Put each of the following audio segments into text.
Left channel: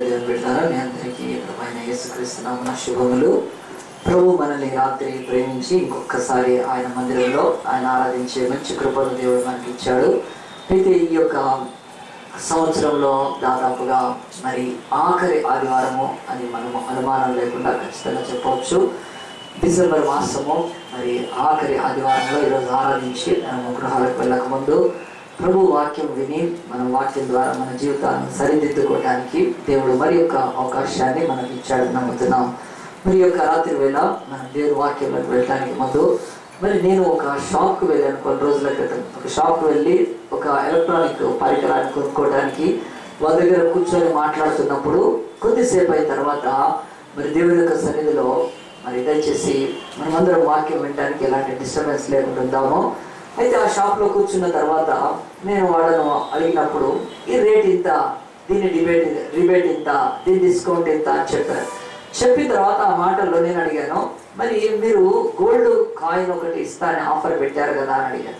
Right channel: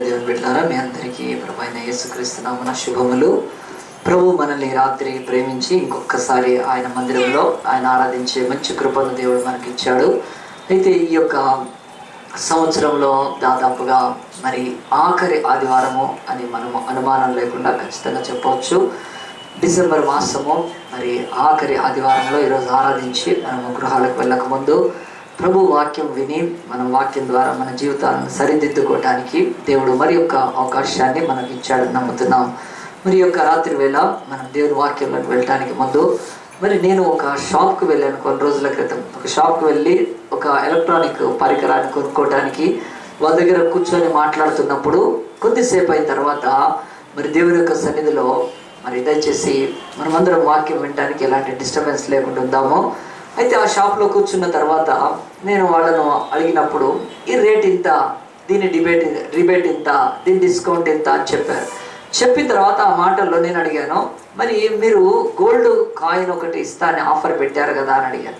దేవుని బిడ్డలారా, మీ అందరికీ ప్రభువైన యేసుక్రీస్తు నామమున శుభములు. ప్రభు మనల్ని రాత్రి ప్రేమించి ఇంకొకసారి ఆయన మందిరంలో ఆయన ఆరాధించే మంచి కృపను దేవుడు మనకి ఇచ్చాడు. అయితే ఈ యొక్క సంవత్సరంలో దాదాపుగా మరి ఆఖరి ఆదివారము అని మనము అనుమానం లేకుండా ఖచ్చితంగా చెప్పవచ్చు. డిసెంబర్ మాసము మరి ఆఖరి ఆదివారంలో ఈరోజు ఆరాధించి మనము గృహాలకు వెళ్ళకముందు ప్రభు వాక్యం విని మనం వాక్యం ద్వారా మన జీవితాలను సరిదిద్దుకోవడానికి దేవుడు మరి యొక్క అవకాశాన్ని మనకి ఇచ్చాడని నమ్ముతున్నాం. మరి యొక్క రాత్రి వేళ మనం దేవుని వాక్యంలోకి వెళ్ళడానికి ముందు మరి నేను ఒక షాప్కి వెళ్ళాను. కొన్ని రోజుల క్రితం ఒక షాప్కి వెళ్ళి ఒక ఎలక్ట్రానిక్ పరికరాన్ని కొనుక్కోవడానికి వాళ్ళ దగ్గర కూర్చొని మాట్లాడుతున్నప్పుడు కొద్దిసేపు అయిన తర్వాత మరి దేవుని యొక్క సన్నిధిలో మరి దయచేసి మనమందరం వాక్యం వినడానికి ఎలాంటి డిస్టర్బెన్స్ లేకుండా ఉందామో. అయితే ఆ షాప్లో కూర్చున్న తర్వాత నేను వాళ్ళను అడిగినప్పుడు ఈ రేట్ ఇంత, దీని రిబేట్ ఇంత, దీని డిస్కౌంట్ ఇంత అని చెప్పారు. చెప్పిన తర్వాత ఆ మాటల్లో నేను అడిగాను, మరి మీరు గోల్డ్ కాయిన్ ఒకటి ఇస్తా అని ఆఫర్ పెట్టారు కదా అని అడిగాను.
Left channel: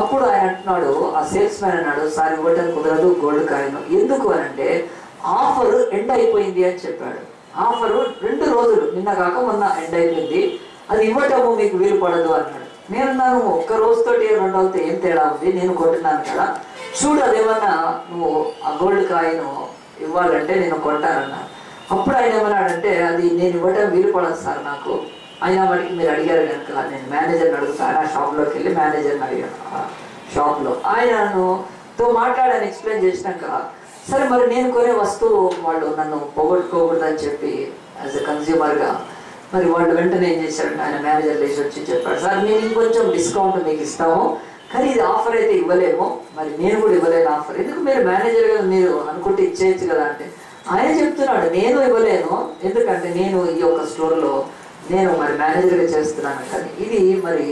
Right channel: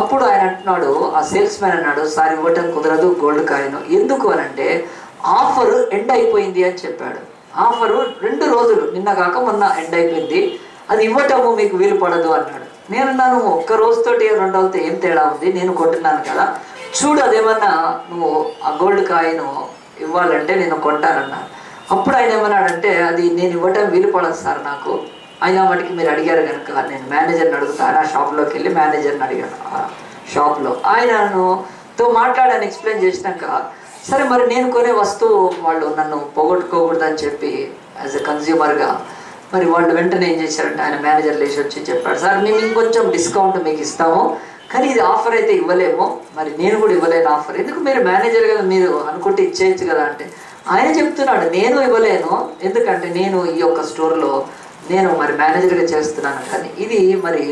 అప్పుడు ఆయన అంటున్నాడు, ఆ సేల్స్ మ్యాన్ అన్నాడు, సార్ ఇవ్వటం కుదరదు గోల్డ్ కాయిన్. ఎందుకు అని అంటే ఆఫర్ ఎండ్ అయిపోయింది అని చెప్పాడు. ఆఫరు 2 రోజులు నిన్న కాక మొన్న ఎండ్ అయిపోయింది, అది ఇవ్వటము మీకు వీలు పడదు అన్నాడు. నేనున్నాను, ఒక్క రోజుతోటి 2 రోజులతో ఏం తేడా ఉంది, నేను కొంటున్నాను కదా, చూడు అదేమన్నా నువ్వు ఆ గోల్డ్ కాయిన్ ఇవ్వాలంటే నేను కొంటానన్నాను. అప్పుడు ఆయన ఏమన్నాడంటే, అది నేను ఇవ్వటం వీలు పడదు సార్ నాకు, అయినా వాటికి మీరు అడిగారు కనుక నేను మేనేజర్ని అడుగుతాను. ఆ షాప్లోకి వెళ్ళి మేనేజర్ని అడిగాను. ఆ షాప్లో ఆయనతో మాట్లాడాను, ఎక్స్ప్లెయిన్ చేసినాక సరే మరి నేను కొనే వస్తువు వాళ్ళు నన్ను పోగొట్టుకోకూడదని చెప్పి యాజ్ ఎ కన్జ్యూమర్గా మరి వాళ్ళు వెంటనే ఏం చేశారంటే ఆయన మేనేజర్ లేచి వచ్చి చెప్పాడు, సార్ మేము ఇంకొంచెం డిస్కౌంట్ మీకు ఇస్తాము, కానీ ఇది ఆఫర్ అయితే ఇవ్వలేము, మరి నేను కూడా ఇవ్వలేను ఆఫర్, ఎందుకు మీరు మేనేజర్ కదా మీరు అనుకుంటే ఇచ్చేయచ్చు కదా అంటే ఆయన చెప్తున్నాడు నేను ఇవ్వలేను, ఎందుకంటే నేను ఈ యొక్క స్టోర్లో నేను మరి మేనేజర్గా చేస్తున్నాను, కానీ ఇది మరి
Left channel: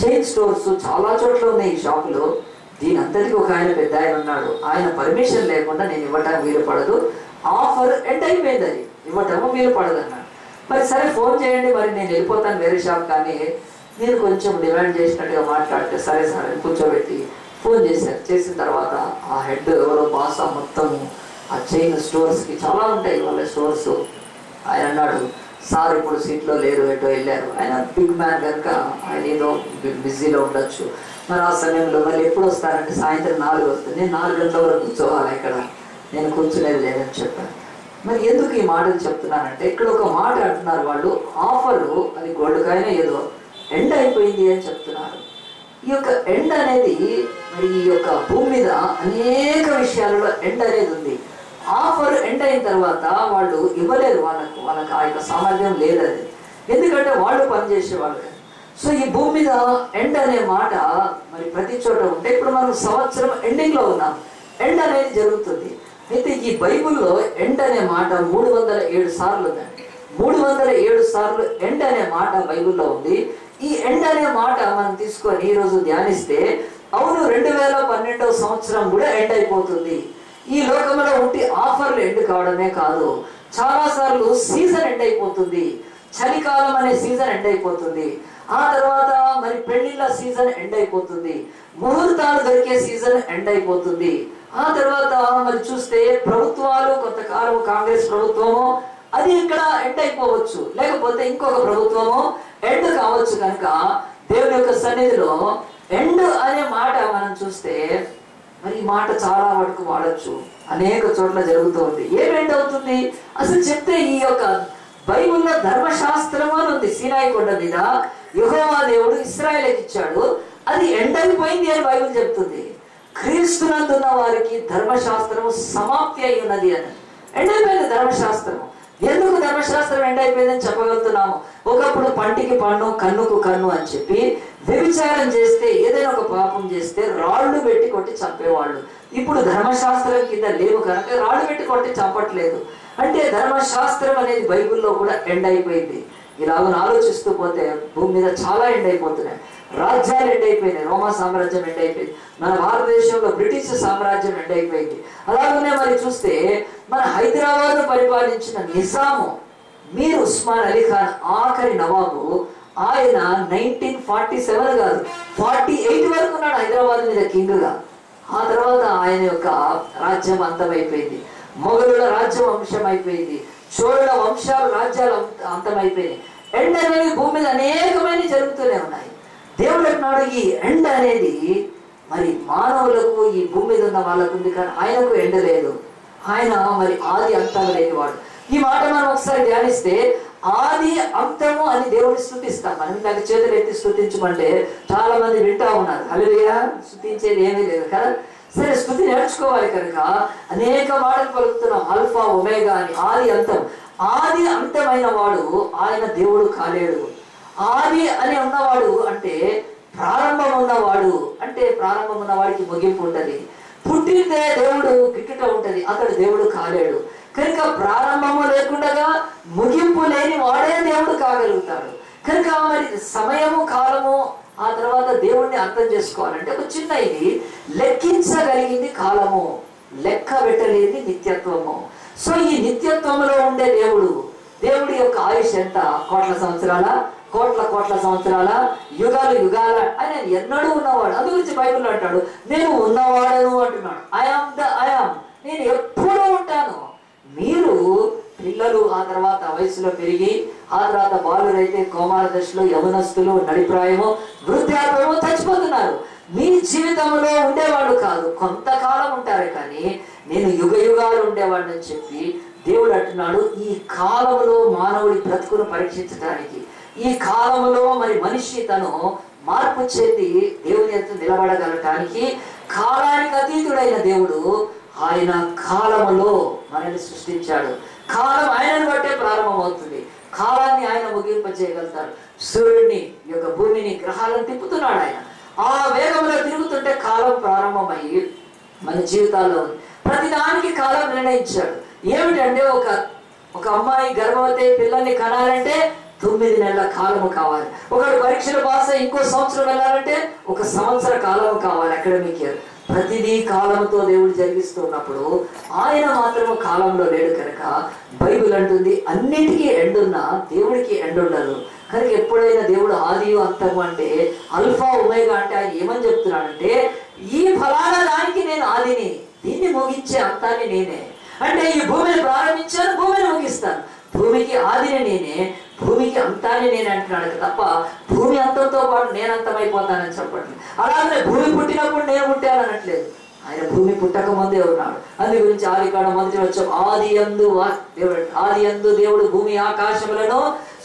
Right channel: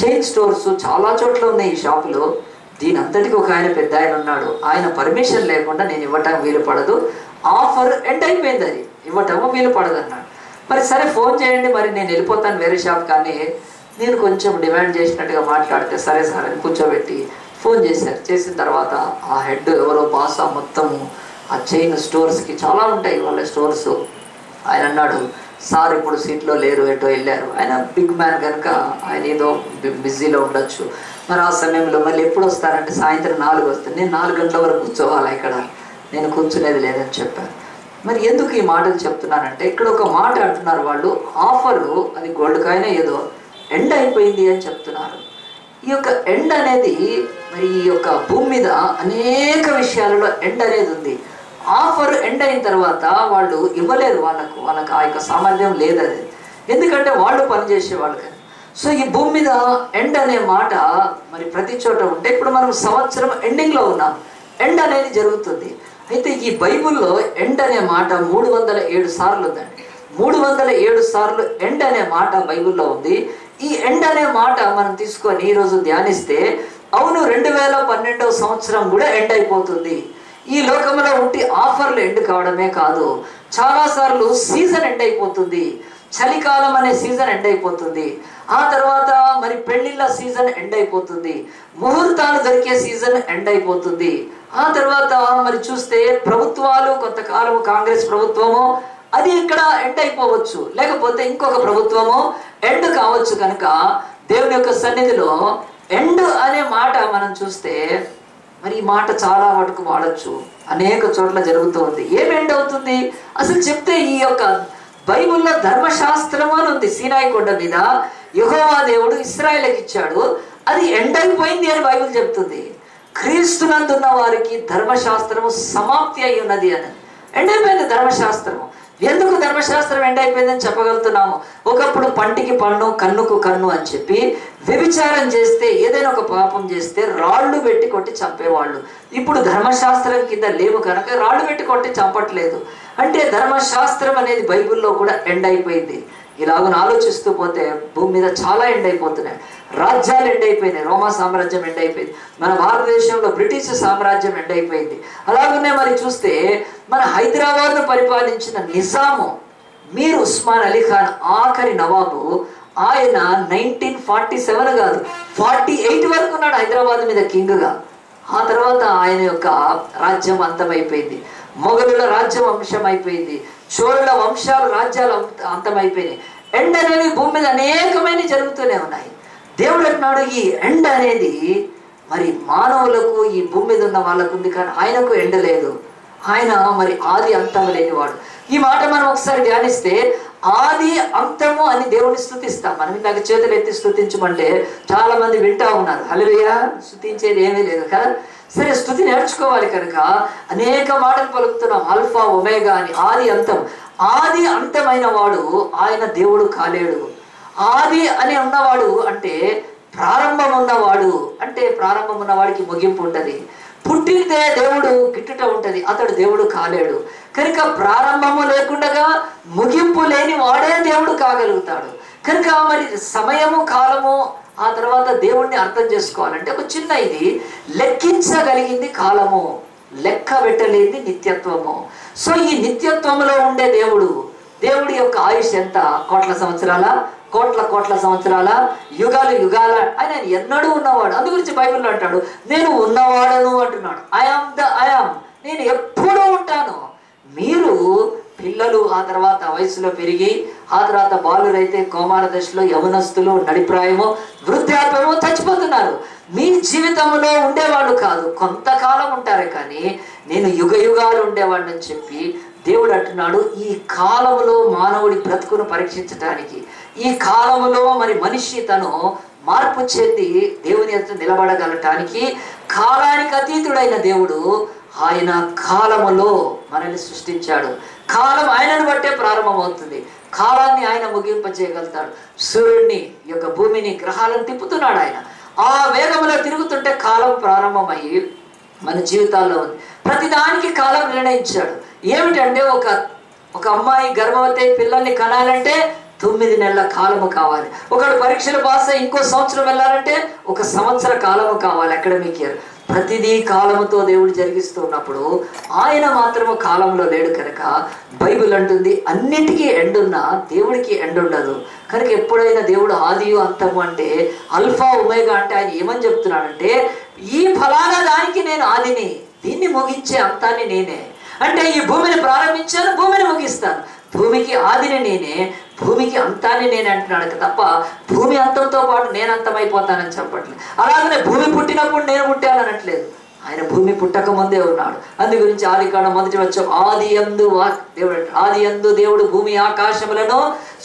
చైన్ స్టోర్స్ చాలా చోట్ల ఉన్నాయి ఈ షాపులో, దీని అంతటికి ఒక ఆయన పెద్ద ఆయన ఉన్నాడు, ఆయన పర్మిషన్ లేకుండా నేను ఇవ్వటం వీలు పడదు, ఆఫర్ ఎండ్ అయిపోయింది, అది ఇవ్వటము వీలు పడదు అన్నాడు. మరి సరే ఫోన్ చేయండి, మరి నేను వెళ్ళిపోతాను వేరే షాప్, కానీ నేను కొంచెం డిమాండ్ చేసినట్టుగా మాట్లాడితే సరే సార్ అని కూర్చోబెట్టి ఫోన్ చేశారు. చేసిన తర్వాత ఆ హెడ్ ఎవరో బాస్ మొత్తము ఆ చైన్ స్టోర్స్కి చాలా ఉంటాయి వాళ్ళ స్టోర్స్, ఆయన అన్నాడు, సార్ ఇప్పుడు సీట్లో లేరు, ఎటో వెళ్ళారు, ఆయన బిగ్ మ్యాన్ కనుక ఆయన ఏదో బిజీలో ఉండొచ్చు, మరి ఆ సమయంలో మళ్ళీ ఎప్పుడు వస్తారంటే సాయంత్రం 4 వస్తుంది, నేను 4 గంటల వరకు కూర్చోవాలి ఇక్కడ, నేను కూర్చునేది లేదని చెప్పాను. మరి ఎందుకు ఈ మాటలు చెప్తున్నానంటే ఇక్కడ ఒక మాట అంటున్నారు వాళ్ళు, ఆఫరు అది గోల్డ్ కాయిన్ ఏదో ఎండ్ అయిపోయింది అని చెప్తున్నారు. ఈ యొక్క ఎండ్ అనేది మరి ఈ యొక్క భూమి మీద అనేక విషయాలలో ఎండ్ అనేది ఉంది. ఆఫర్ ఎండ్ అయిన తర్వాత వాళ్ళు ఇవ్వలేరు, వాళ్ళకు ఆ యొక్క సామర్థ్యం లేదది, ఎందుకంటే వాళ్ళు పనిచేసే వాళ్ళు కదా. సో ఈ భూమి మీద ఎండ్ అనే మాట మరి ప్రతి చోట ఉంటే ఇప్పుడు మనం సంవత్సరం ఎండింగ్లో ఉన్నాం, ఎండ్ అనేది జరుగుతుంది. అయితే ఈ బైబుల్లో ఎండ్ అనే మాట 307 సార్లు ఉందండి. 307 సార్లు ఎండ్ అనే మాట బైబుల్లో ఉంది. ఈ ఎండ్ అనే మాట మనం తీసుకొని ఈరోజు ధ్యానిస్తే అవును 2012వ సంవత్సరం కూడా ఎండ్ అయిపోతుంది. ఈ లోకంలో ఉంటే ఆఫర్లు ఎండ్ కావడమే కాదు, చాలాసార్లు సీజన్ ఎండ్ అయిపోతుంది, చలికాలం అనే సీజన్ ఎండ్ అయిపోతుంది, ఆ తర్వాత మరి పెళ్లిళ్ళ సీజన్ ఎండ్ అయిపోతుంది, ముహూర్తాలు దొరికే సీజన్ ఎండ్ అయిపోతుంది, ఆ తర్వాత మరి చూస్తే ప్రభుత్వాలు కొంతకాలం కాంగ్రెస్ ప్రభుత్వము అది ఇక్కడ ఎండ్ అయిపోవచ్చు, లేకపోతే ఇంకొక ప్రభుత్వము ఎండ్ కావచ్చు. కనుక దేవుని యొక్క సన్నిధిలో ఎండ్ అనే మాట మనం చూస్తే మరి ఈ మాట చాలా మటుకు వాడచ్చు, అనేక చోట్ల జరుగుతూ ఉంది. ఏం ఎండ్ అవుతుంది అసలు చెప్తే ఈ యొక్క బైబుల్లో ధర్మశాస్త్రం అని ఉంది, సీనాయి కొండ మీద యెహోవా దేవుడు ఇశ్రాయేలుకి ఇచ్చాడు, అది ఎండ్ అయిపోయింది అని బైబిల్ చెప్తుంది. క్రీస్తునందున్న వారికి ధర్మశాస్త్రము సమాప్తి అయి ఉన్నది అని, ఎండ్ అయిపోయింది ధర్మశాస్త్రము. ఎందుకు ధర్మశాస్త్రం ఎండ్ అయిపోయిందని చెప్పగలుగుతున్నాము? ఒకప్పుడు పంటికి పన్ను కన్నుకు కన్ను అని చెప్పి వ్యభిచారం చేస్తే ఏదైనా ఒక పాపం చేస్తే రాళ్ళు పెట్టి కొట్టి చంపేవాళ్ళు, ఇప్పుడు ధర్మశాస్త్రం కింద లేవు కనుక రాళ్ళు పెట్టి కొట్టి చంపట్లేదు. అంటే ధర్మశాస్త్రం అనేది బైబిల్లో కూడా ఎండ్ అయిపోయింది. ఇలాగను ఆలోచిస్తూ పోతే భూమి మీద చాలా ఎండ్ అయిపోతున్నాయి. రాజ్యాలు ఎండ్ అయిపోయినాయి, రోమా సామ్రాజ్యం ఎండ్ అయిపోయింది, మన భారతదేశంలో బ్రిటిష్ సామ్రాజ్యం ఎండ్ అయిపోయింది. అలాగనే మరి చూస్తే మన హైదరాబాద్ను పరిపాలించిన నిజాము మీర్ ఉస్మాన్ అలీ ఖాన్ ఆఖరి నవాబు, ఆయన 1947 కాదు 48 వరకు ఉన్నాడు హైదరాబాద్ మీద కింగ్గా. ఆ తర్వాత ఆయన యొక్క రాజ్యం అంతమైపోయింది. మొఘలుల రాజ్యం అంశమైపోయింది, చోళుల వంశాలు రాజ్యాలు అంతమైపోయినాయి. ఎండ అనేది భూమి మీద అనేకమైన జరుగుతూనే ఉన్నాయి. దేవుడు అంటున్నాడు ఈ ఎండ అనేది మరి మానవులకు ఈ భూమి మీద ఉన్న వాళ్ళకు ఉంది, కానీ ఆయనకు ఎండ లేదు. ఆయన మరి ఆది అంతం లేనివాడు. ఈ మాట మనం ఒకసారి ధ్యానిస్తే ఆది అంతము అని దేవుడిని స్తుతిస్తాం. మనం ఇందాక చేతులు ఎత్తి స్తుతించమంటే చాలా మంది వింటా ఉన్నారు. హల్లెలూయా, స్తుతించేది ఏమీ లేదు కదా. సరే, స్తుతి నేర్చుకోవాలి కనుక అనేక మాటలు పలుకుతున్నాం. ఆల్ఫా ఒమేగా అని, ఆది అంతం. ఆది అంతమైన వాడు ఆయన దేవుడు కాలేడు. ఆది అని ఉన్నవాడు అంటే ప్రారంభం ఉన్నవాడు, అంటే ప్రారంభం ఉన్నవాడికి ముగింపు ఉంటది. పుట్టితే దేవుడు గిట్టుట ఉంటది, అతడు దేవుడు కాలేడు. కనుక ప్రారంభము లేకుండా ముగింపు లేని వాడే దేవుడు కాగలుగుతాడు. కనుక మరి సమయము కాలము ఆ తర్వాత దేవుణ్ణి అర్థం చేసుకోవాలంటే ఒక చిన్న ఇది లెక్కించగలిగింది కాలము, లెక్క పెట్టలేని నిత్యత్వము. సో ఈ నిత్యత్వంలో ఉండే దేవుడి యొక్క ఆయుష్ ఎంత? కోట్ల సంవత్సరాల, కోట్ల సంవత్సరాల, యుగాలు యుగాల. ఆయన ఎన్నడూ ఉన్నవాడు. అందు గురించి బైబిల్లో అంటాడు, నేను ఉన్నవాడను అంటున్నాడు. ఐఆమ్, నేను ఎప్పుడూ ఉంటాను. మీరు పిల్లలు ఆ తర్వాత వయసులో పెరిగి ఆ తర్వాత బాలురైతే కౌమార దశలో, యవనస్తులు నడిప్రాయము, వృద్ధాప్యము చచ్చిపోతున్నారు. మీ జీవితంలో ఉండేవాళ్ళు కాదు, కొంతకాలం ఉంటారే, కానీ నేను యుగ యుగాలు ఉండేవాడిని అని చెప్పి దేవుడు అంటున్నాడు. ఈ కాలంలో మానవుడి బ్రతుకును పరీక్షించడానికి, ఈ కాలంలో మరి మనిషి తను మార్పు చెంది దేవుని ఎదుట నిలబడగలటానికి కాలానికి అతీతుడైన దేవుడు ఆయన కాలములో మనల్ని సృష్టించాడు. కాలం ఆయనను బట్టే ప్రారంభమవుతుంది. కాలాన్ని ఆయన ముగింపజేయగలుగుతాడు. సూర్యుడిని, ఈ యొక్క భూమిని, గ్రహాలను తిప్పుతున్నాడు ఆయన. ఆ వేగంలో తిరుగుతుంటే కాలం ప్రారంభమయ్యి మన జీవితాల్లో ఉంది. ప్రతిదానికి కాలం నిర్ణయించాడు. ఏమిటంటే ఒక అమ్మాయి గర్భవతి పిల్లల్ని కనాలంటే 9 నెలల కాలము కావాలి. ఒకడు పరీక్షలు పాస్ అయ్యి ఇంకో సంవత్సరం వెళ్ళాలంటే 1 సంవత్సర కాలము కావాలి. Academic year. ప్రతిదీ కాలంతో దేవుడు జరిగిస్తున్నప్పుడు ఆయన మాత్రము కాలంలో లేడు కనుక బైబిల్ అంటుంది అన్నిటికీ ఎండున్నా దేవుడికి ఎండుండదు. కనుక ఎప్పుడైనా దేవుడు ఆదియు అంతము అంటే, అల్ఫా ఒమేగా అంటే ఆయన ఏమని చెప్తున్నాడంటే, ఈ ఫలానా దానికి నేను ఆదిని, దీన్ని ముగించే అంతాన్ని నేనే. అంటే ఈ భూమిని ప్రారంభించాను, భూమిని ముగిస్తాను. భూమికి ఆదిని నేనే, భూమికి అంతాన్ని నేనే అంటున్నాడు తప్ప భూమి అంతంతో పాటు నేను అంతమైపోతానని చెప్పట్లేదు. అలాగనే భూమి పుట్టినప్పుడు నేను పుట్టాను అనట్లేదు. ఆయన భూమి పుట్టక ముందే ఉన్నాడు. అందు గురించి ఆదికాండం మొదటి వచ్చాం, ఆది యందు దేవుడు భూమి ఆకాశములను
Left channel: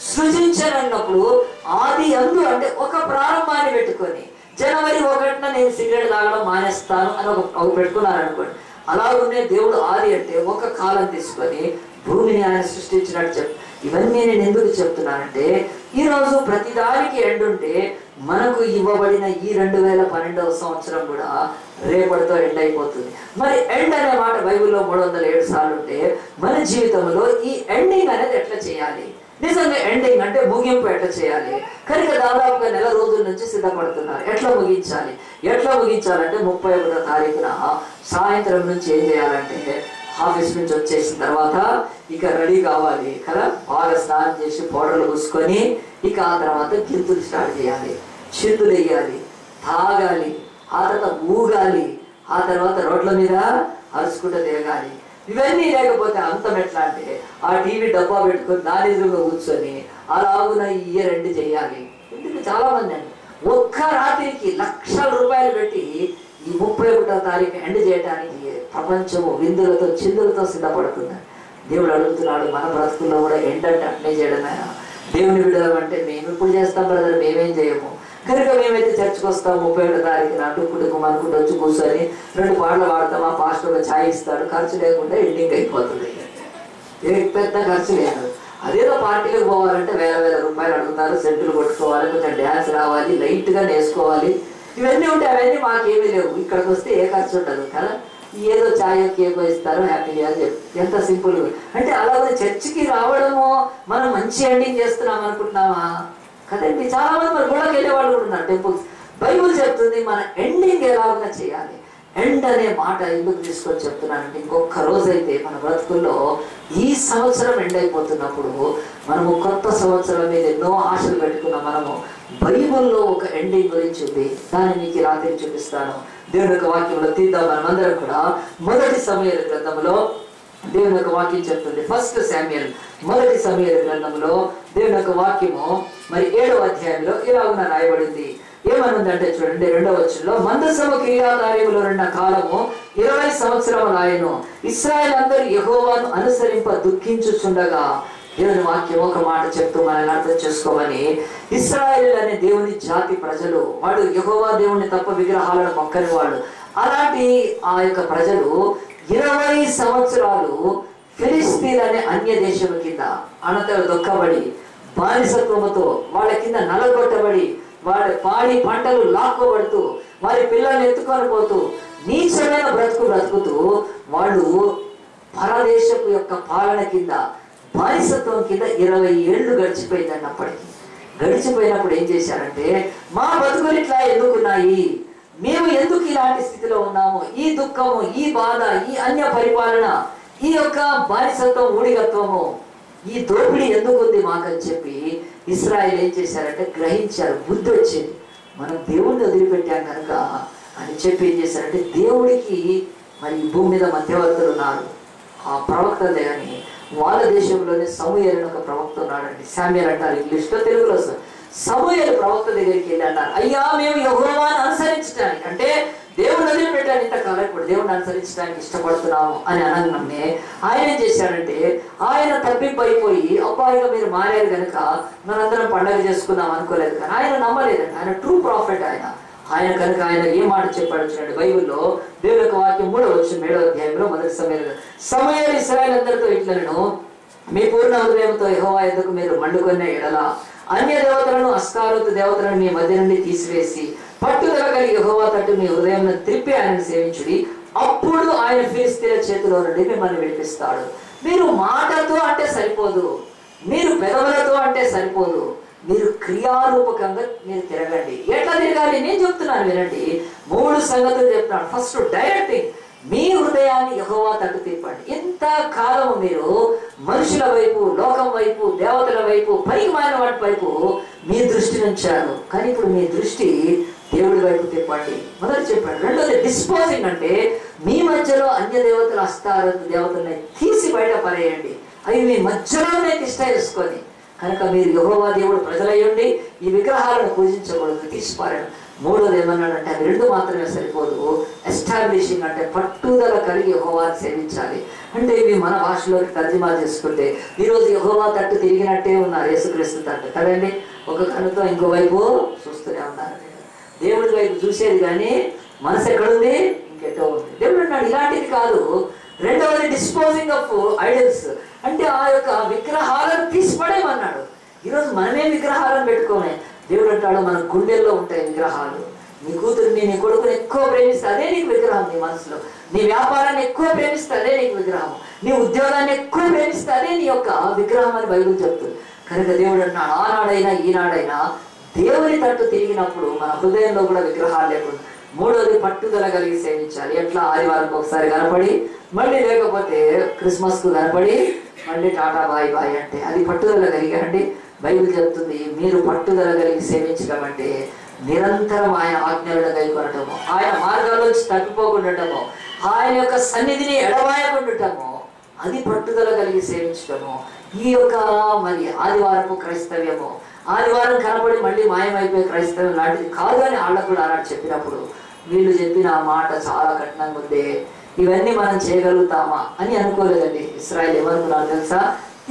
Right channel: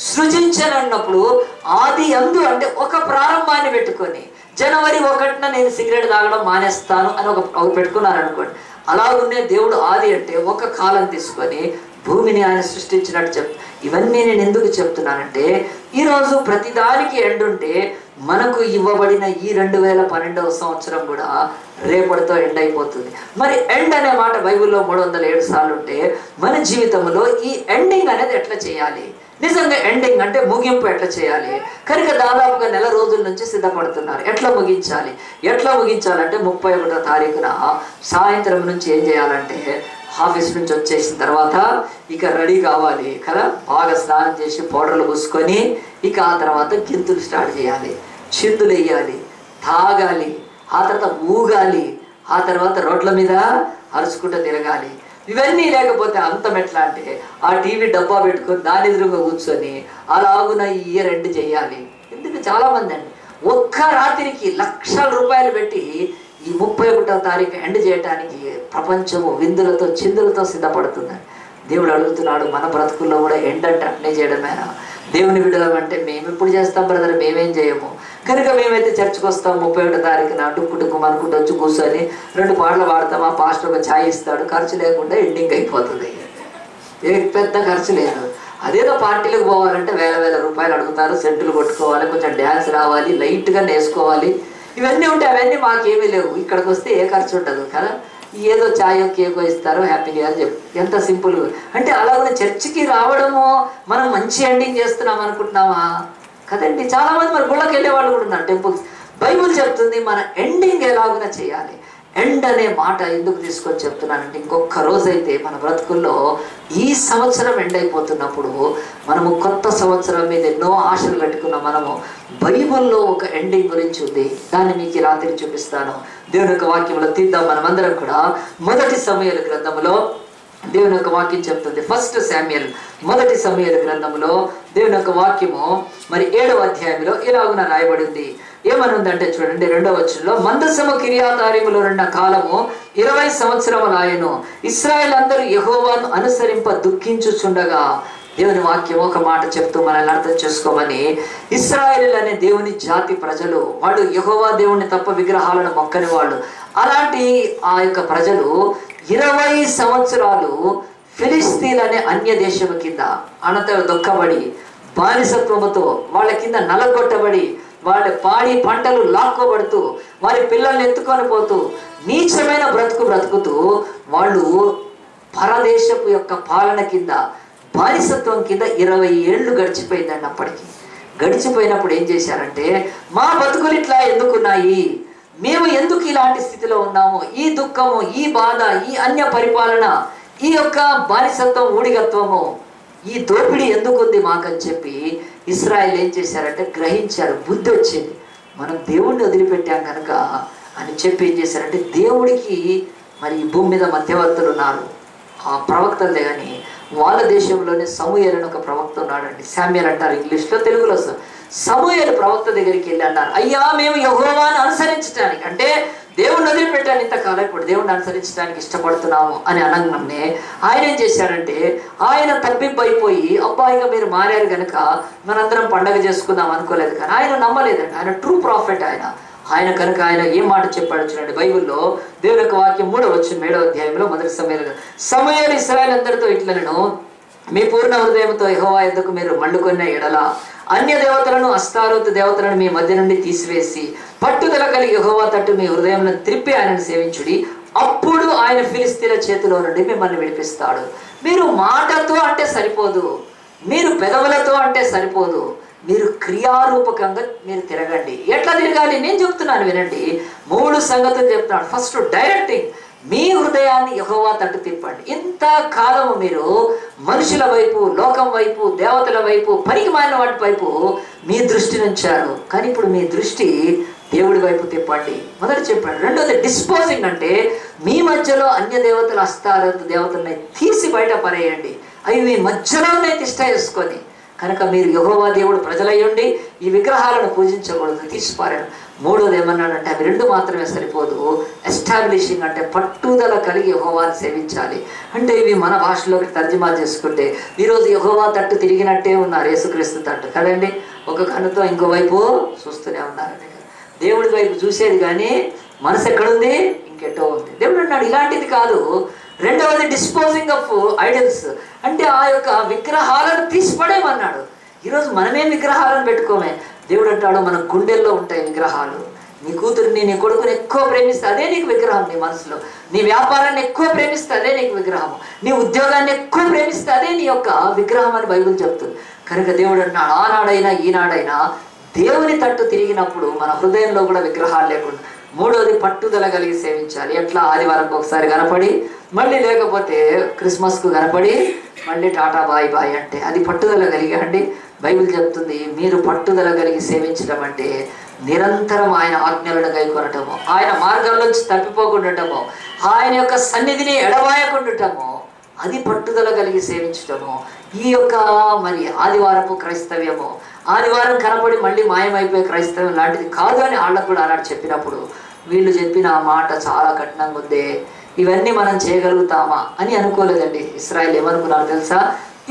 సృజించనన్నప్పుడు ఆది యందు అంటే ఒక ప్రారంభాన్ని పెట్టుకొని, జనవరి 1న నేను సిగరెట్ తాగడం మానేస్తాను అని ఒక పెట్టుకున్నారు అనుకోండి. అలాగునే దేవుడు ఆది అంటే ఒక కాలం తీసుకొని భూమిని ఆయన సృష్టించినట్టు చెప్తాను. ఇవన్నీ నేను ఎందుకు చెప్తున్నానంటే, ఈరోజు ప్రతిదానికి ఎండుంటే మనకు ఇవ్వబడిన ఈ 2012వ సంవత్సరం కూడా రేపటితో ఎండ్ అయిపోతుంది. మరి ఎండ్ అనే మాట బైబిల్లో 307 సార్లు ఉంటే మన జీవితంలో ఈ ఎండింగ్ అనేది ఎట్లా చేయాలి? నిజంగా ఎండింగ్ అంటే ముగింపు ఎట్లా చేయాలి? కనుక దాదాపుగా నెల రోజుల నుంచి సిద్ధపడుతున్నారు. ఎట్లా ముగించాలంటే 31వ తారీఖున సాయంత్రం నుంచి ఏం చేయాలంటే, ఆఫీస్ నుంచి వచ్చేసిన తర్వాత ఇక రెడీ కావాలి కదా, బాగా స్నానం చేసి పౌడర్లు పూసుకొని ఇక ఆ తర్వాత గింతులు స్టార్ట్ చేయాలి, చిందులు వేయాలి, తాగాలి, ఆ తర్వాత ఊగాలి, ఆ తర్వాత రోడ్ల మీద అరుచుకుంటూ తిరగాలి. ఇవన్నీ లేకపోతే అంతం ఎట్లా అంటే, ఆ టీవీ డబ్బా పెట్టుకొని దాని ఎదురుగా కూర్చొని అలాగున ఈ ఇయర్ ఎండ్ చేయాలి. ఎందుకంటే చాలా మంది అండి ఒక్క రాత్రికి లక్షల రూపాయలు పెట్టి ఈ 31వ తారీఖు ఎండ్ చేయడానికి ప్రపంచము విందులతో చిందులతో సిద్ధపడుతుంది. దేవుడు అడుగుతున్నాడు, మన బ్రతుకుల్లో కూడా ఎండ్ అంటే అట్నే చేయడమేనా? దేవుని విడుదల అంటే మేము ఇప్పుడు చేస్తాం బ్రదర్, మేమేం చేయము. కనుక మేమైతే చర్చకు వస్తాం 31వ తారీఖున టుక్కు అనుకుంటూ వచ్చి కూర్చొని 2 పాటలు పాడతాం, ఆ పాస్టర్ ఒక ఛాయ్ ఇస్తాడు, ఖర్చు లేకుండా ఎండింగ్ అయిపోతుంది. పెద్ద ఖర్చు లేదు. అదేదో పార్టీలకు పోవాలంటే వేల రూపాయలు అడుగుతారు, సెంటులు కొట్టుకోవాలి, కొంచెం డ్యాన్స్ రావాలి, లైట్గా నేసుకోవాలి, ఇవన్నీ ఉంటాయి. అవన్నీ మాకేమీ లేవు. ఇక్కడికి వస్తే ఏ ఖర్చు ఉండదు కదా, ఏదో ఛాయో కేకో ఇస్తారు, హ్యాపీగా అని చెప్పి ఎంత సింపుల్. అంటే అలాగే చర్చికి రావడము మనం మంచి ఎండింగ్ చేస్తున్నాం అనుకుంటున్నామా? కదండి. చాలా మంది మరి గుళ్ళకి వెళ్ళే వాళ్ళు కూడా ఉన్నారు, టెంపుల్స్. బైబుల్ చెప్తుంది మన ఎండింగ్ ఎలాగునా చేయాలి. ఎండ్ అనే మాట ఎందుకు తీసుకొని చెప్తున్నానంటే, ఇంకొక రోజైతే మన బ్రతుకుల్లో ఈ సంవత్సరం ఎండ్ అయిపోతున్నప్పుడు మనము కొత్త సంవత్సరం మీద ఎన్నో ఆశలు పెట్టుకున్న మనము బైబిల్లో ఒక ఎండింగ్ గురించి ఉంది. దాన్ని మీకు రాత్రి చూపిస్తాను. దేవుని యొక్క వాక్యంలో తీద్దాం మనమందరం కూడా. 1 సమూయేలు గ్రంథంలో దేవుని యొక్క వాక్యం చెప్తుంది. ఫస్ట్ శామ్యూయల్, మొదటి సమూయేలు గ్రంథంలో దేవుని యొక్క వాక్యము మరి 7వ అధ్యాయంలో ఇలాగున రాయబడింది. ఏమనుందంటే చూడండి 2వ వచనంలో, మందసము కిర్యాతారీములో ఉన్న కాలము 20 సంవత్సరములాయెను. ఇశ్రాయేలు అందరూ యెహోవాను అనుసరింప దుఃఖించుచుండగా, దేవుని వాక్యం ఒక మాట చెప్తూ మనల్ని అర్థం చేసుకోమని, ఇశ్రాయేలు అనే దేవుని జాతి ప్రజలు, వాడు యెహోవా దేవుణ్ణి తప్ప విగ్రహాలను మొక్కని వాళ్ళు. అలాంటి ఆ యొక్క ప్రజలు 20 సంవత్సరాలు ఫిలిస్తీన్ అనే అన్య దేశం కింద అనంతరం దొక్కబడి, బానిసత్వముతో వాళ్ళ కింద నలగొట్టబడి, వాళ్ళ పాడి పంటలు లాక్కోబడుతూ, వారి పిల్లల్ని ఎత్తుకొని పోతూ, నీచమైన బ్రతుకుతూ వాళ్ళు పరదేశపు యొక్క పాలన కింద, బానిసత్వం కింద 20 ఏళ్ళు గడిచిపోయిందండి. అప్పటికి గడిచిపోయినప్పుడు ఏం చేశారంటే, మా బతుకులు ఇట్లా ఎందుకున్నాయి, మేము ఎందుకు ఇలాంటి స్థితిలో ఉన్నాము, ఈ దుఃఖము, ఈ బాధ, ఈ అన్య పరిపాలన, ఈ యొక్క బానిసత్వం, ఊడిగత్వము, ఈ దోపిడీ ఎందుకుంది మాకని చెప్పి ఇశ్రాయేలు ఏం చేశారంటే గ్రహించారు. బుద్ధి వచ్చింది, మనం దేవుణ్ణి వదిలిపెట్టాం కనుక అని చెప్పి ఏం చేశారంటే, దేవుడికి మరి ఈ భూమి మీద మధ్యవర్తులు ఉన్నారు, ఆ ప్రవక్తలే. కానీ వాళ్ళ దేశంలోనే సమూయేలు అని ఒక ప్రవక్త ఉన్నాడండి. శామ్యూయల్ అంటారు ఇంగ్లీష్లో, తెలుగులో సమూయేలు ప్రవక్త దగ్గరికి వెళ్ళి అన్నారు, అయ్యా మేము యెహోవాను అనుసరించడానికి, అంటే దేవుణ్ణి వదిలిపెట్టాను ఇంతకాలం, ఇప్పుడు దేవుణ్ణి అనుసరించడానికి ఇష్టపడుతున్నాము అని అనగానే ఆయన ఏం చేశాడంటే, ఆయన తప్పిపోయి, అబ్బాయిగా మీరు మారారు కనుక మనందరం పండగ చేసుకుందాం అనుకోలేదు. కానీ ఆయన నమ్మలేదండి, ఆయన ట్రూ ప్రాఫిట్ ఆయన కనుక ఆయన ఏం మాట చెప్పాడు చూడండి బైబిల్లో. దేవుని యొక్క వాక్యం 3వ వచనం 7వ అధ్యాయంలో మొదటి సమూయేలు ఇశ్రాయేలు అందరితో ఇట్లనెను, మీ పూర్ణ హృదయంతో యెహోవా యొద్దకు మీరు మళ్ళుకొన్న ఎడల అన్య దేవతలను, అస్తారోతు దేవతలను మీ మధ్య నుండి తీసివేసి పట్టుదల కలిగి యెహోవా తట్టు మీ హృదయంలో త్రిప్పి ఆయనను సేవించుడి, అప్పుడు ఆయన ఫిలిస్తీన్ల చేతిలో నుండి మిమ్మల్ని విడిపిస్తాడు. మీరు మాటతో అంటే సరిపోదు, మీరు పెదవులతో అంటే సరిపోదు, మీరు క్రియారూపకంగా మీరు తిరగండి. ఎట్లా తిరగాలి నేను చెప్తున్నాను వినండి. 3 సంగతులు చెప్తున్నాను. ఫస్ట్ డైరెక్టింగ్, మీ హృదయాన్ని యెహోవా తట్టు తిప్పండి. ఇంత కాలము మీరు మనుషుల వైపు, లోకం వైపు, దేవతల వైపు, పనికిమాలిన వాటి వైపు మీ దృష్టి ఉంచారు. కానీ ఇప్పుడు మీ దృష్టి దేవుడి వైపు తిప్పండి. మొదటి చెప్పండి. రెండోది డిస్పోజింగ్, అంటే మీ మధ్యలో అన్య దేవతలు, అస్తారోతు దేవతల్ని తీసి బయట పరేయండి. అవి మీ మధ్యలోనే తిష్ట వేసుకొని, కనుక మీరు యెహోవా దేవుడు ప్రజలయ్యండి, ఈ విగ్రహాలను పూజించకూడదు, తీసిపారాడు. 3వది ఏమన్నాడంటే, అవి 2 మాత్రమే సరిపోదు, ఎస్టాబ్లిషింగ్, అంటే పట్టుదల కలిగి యెహోవాను సేవించాలి. అంటే ఇవి మన భాషలోకి తర్జుమా చేసుకుంటే ఈరోజు యెహోవా తట్టు తిరిగినట్టే ఉన్నారు, యేసుక్రీస్తు తట్టు కదండి. ఒక కన్నుతో ఇంకోవైపు చూస్తూనే ఉన్నారండి. దేవుడి వైపు చూసేది కానీ మనసు ఎక్కడుంది, ఇంకెటో ఉంది. దేవుడు అన్నాడు ఇలాంటిది కాదు. రెండవది డిస్పోజింగ్ ఆఫ్ ఐడల్స్, అంటే ఆ యొక్క విగ్రహాలను తీసిపడేమన్నాడు. ఈరోజు మనమేం విగ్రహాలను పెట్టుకోమే. దేవుడు అంటాడు మన గుండెల్లో ఉంటాయి విగ్రహాలు. నీ కూతురిని, నీ కొడుకుని ఎక్కువ ప్రేమిస్తే అదే నీకు విగ్రహం నీ మనసులో. నీ వ్యాపారాన్ని ఎక్కువ ప్రేమిస్తే అదే నీకు విగ్రహం. నీ ఉద్యోగాన్ని ఎక్కువ ప్రేమిస్తే అదే నీ యొక్క విగ్రహం అని బైబిల్ చెప్తుంది. కనుక దేవుడు అంటున్నాడు ఆనాడైనా ఈనాడైనా దేవుని తట్టు తిరిగినప్పుడు మన హృదయంలో కూడా విగ్రహాలు లేకుండా. 3వది పట్టుదల కలిగి సేవించాలి. ఎట్లా ఆదివారంకి ఒకసారి కనపడి, మళ్ళీ లేకపోతే క్రిస్మస్కు కనపడి, మళ్ళీ టాటా బాయ్ బాయ్ అంటే అది పట్టుదల కలిగి అండి. బైబిల్ చెప్తుంది మీరు పట్టుదల కలిగి సేవించడం అంటే నిరంతరం ఆయన ఆజ్ఞలను గైకొనటము, ఆయన మార్గాల్లోంచి తప్పిపోకుండటము, ఆయన యొక్క సన్నిధిని ఎడబాయకుండటము, అది పట్టుదల కలిగి సేవించటము. ఈ యొక్క మరి ఆదివారపు క్రైస్తవ్యము, ఆదివారం కనపడి మళ్ళీ మాయమైపోయే క్రైస్తవం లాంటిది కాదు అని వాళ్ళకు కూడా ఆనాడు చెప్పినప్పుడు వీళ్ళు చెప్పిన ఆ మాట చాలా కఠినంగా ఉంది. ఇవన్నీ మనం చేయగలుగుతామా అని అనుకోలేదండి. ఇశ్రాయేలు ఏమనుకున్నారు తెలుసా?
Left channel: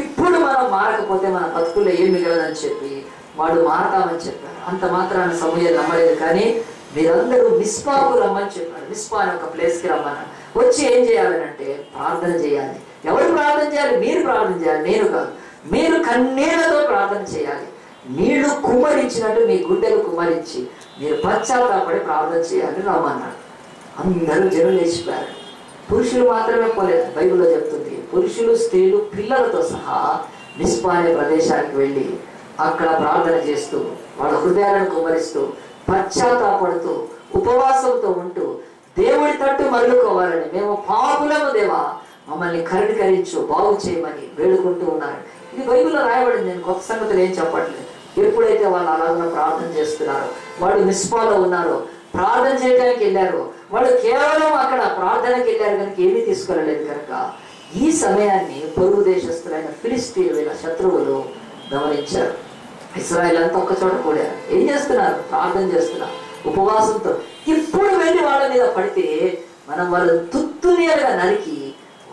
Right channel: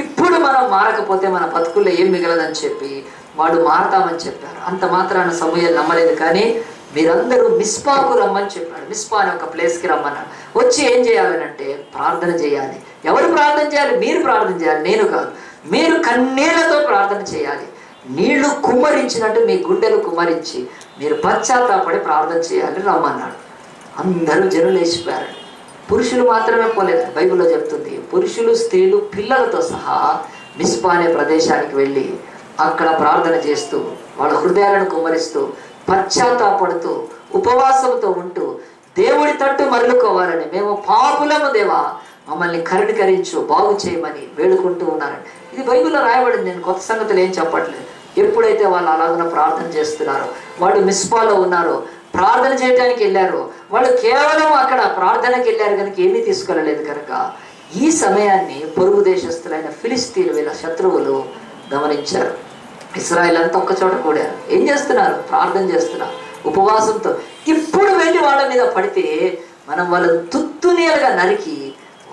ఇప్పుడు మనం మారకపోతే మన బతుకుల్లో ఏం మిగలదని చెప్పి వాడు మారతామని చెప్పారు. అంత మాత్రాన సమూయేలు నమ్మలేదు. కానీ మీరందరూ మిస్పాకు రమ్మని చెప్పాడు. మిస్పా అనే ఒక ప్లేస్కి రమ్మన్నాడు. వచ్చి ఏం చేయాలని అంటే ప్రార్థన చేయాలి. ఎవరు ప్రార్థన చేయాలి? మీరు ప్రార్థన చేయాలి, నేను కాదు. మీరు కన్నీళ్లతో ప్రార్థన చేయాలి. నీళ్లు కుమ్మరించినట్టు మీ గుండెలు కుమ్మరించి మీరు పశ్చాత్తాపడి ప్రార్థన చేయాలి రమ్మన్నాడు. అందరూ జనులు లేచిపోయారు. పురుషులు మాత్రమే పోలేదు. బైబిల్లో చెప్తుంది పురుషులు, స్త్రీలు, పిల్లలతో సహా మిస్పా అనే ప్రదేశానికి వెళ్ళి అక్కడ ప్రార్థన చేస్తూ వాళ్ళ హృదయాలను కుమ్మరిస్తూ పశ్చాత్తాపడుతూ ఉపవాసంతో ఉంటూ దేవుడి తట్టు మరలుకోవాలని, మేము పాపులము దేవా మమ్మల్ని కరుణీకరించు, బాగు చేయమని వేడుకుంటూ ఉన్నారు. ఇది బైబిల్లో రాయబడింది. నేను కొత్త సంగతులు ఏం చెప్పట్లేదు. ఎప్పుడైతే వాళ్ళు అలాగ ప్రార్థన చేస్తున్నారో, వాళ్ళు మిస్పాలో ఉన్నారు, ప్రార్థన చేయడానికి వెళ్ళారు. వాళ్ళు కేవలం అక్కడ ప్రార్థనకి వెళ్ళారు కనుక ఏమీ తీసుకెళ్ళలేదు కనుక ఈ సమయాన్ని పొరుగు దేశస్తులైన ఫిలిస్తీన్లు వీళ్ళ శత్రువులు గమనించారు. ఇశ్రాయేల్ అంతా ఒక్క చోట కూడారు. ఏం చేస్తున్నారు? ప్రార్థన చేస్తున్నారు ఉపవాసంతో. ఇప్పుడు వెళ్ళి వాళ్ళ మీద పడితే మనం వాళ్ళను తుత్తునీలుగా నరికి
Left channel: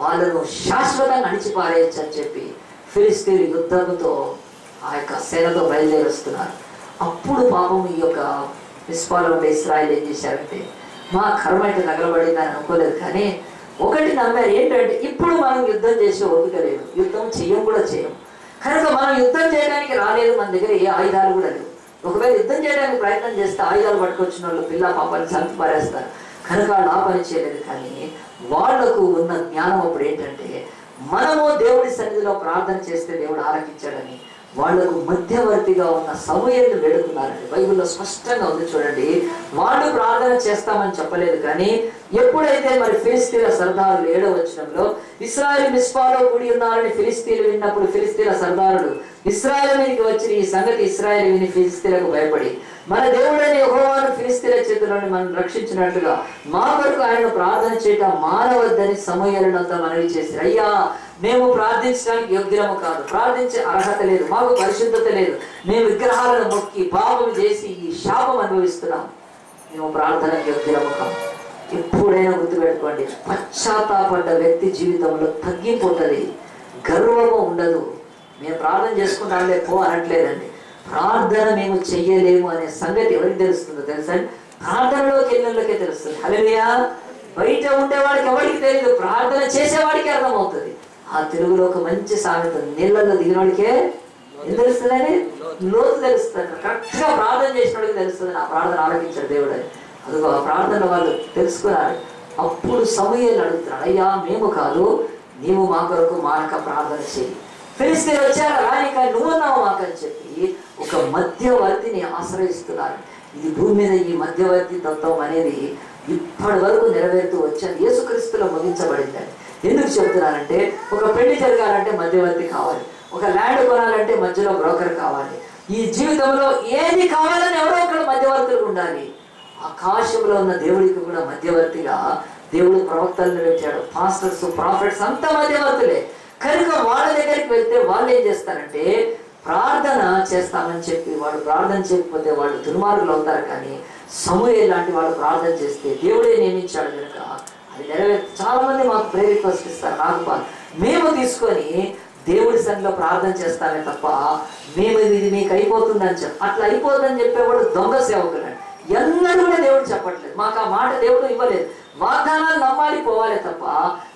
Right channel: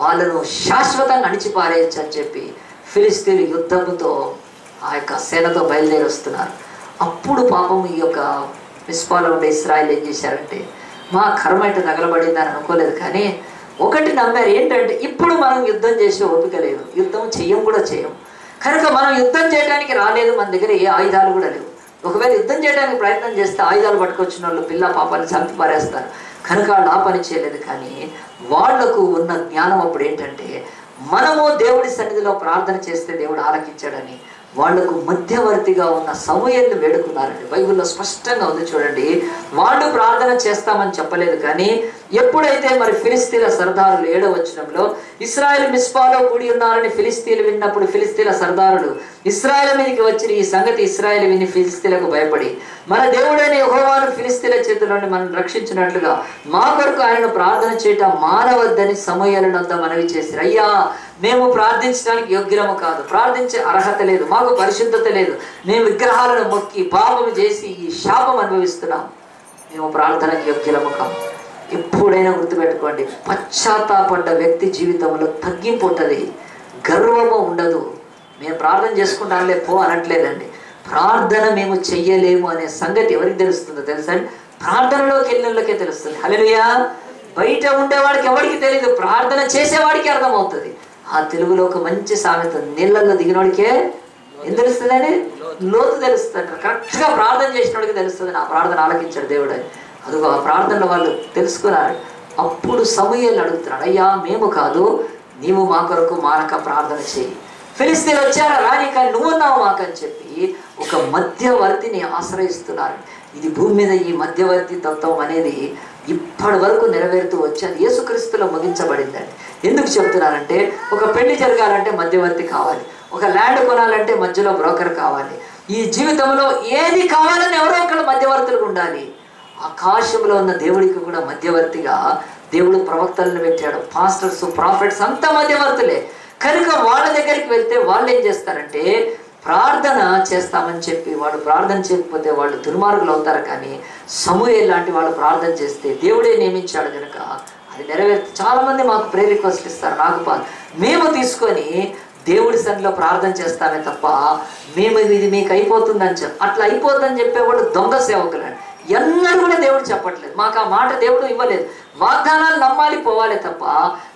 వాళ్ళను శాశ్వతంగా అణిచిపారేయచ్చు అని చెప్పి ఫిలిస్తీన్లు యుద్ధంతో ఆ యొక్క సేనతో బయలుదేరి వస్తున్నారు. అప్పుడు పాపం ఈ యొక్క మిస్పాలో ఉండే ఇశ్రాయేల్ ఏం చేశారంటే, మా కర్మ అయితే తగలబడిందని అనుకోలేదు, కానీ ఒకటి నమ్మారు. ఏంటంటే ఇప్పుడు మనం యుద్ధం చేసే ఓపిక లేదు, యుద్ధం చెయ్యం కూడా చేయం కనుక మనం యుద్ధం చేయడానికి రాలేదు, మన దగ్గర ఏ ఆయుధాలు కూడా లేవు. ఒకవేళ యుద్ధం చేయడానికి ప్రయత్నం చేస్తే ఆయుధాలు పట్టుకొచ్చిన వాళ్ళు పిల్ల పాపాన్ని చంపి పారేస్తారు కనుక వాళ్ళు ఆ పని చేయలేదు. కానీ వాళ్లకు ఉన్న జ్ఞానం అప్పుడు ఏంటంటే, మనము దేవుడి సన్నిధిలో ప్రార్థన చేస్తే దేవుడు ఆలకించాడని వాళ్లకు మధ్యవర్తిగా ఉన్న సమూయేలును వేడుకున్నారండి. బైబిల్లో స్పష్టంగా ఉంది చూడండి. వాళ్ళు ప్రార్థన చేస్తామని చెప్పలేదు, కానీ ఎప్పుడైతే మరి ఫిలిస్తీన్ల సర్దారులు 7వ వచనంలో ఇశ్రాయేలు మిస్పాలో కూడి ఉన్నారని ఫిలిస్తీన్లు విన్నప్పుడు ఫిలిస్తీన్ల సర్దారులు ఇశ్రాయేలు మీదకి వచ్చిన ఈ సంగతి ఇశ్రాయేలు విని ఫిలిస్తీన్లకు భయపడి, మన దేవుడైన యెహోవాను ఫిలిస్తీన్ల చేతుల్లోని మనం రక్షించినట్లుగా మా కొరకు ఆయనను ప్రార్థన చేయటం మానవద్దని సమూయేలునంతా మనవి చేశారు. అయ్యా, మేము ప్రార్థించడానికి యోగ్యము కాదు, ప్రార్థించే అర్హత లేదు, మాకు పరిశుద్ధత లేదు, మేము విగ్రహాలను మొక్కి పాపం చేసి ఈ శాపం అనుభవిస్తున్నాం, మేము ప్రార్థనకు యోగ్యము కాదు. ఎప్పుడైనా గుర్తుపెట్టుకోండి, పశ్చాత్తాపడ్డ వ్యక్తి జీవితంలో తగ్గింపు ఉంటుంది, గర్వము ఉండదు. మేము ప్రార్థన చేసుకుంటాంలే పో అనట్లేదండి. ప్రార్థన మేము చెయ్యలేము అనే సంగతి ఎవరికి తెలుస్తుందో తెలుసా? ప్రార్థనలోకి వెళ్ళినోళ్ళకే తెలుస్తుంది. హల్లెలూయా. బయట ఉండేవాడికి ఎవరికి తెలియదు, ప్రార్థన చేసేవాడికి అర్థమవుతుంది. ఆ తెలుగులో ఒక మంచి సామెత, నీళ్ళల్లో దిగినోడికే ఏం తెలుస్తుందని? లోతు తెలుస్తుంది. కరెక్ట్గా ప్రార్థన చేసిన వాడికి తెలుస్తుంది నా ప్రార్థన ఆలకించాడు దేవుడు అని. అదిగో ఆ ప్రార్థనలో వాళ్ళు తెలుసుకున్నారు. అప్పుడు సమూయేలు అడుగుతున్నాడు, అయ్యా మేము కాదు, నీవు మా కొరకు మానక ప్రార్థన చేయి. ఫిలిస్తీన్లు వచ్చారా రాని, కానీ నువ్వున్నావు మాకని చెప్పి ఒక మధ్యవర్తిని ఆశ్రయిస్తున్నారు. ఇది భూమి మీద ఈ మధ్యవర్తి తత్వం అనేది ఇప్పటి వరకు నెరవేరుతూ వచ్చేది యేసుక్రీస్తులో ముగించబడిందండి. ఎందుకు చెప్తున్నానంటే, ఒక పెళ్లి జరగాలంటే మధ్యవర్తి కావాలి, ఒక ల్యాండ్ కొనాలంటే మధ్యలో బ్రోకర్ కావాలి. ఈ జీవితంలో ఏది కావాలని ఎవరో ఒకరు మధ్యవర్తులు ఉండాలి. ఆకాశంలో ఉన్న దేవుడికి కూడా మధ్యవర్తిగా దేవుడు ప్రవక్తలను పెట్టాడు. పాస్టర్స్, ప్రాఫిట్స్ అంతా మధ్యవర్తులే. కనుక వాళ్ళ దగ్గరికి వెళ్తే వాళ్ళు ఏం చేస్తారంటే, ప్రార్థన చేస్తామని చెప్పి వాడు ప్రార్థన చేయకపోతే వాళ్ళు దుర్మార్గులు అవుతారు. కానీ సమూయేలు లాంటి వాళ్ళు ప్రార్థన చేస్తే దేవుడే నియమించాడు కనుక అది నెరవేర్చి చాలా మంది మాకు ప్రేయర్ రిక్వెస్ట్ ఇస్తారు, నాకు మేము తీసుకొని దేవుడి సన్నిధిలో ప్రార్థన చేస్తామే తప్ప మేము ఇది మీకు అయిపోతుందని చెప్పి అట్లా అయిపోతుందని చెప్పేవాళ్ళు దొంగ సేవకులండి. ఎన్నడూ కూడా దేవుడు చెప్పట్లేదు, మాకు ఆ మాట దేవుడు ఇవ్వలేదు. వాగ్దానాలు నమ్మాలి, పోవాలి తప్ప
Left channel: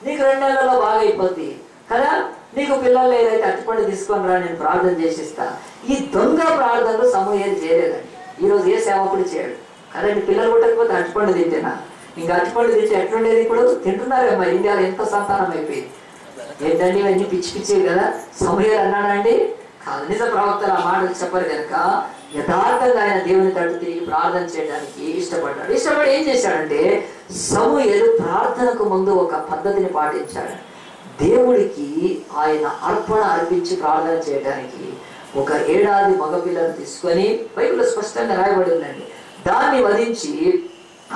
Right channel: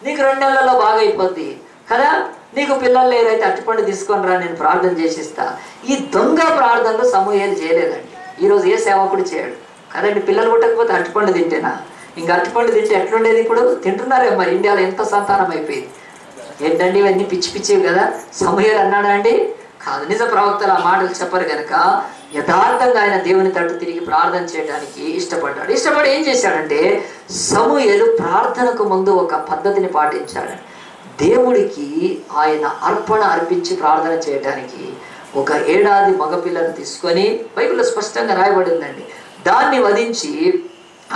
నీకు 2 నెలల్లో బాగా అయిపోద్ది కదా, నీకు పిల్లలు లేరైతే అరటిపండు తీసుకొని రా, నేను ప్రార్థన చేసిస్తా. ఈ దొంగ ప్రార్థనలు సమూయేలు చేయలేదండి. ఈరోజు ఏ సేవకుడు చేయడు కదండి. పిల్లలు పుట్టకపోతే అరటిపండు తింటేనా? ఇంకా అరటిపండు తింటే ఎట్లుండేది? ఇప్పుడు తింటున్నారే మరి. ఇండియాలో ఎంత సంతానం అయిపోయింది ఏంటండి, ఇవన్నీ పిచ్చి పిచ్చివి కదా. సమూయేలు అన్నాడా అండి? కాదు. నిజ ప్రవక్తలు ఆ మాటలు చెప్పరు కనుక యథార్థంగా ఆయన దేవుని తట్టు తిరిగి ప్రార్థన చేయడానికి ఇష్టపడ్డాడు. ఇష్టపడి ఏం చేశాడంటే, సమూయేలు ప్రార్థనకు ముందు ఒక పద్ధతిని పాటించాడు. దేవుడికి ఆయన అర్పణ అర్పించి ప్రార్థన చేయడానికి ఒక 7 ఏడాది మగపిల్లను తీసుకొని, బైబిల్లో స్పష్టంగా రాయబడి ఉందండి, దాన్ని వధించి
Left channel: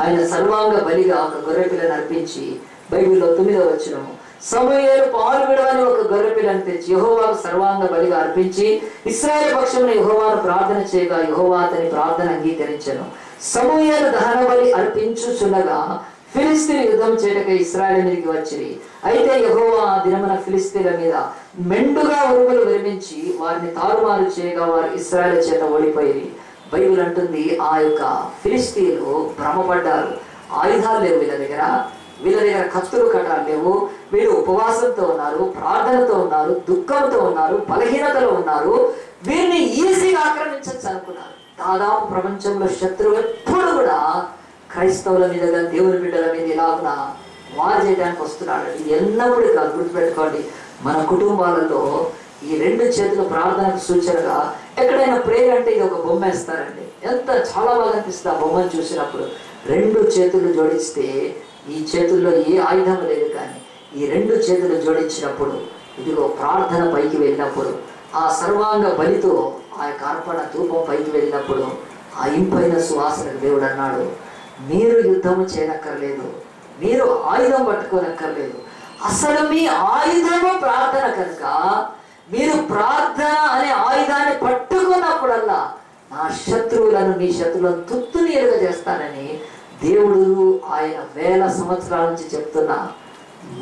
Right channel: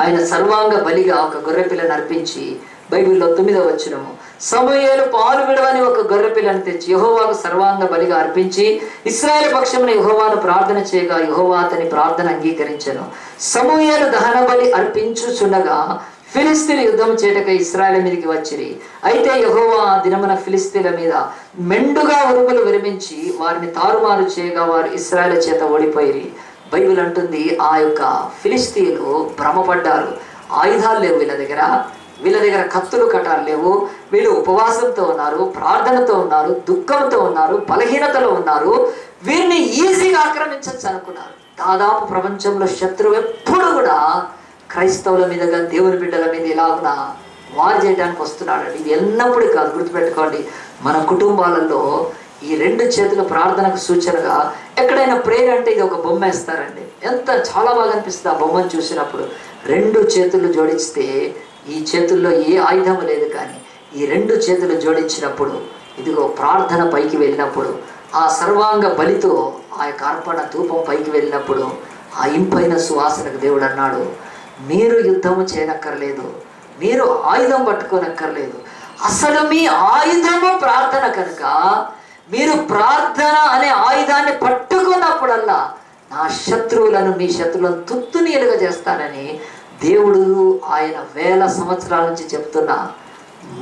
ఆయన సర్వాంగ బలిగా ఒక గొర్రె పిల్లను అర్పించి, బైబిల్లో 9వ వచనము, సమూయేలు పాలు విడవని ఒక గొర్రె పిల్లను తెచ్చి యెహోవాకు సర్వాంగ బలిగా అర్పించి ఇశ్రాయేలు పక్షమున యెహోవాను ప్రార్థన చేయగా యెహోవా అతని ప్రార్థన అంగీకరించెను. సమూయేలు దహన బలి అర్పించుచుండగా ఫిలిస్తీన్లు యుద్ధం చేయటకై ఇశ్రాయేలు మీదకి వచ్చిరి. అయితే యెహోవా ఆ దినమున ఫిలిస్తీన్ల మీద మెండుగా ఉరుములు విరమించి వారిని తారుమారు చేయగా వారు ఇశ్రాయేలు చేత ఓడిపోయి. బైబిల్ అంటుంది, ఆ యొక్క ఫిలిస్తీన్లు భ్రమపడ్డారు. ఆయుధాలు లేవు వీళ్ళ దగ్గర కత్తులు కటాలు లేవు. వీళ్ళు ఉపవాసంతో ఉన్నారు, ప్రార్థనతో ఉన్నారు, దుఃఖంతో ఉన్నారు, బలహీనతలో ఉన్నారు. వీరిని ఈజీగా ఆక్రమించచ్చు అనుకున్నారు. దాదాపు ప్రపంచంలో శత్రువు ఎప్పుడు కూడా క్రైస్తవుల మీద కానీ దేవుని బిడ్డల మీద ఇలాగున వారు చేయడానికి వస్తున్నాడు. ఇది ఎన్నప్పుడు కాదు, గుర్తుపెట్టుకోండి. మన కుటుంబాలలో ఈ 2 చేతుల ప్రార్థనకు సూచనగా ఎక్కడైనా ప్రేయర్ అంటే ఇది ఒక బొమ్మ వేస్తారండి. ఎంత చాలా బాగా అనిపిస్తుంది ఆ బొమ్మను చూసినప్పుడు. 2 చేతులు జోడిస్తే ఈ చేతుల్లో ఏ ఆయుధం లేదు, కానీ ఈ 2 చేతులు జోడించినప్పుడు ఇదిగో ప్రార్థన పైకి వెళ్ళినప్పుడు, ఆ సర్వాంగ బలితో ఆ యొక్క అర్పణ ధూపం పైకి వెళ్ళినప్పుడు ఆ ఇంపైన సువాసనకు దేవుడు అన్నాడు, మీరు యుద్ధము చేయనక్కర్లేదు, మీరు ఆయుధం పట్టుకోనక్కర్లేదు, అసలు మీ ఆయుధము ప్రార్థన కనుక మీరు ప్రార్థన అనే ఆయుధాన్ని పట్టుకున్నప్పుడల్లా నా శత్రువులను మీ శత్రువులను తుత్తునీలుగా చేస్తానని దేవుడు ఆయన వేల సంవత్సరాల నుంచి చెప్తున్న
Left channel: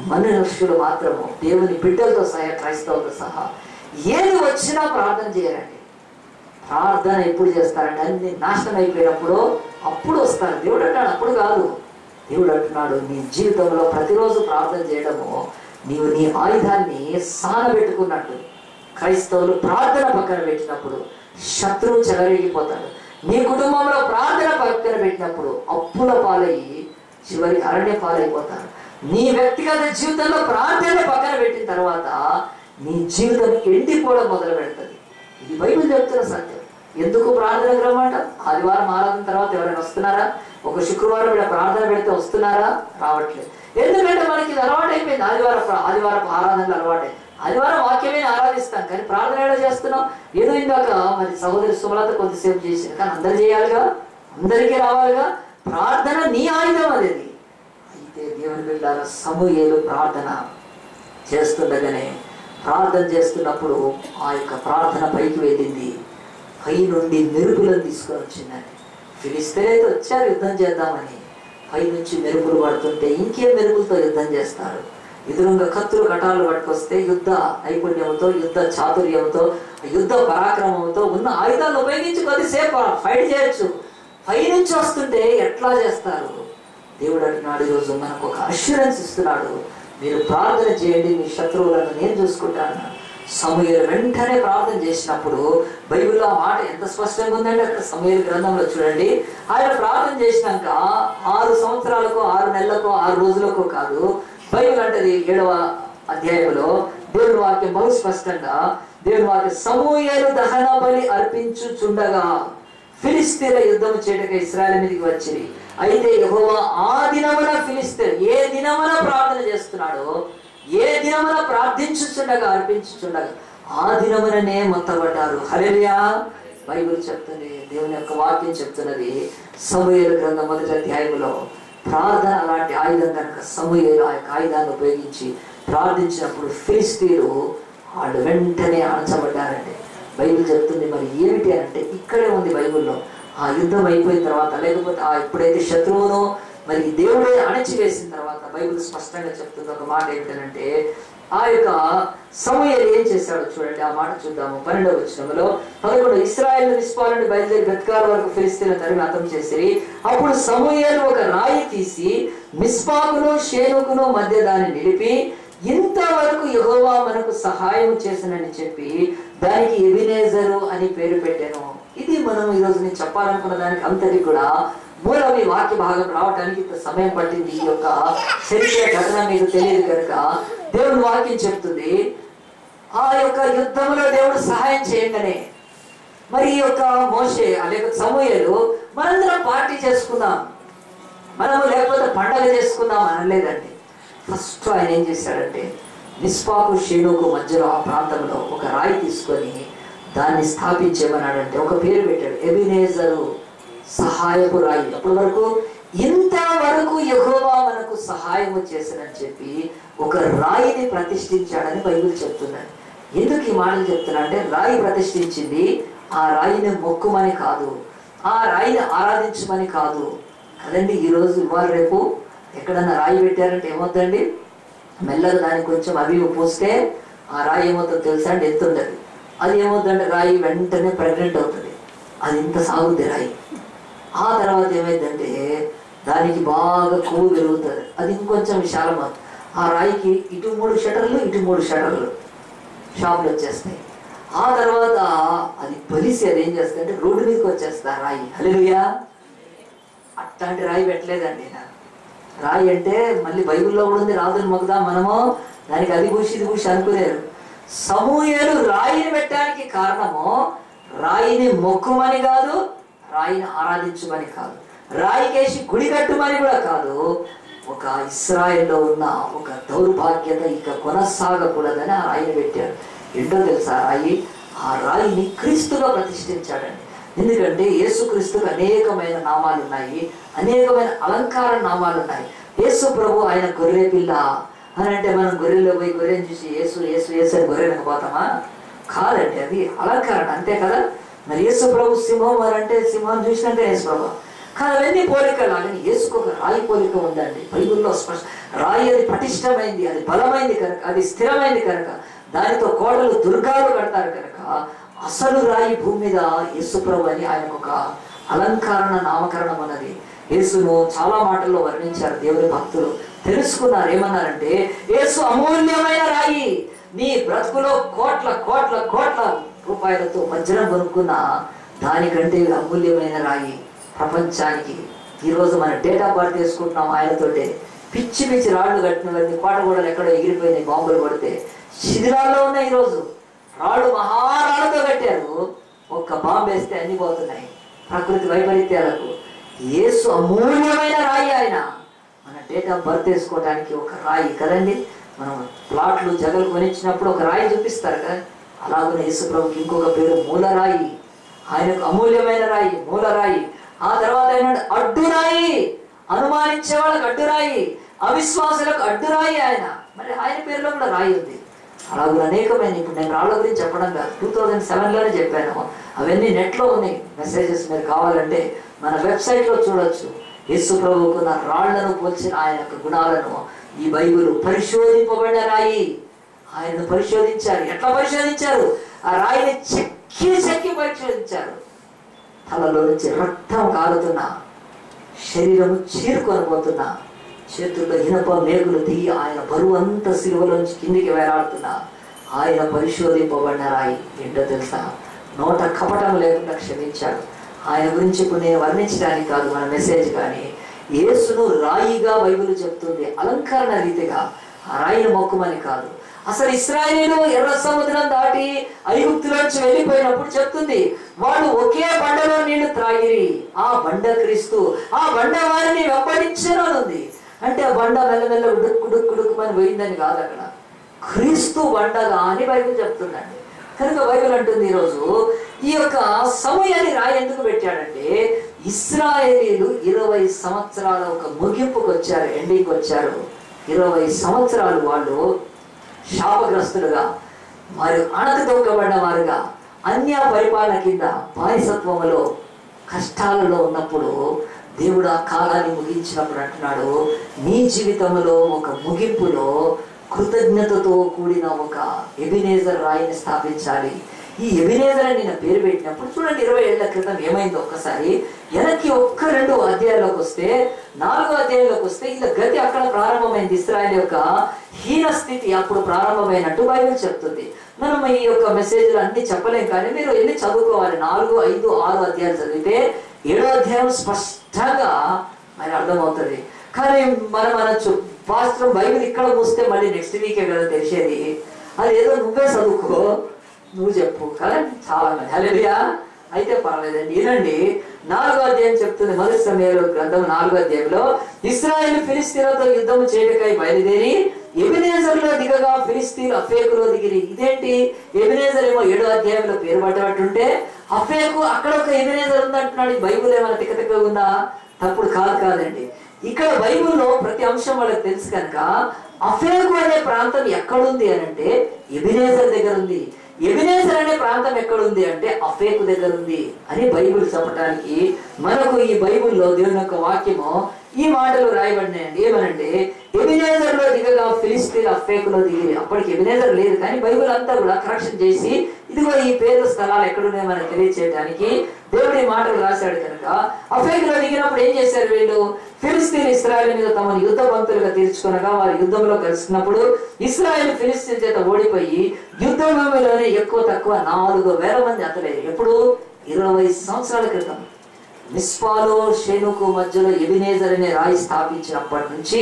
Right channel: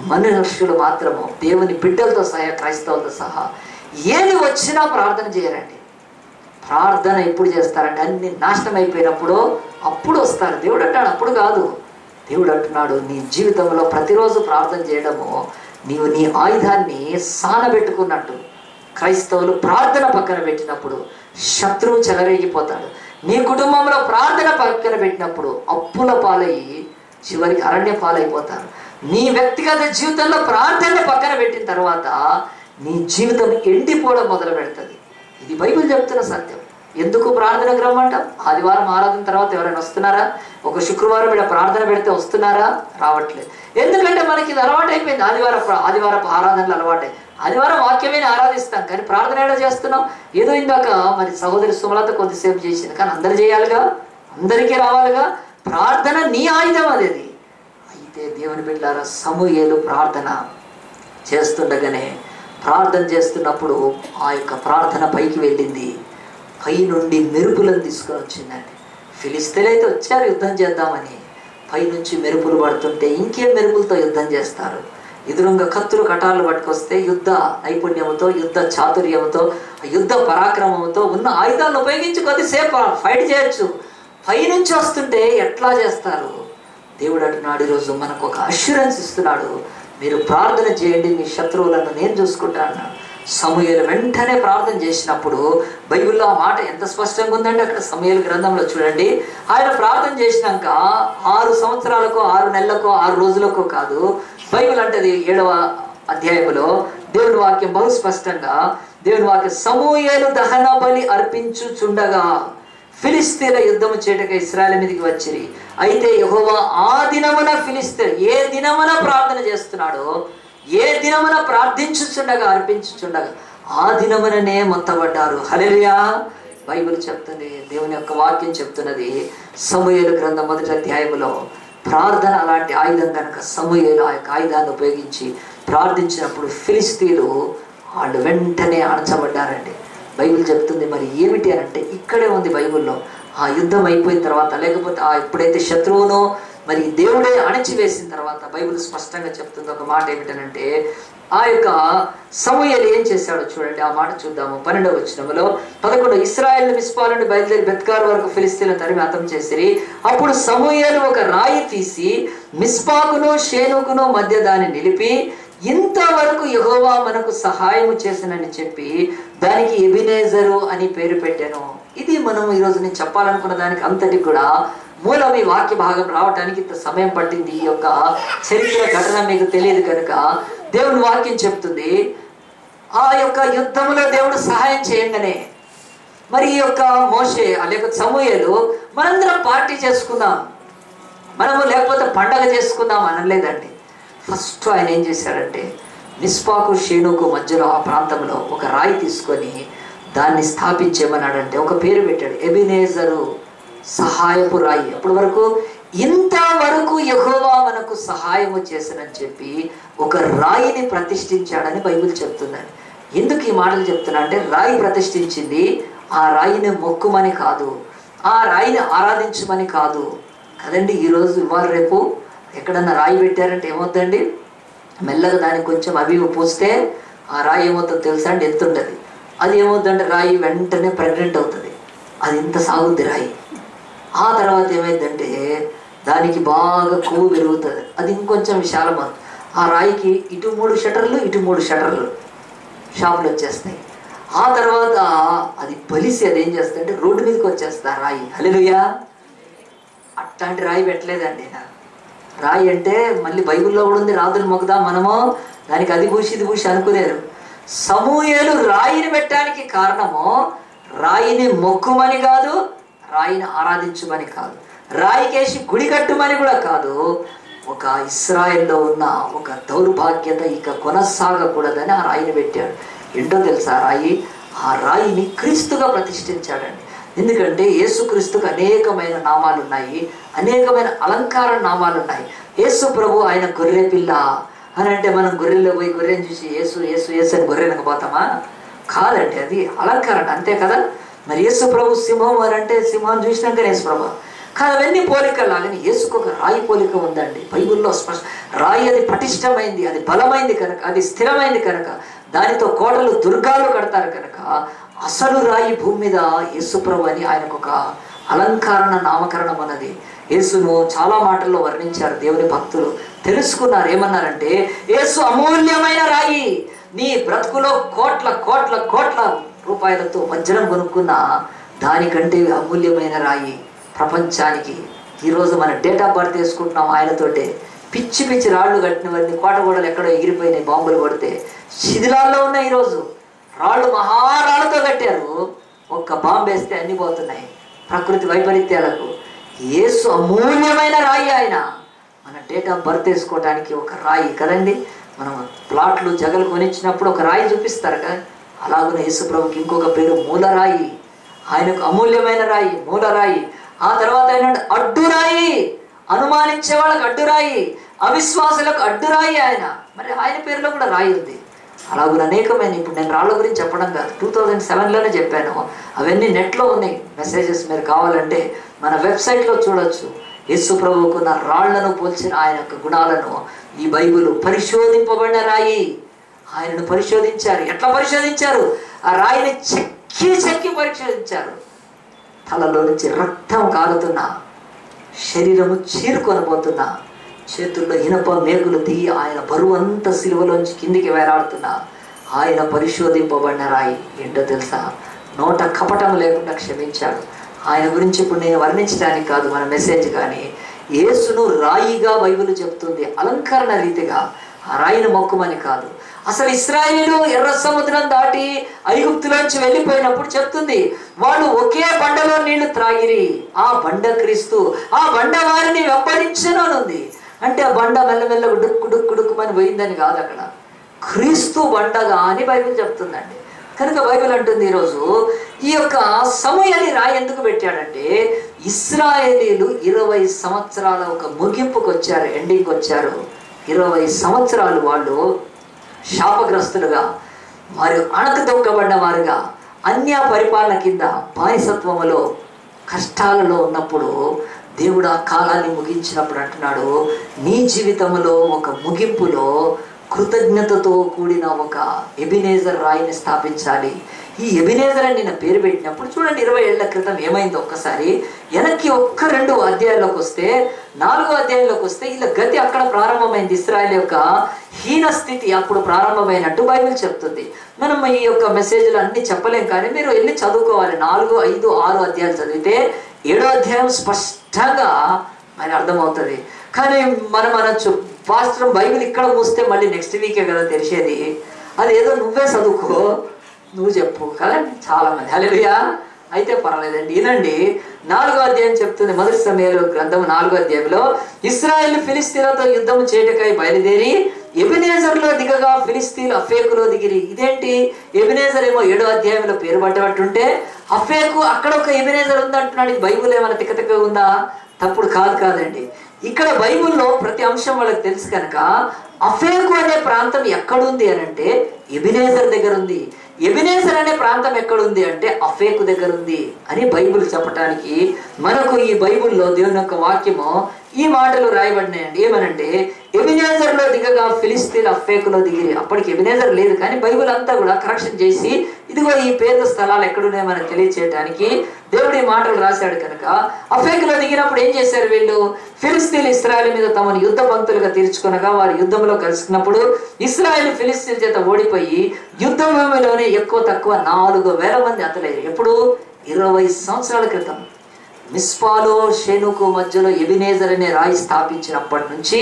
మనుష్యులు మాత్రము దేవుని బిడ్డలతో సహా క్రైస్తవులతో సహా ఏది వచ్చినా ప్రార్థన చేయరండి. ప్రార్థన ఎప్పుడు చేస్తారంటే అన్ని నాశనం అయిపోయినప్పుడు అప్పుడు వస్తారు. దేవుడు అంటాడు అప్పుడు కాదు. దేవుడు అంటున్నాడు నీ జీవితంలో ప్రతిరోజు ప్రార్థన చేయడము నీవు నీ ఆయుధాన్ని సానబెట్టుకున్నట్టు. క్రైస్తవులు ప్రార్థన పక్కన పెట్టినప్పుడు శత్రువు చెలరేగిపోతాడు. నీ కుటుంబంలో ప్రార్థన పక్కన పెట్టినప్పుడు అప్పుల పాలయ్యి చివరికి అరణ్య పాలైపోతారు. నీ వ్యక్తిగత జీవితంలో ప్రార్థన పక్కన పెట్టిన తర్వాత నీ జీవితం ఎండిపోవడం మొదలు పెడుతుంది. ఇది బైబిల్ చెప్తున్న సత్యం. ఎందుకు ప్రార్థనకు రమ్మంటాం? ఆదివారం ఆరాధన తర్వాత ఎవరైనా వస్తున్నారా? ఒక శుక్రవారం ఇక్కడ ప్రార్థన పెడితే వస్తున్నారా? రావట్లేదు. ఎందుకంటే మనకి ఇది అలవాటు అయిపోయింది. ఆదివారపు ఆరాధనలు అలవాటే. ఆదివారం వాక్యమే ఆరాధిస్తాం కానీ ప్రార్థన ఎలా చేస్తున్నాం? ఏదో ఇందాక మరి సహోదరి సుమలత కొద్దిసేపు చేసింది కానీ అందరు చేయాలిగా, అందరికీ రావాలిగా. ప్రార్థన నీ ఆయుధం అది. అయితే దేవుని బిడ్డలారా సమూయేలు ప్రార్థన చేస్తుండగానే ప్రార్థన చేస్తున్నప్పుడు ఆ యొక్క ప్రార్థన పైకి వెళ్ళింది. పై నుండి మెరుపులను తీసుకొని వచ్చిందండి. ఫిలిస్తీన్లు అయితే వచ్చారు యుద్ధం చేద్దామని. పై నుంచి మెరుపులు పడుతుంటే ఇంకేం మెరుపులతో యుద్ధం చేస్తారు? ఎదురుగా కత్తులు కటాలు పట్టుకొస్తే యుద్ధ నైపుణ్యంతో, యుద్ధ చాతుర్యంతో, యుద్ధ పరాక్రమంతో ఉన్న ఆయుధాలను ఉపయోగించి కొద్దిసేపు ఫైట్ చేయొచ్చు. పై నుంచి వస్తుంటే ఎట్లా చేస్తారు? దేవుడు అంటున్నాడు ఈరోజు మనకు ఒక అష్యూరెన్స్ ఇస్తున్నాడు. మీరు ప్రార్థన చేయండి, మీ శత్రువులను నేను చూసుకుంటాను. సమూయేలు వెంటనే ప్రార్థన చేసినప్పుడు బైబిల్లో ఆ మాట ఎంత స్పష్టంగా ఉందండి. అక్కడ సమూయేలు గ్రంథంలో చూడండి. ఆయన ప్రార్థన చేసినాక 6 సంవత్సరాలకో 6 నెలలకో 6 రోజులకో కాదు. బైబిల్ అంటది 7వ అధ్యాయంలో దేవుని వాక్యం బహు స్పష్టంగా దేవుని వాక్యం సమూయేలు దహన బలి అర్పించుచుండగా ఫిలిస్తీన్ల యుద్ధము చేయటకు ఇశ్రాయేలు మీదకి వచ్చిరి. అయితే యెహోవా ఆ దినమున ఫిలిస్తీన్ ఏ దినమున ప్రార్థన చేస్తున్నాడో, ఏ దినమున ప్రార్థించుచుండగా అర్పించుచుండగా ఆ దినముననే మొత్తబడ్డారు. హల్లెలూయా. బైబిల్ చెప్తుంది, దేవుని యొక్క వాక్యం చెప్తున్నది. సమూయేలు గ్రంథం 1వ అధ్యాయంలో ప్రార్థన అలాంటి ఆయుధం కనుక సమూయేలు ఆ యొక్క ఆయుధాన్ని ఉపయోగించి ప్రార్థించినప్పుడు ఫిలిస్తీన్లు వాళ్ళు వెంటనే అణచబడ్డారండి. బైబిల్ చెప్తుంది. మరి ఏమిటి అంటే ఇక్కడే ఉంది బైబిల్లో. ఆ యుద్ధం అయిపోయిన తర్వాత లేకపోతే ఎప్పుడైతే శత్రువును మరి దేవుడే అణచివేసిన తర్వాత బైబిల్ స్పష్టంగా చెప్తుంది ఒక మాట ఏమిటనంటే ఆ యొక్క సమూయేలు ఏం చేశాడో చూడండి. ఆ మాట చూద్దాము. 12వ వచనంలో 11 ఇశ్రాయేలు మిస్పా నుండి బయలుదేరి బెత్కారు వరకు ఫిలిస్తీన్ల తరిమి హతం చేసిరి. అప్పుడు సమూయేలు ఒక రాయి తీసి మిస్పాకును షేనుకును మధ్య దాన్ని నిలిపి ఇంతవరకు యెహోవా మనకు సహాయం చేసినని చెప్పి దానికి ఎబినేజరు అని పేరు పెట్టాను. ఇది మనం ఈరోజు నేను చెప్పాలనుకున్న దానికి అంతటి కూడా మూలం ఈ వాక్య భాగం రావడానికి ఇంత సమయం పట్టింది. ఈ యొక్క చరిత్ర ఘటన మీకు తెలియదు కనుక దేవుని వాక్యం చెప్తుంది. ఆ యొక్క యుద్ధంలో దేవుడు సహాయం చేయంగానే మరి ఈ యొక్క మోషే లేకపోతే సమూయేలు మనందరం పార్టీ చేసుకుందాం, మనము లేకపోతే పండగ చేసుకుందాం అనలేదండి. ఫస్ట్ ఆయన ఏం చేశాడంటే మిస్పాకు షేనుకు మధ్యలో ఆ ప్రాంతంలో ఒక రాయి తీసుకొని దాన్ని స్థాపించేమన్నాడంటే ఒక పేరు పెట్టాడు, ఎబినేజరు, సహాయపు రాయి. అప్పటి వరకు ఇంతవరకు యెహోవా మనకు సహాయము చేసినని చెప్పి ఒక రాయిని ప్రతిష్ఠించాడని బైబిల్ చెప్తున్నాడు. ఎందుకు ఈ మాటలు చెప్తున్నా అంటే రాయి ప్రతిష్ఠించింది ఆ రాయిని మొక్కుమని కాదు, ఆ రాయిని ఆరాధించమని కాదు కదండి. ఈరోజు ఇవాళ రేపు ఎక్కడన్నా రాయి పెట్టారంటే ఏమవుతుందండి, మెల్లగా దానికి కొంచెం అవి పూస్తే ఆ రాయి ఏమవుతుందో తెలుసా అండి, ఎంత ఉంటుంది. అది ఏమవుతుందంటే రాయి వెంటనే ప్రెగ్నెంట్ అవుతుంది. అది ఇంత సాగుద్ది రాయి. ఆ తర్వాత ఏమైందంటే దానికి బాగా కొవ్వు పెరుగుతుంది, అది ఇంకొంచెం విశాలమవుతుంది. ఆ రాయికి ఇటు 3 షటర్లు ఇటు 3 షటర్లు షాపులు వచ్చేస్తాయి. ఆ తర్వాత అది బలిసి అది ఏం చేస్తుందంటే రోడ్డు మీదకి వచ్చేస్తుంది ఆ రాయి. హల్లెలూయా. అట్లాంటి రాయి పెట్టలేదండి. రాయి అంటే మళ్ళీ బైబిల్లో కూడా ఉంది, రాజులు మొక్కుదా మనము దానికి అది పూసి ఇది పూసి అనుకునేరు. సమూయేలు రాయిని పెట్టడానికి కారణము రాయిని మొక్కుమని కాదు, రాయిని ఆరాధించమని కాదు, రాయికేసి గుడి కట్టుమని కూడా కాదు. ఒక ఇశ్రాయేల్లో ఉన్న ఒక దౌర్భాగ్యత ఇక కొనసాగకూడదని ఆ రాయిని పెట్టాడు. ఏంటో తెలుసా రాయి? ఆ రాయిని క్రీస్తుగా ప్రతిష్ఠించాడండి. ఎందుకంటే యేసుక్రీస్తుకు అనేకమైన నామాలు ఉన్నాయి, అనేకమైన అలంకార నామాలు ఉన్నాయి. యేసు ప్రభు ఆయన గొర్రె పిల్ల, అని అంటే మనం గొర్రెల్లో పోయి గొర్రెని చూసి యేసు యేసు యేసు అని గొర్రెనకు పోతామా? కాదండి, అది అలంకరణ, అంతే కదా. మరి యేసు ప్రభు సింహం అని అంటే సింహం చూసినాక యేసు ప్రభు కానీ అవన్నీ పోలికలు. అలాగే యేసుకు ఒక రాయి పోలిక ఉందండి బైబిల్లో స్పష్ట. రాయి అది పటిష్టమైంది, అది బలమైంది కనుక, అది స్థిరమైంది కనుక, దానితో కోటలు దుర్గాలు కడతారు కనుక అసలు రాయి భూమి మీద యేసు ప్రభు అని ఆయనకు ఒక అలంకరణ నామకరణం అన్నది యేసును చాలా మాటల్లో వర్ణించారు దేవుని భక్తులు. తెలుసుకున్నారు, ఏమన్నారంటే యేసు అమూల్యమైన రాయి. నీ బ్రతుకులో కోట్ల కోట్ల కోట్ల రూపాయలతో వజ్రం కొనుక్కున్న దానికంటే అమూల్యమైన రాయి ప్రపంచానికి. ఈరోజు మన డేట్ ఆఫ్ బర్త్ వేసుకుంటున్నాం ఆయనతోటే. పిచ్చి పిచ్చి రాళ్ళు కట్టినవన్నీ కోటగోడలు ఎక్కడో ఎగిరిపోయినాయి, బాంబులు కొడితే శిథిలాల్లో ఉన్నాయి. ఈరోజు రాళ్ళు మహారాళ్ళతో కట్టారు, ఒక్క బాంబు వేస్తే అన్ని పోతున్నాయి ప్రకృతి వైపరీత్యాలకు. యేసు అమూల్యమైన రాయి ఆయన. మన డేట్ ఆఫ్ బర్త్ వేసుకోవడానికి ఒక రాయి కదండి. మనం ప్లాట్లు జగలు కొనిచ్చినప్పుడు ఒక రాయి చూపిస్తారు కదా, అలాగనే యేసు ప్రభుకి ఇంకొక పేరు మూలరాయి. ఆయనకు అమూల్యమైన రాయి, మూలరాయి. ఆ తర్వాత ఆయన అడ్డురాయి, అనుమానించే వాళ్ళకు అడ్డురాయి, అవిశ్వాసులకు అడ్డురాయి ఆయన. మరి ఆయన పేరులో కూడా రాయి ఉంది. అలాగే అనేకమైన, ఇప్పుడు నేను రాళ్ళ గురించి చెప్పడం కాదు, 2007లోనే చెప్పాను. అవన్నీ నెట్లో ఉన్నాయి మెసేజెస్, మీరు కావాలంటే మన వెబ్సైట్లో చూడొచ్చు. యేసు ప్రభువుకున్న రాళ్లను పోల్చిన ఆయన యొక్క గుణాలను ఈ బైబిల్ పరిశోధింపబడిన రాయి. ఆయనను పరిశోధించారు. ఎట్లా పరిశోధించారు? ఆ రాయిని చెక్కి చెక్కి పరిశోధించారు. తలలో నుంచి రక్తం కారుతున్నా, శరీరము చీరుకొని పోతున్నా, చేతుల్లో ఇనప మేకులు దిగి ఆయన బరువు అంతా సిలువలోంచి కిందికి వేలాడుతున్నా ఆయన పరిశోధింపబడిన రాయి. ఏంటో తెలుసా? నోట కపటం లేకుండా క్షమించాడు. ఆయన గురించి ఇప్పుడు నేను వర్ణించడానికి కాదు మన మెసేజ్, కానీ యేసును రాయిగా బైబిల్ చెప్తుంది, అలంకరణ రీతిగా. ఆ రాయిని మొక్కుమని కాదు. అసలు ఇశ్రాయేలు ఎర్ర సముద్రం దాటి ఐగుప్తులోంచి వెళ్ళిపోయినప్పుడు చెప్తుంది, వాళ్ళు ఒకే బండలో నీళ్లు త్రాగిరి, ఆ బండ క్రీస్తు, ఆ బండ వారిని వెంబడించను అని ఉంది. అంటే ఆ బండ మెల్లమెల్ల డుక్కు డుక్కు డుక్కుమని పోయిందని కాదు, అక్కడ క్రీస్తు బండగా అని బైబిల్ చెప్తుందండి. కనుక బైబిల్ అంటుంది ఈరోజు ఈ యొక్క సమయాన్ని రాయి ఎందుకు పెట్టాడంటే, ఇశ్రాయేలీలు 20 సంవత్సరాల ఒక ముగింపుకు వచ్చారు, ఎండింగ్కి వచ్చారు. 20 సంవత్సరాలు వాళ్ళు శాపగ్రస్తులుగా మరియు అణకదొక్కబడిన వారుగా అన్య పరిపాలన కింద బానిసత్వములో కష్టాలలో ఉన్నప్పుడు దేవుడు ఆ కాలాన్ని ముగించినప్పుడు అంటున్నాడు, నీ జీవితంలో ఒక ముగింపులో కృతజ్ఞతతో కూడిన ఒక ఎబినేజర్ రాయిని స్థాపించాలి. ఈ ఎబినేజర్ అని నేను పేరు పెట్టినప్పుడు చూడండి, 20 ఏళ్ల క్రితం ఏమైందో ఒక్కసారి వెనక్కి 1-2 అధ్యాయంలోకి వస్తే, 4వ అధ్యాయంలోకి వస్తే ఇలా గతి అక్కడ ప్రారంభమైంది. ఇశ్రాయేల్ యొక్క హీన స్థితి అప్పుడు ప్రారంభమైనట్టు బైబిల్ చెప్తుంది. మనం ఈ యొక్క మెసేజ్లు అన్ని చెప్పలేం, కానీ మీరు వెళ్ళి చదువుకోవాలి. 4, 5, 6 అధ్యాయాలు చదివితే 7వ అధ్యాయం స్పష్టంగా మనకు అర్థమవుతుంది. కానీ మనం అనొచ్చు, పాస్టర్ బైబిల్ ఇక్కడ మూస్తే మళ్ళీ నెక్స్ట్ వీకే కదా తెలిసేది, అది ఏదో నువ్వే చదువుకో, నువ్వు చెప్పు కదా చాలా మంది. హల్లెలూయా. అయితే పర్వాలేదండి, వినండి. 4వ అధ్యాయం చెప్తుంది, మొదటి సమయంలో గ్రంథం 4వ అధ్యాయంలో, ఇశ్రాయేలు ఫిలిస్తీన్లతో యుద్ధము చేయటకై బయలుదేరి ఎబినేజర్లో దిగగా ఫిలిస్తీన్లు అఫేకులో దిగిరి. ఇదేంటి? ఎబినేజర్ ఏమో 7వ అధ్యాయంలో పేరు పట్టబట్టుంటే అఫేకు అక్కడ ఒక ఎబినేజర్ ఉందంటున్నాడు. బైబుల్ ఏమైనా తిక్కతిక్క ఉందా? తప్పుడు కాదండి. ఇక్కడ బైబుల్లో ప్రతి అంశం వాళ్ళకి తెలుసు కనుక అఫేకు అనే ప్రాంతం ఎక్కడుంది అని అంటే ఎబినేజర్ దగ్గర ఉంది. ఎబినేజర్ అనే ప్రాంతం ఎక్కడుంది అంటే అఫేకు దగ్గర ఉంది అని బైబిల్ చెప్పడానికి మనకు ఈ బైబిల్లో దేవుని యొక్క వాక్యము ఈ మాటలు రాయబడినాయండి. ఏమనంటే ఎబినేజర్లో దిగగా ఫిలిస్తీన్లు అఫేకులో దిగిరి. అప్పటికి ఎబినేజర్ లేదు, కానీ బైబిల్ అంతా కూడా కరెక్షన్ చేసి ఇదిగో ఈ పేరు స్థలాలు ఎక్కడున్నాయో మనకు తెలియచేయడానికి దేవుడు ఈ మాటలు రాశాడు. కనుక అఫేకులో దిగినప్పుడు ఏం చేశారు వీళ్ళు? ఫిలిస్తీన్లు ఇశ్రాయేలు మీద తమను యుద్ధ పంక్తులుగా తీర్చుకొనగా వారు యుద్ధంలో కలిసినప్పుడు ఇశ్రాయేలు ఫిలిస్తీన్ చేత ఓడిపోయి యుద్ధ భూమిలోనే ఎక్కువ తక్కువ 4,000 మంది అతలేరు. ఎప్పుడు? 20 సంవత్సరాల క్రితం. మిస్పాలో షేనుకు మధ్యలో ఎబినేజర్ అనే రాయి స్థాపించినప్పటి నుంచి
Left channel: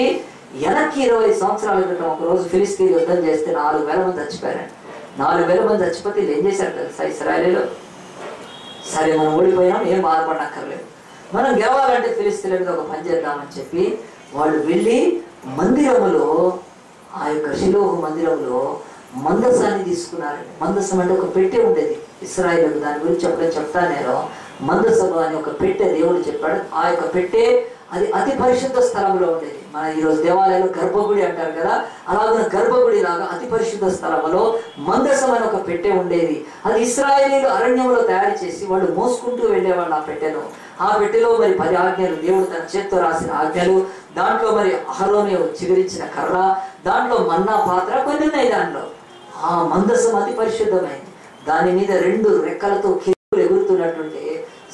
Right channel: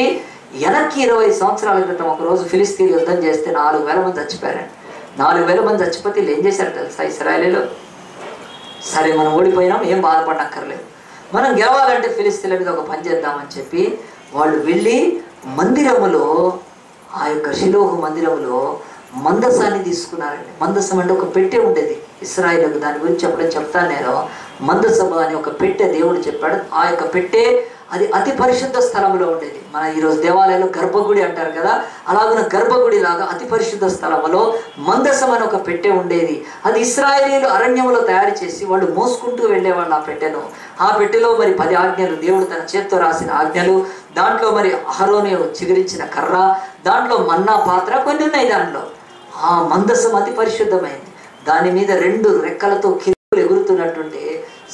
వెనక్కి 20 సంవత్సరాల క్రితం ఒకరోజు ఫిలిస్తీన్ యుద్ధం చేస్తే 4,000 మంది చచ్చిపోయారండి. 4,000 మంది చచ్చిపోతే వీళ్ళు ఏం చేశారు తెలుసా? ఇశ్రాయేలీలో, సరే మనం ఓడిపోయినాం, ఏం బాధపడక్కర్లేదు, మనం గెలవాలంటే ఫిలిస్తీన్ల మీద ఒక పని చేద్దామని చెప్పి వాళ్ళు వెళ్ళి మందిరములో, ఆ యొక్క షిలోహు మందిరంలో మందసాన్ని తీసుకున్నారండి. మందసం అంటే ఒక పెట్టె ఉండేది ఇశ్రాయేలుకు. దాని గురించి ఎప్పుడైనా చెప్తాను నేను. మందసభ అని ఒక పెట్టె దేవుడు చెప్పాడు. ఆ యొక్క పెట్టె అది అతి పరిశుద్ధ స్థలంలో ఉండేది. మన ఈరోజు దేవాలయంలో గర్భగుడి అంటారు కదా, అలాగే గర్భగుడి లాగా అతి పరిశుద్ధ స్థలంలో మందసం అని ఒక పెట్టె ఉండేది. అది ఇశ్రాయేలీయులు అరణ్యంలో తయారు చేసి వాళ్ళు మోసుకుంటూ వెళ్ళేవాళ్ళు ఆ పెట్టెను. ఆ పెట్టెలో మరి 10 ఆజ్ఞలు, దేవుడు తన చేత్తో రాసిన ఆజ్ఞలు, దాంట్లో మరి అహరోను చిగురించిన కర్ర, దాంట్లో మన్నా పాత్ర కొన్ని ఉన్నాయి. దాంట్లో ఆ మందసం అతి పరిశుద్ధమైంది. దాని మీద 2 రెక్కలతో కిరులు ఎగురుతున్నట్టుంటే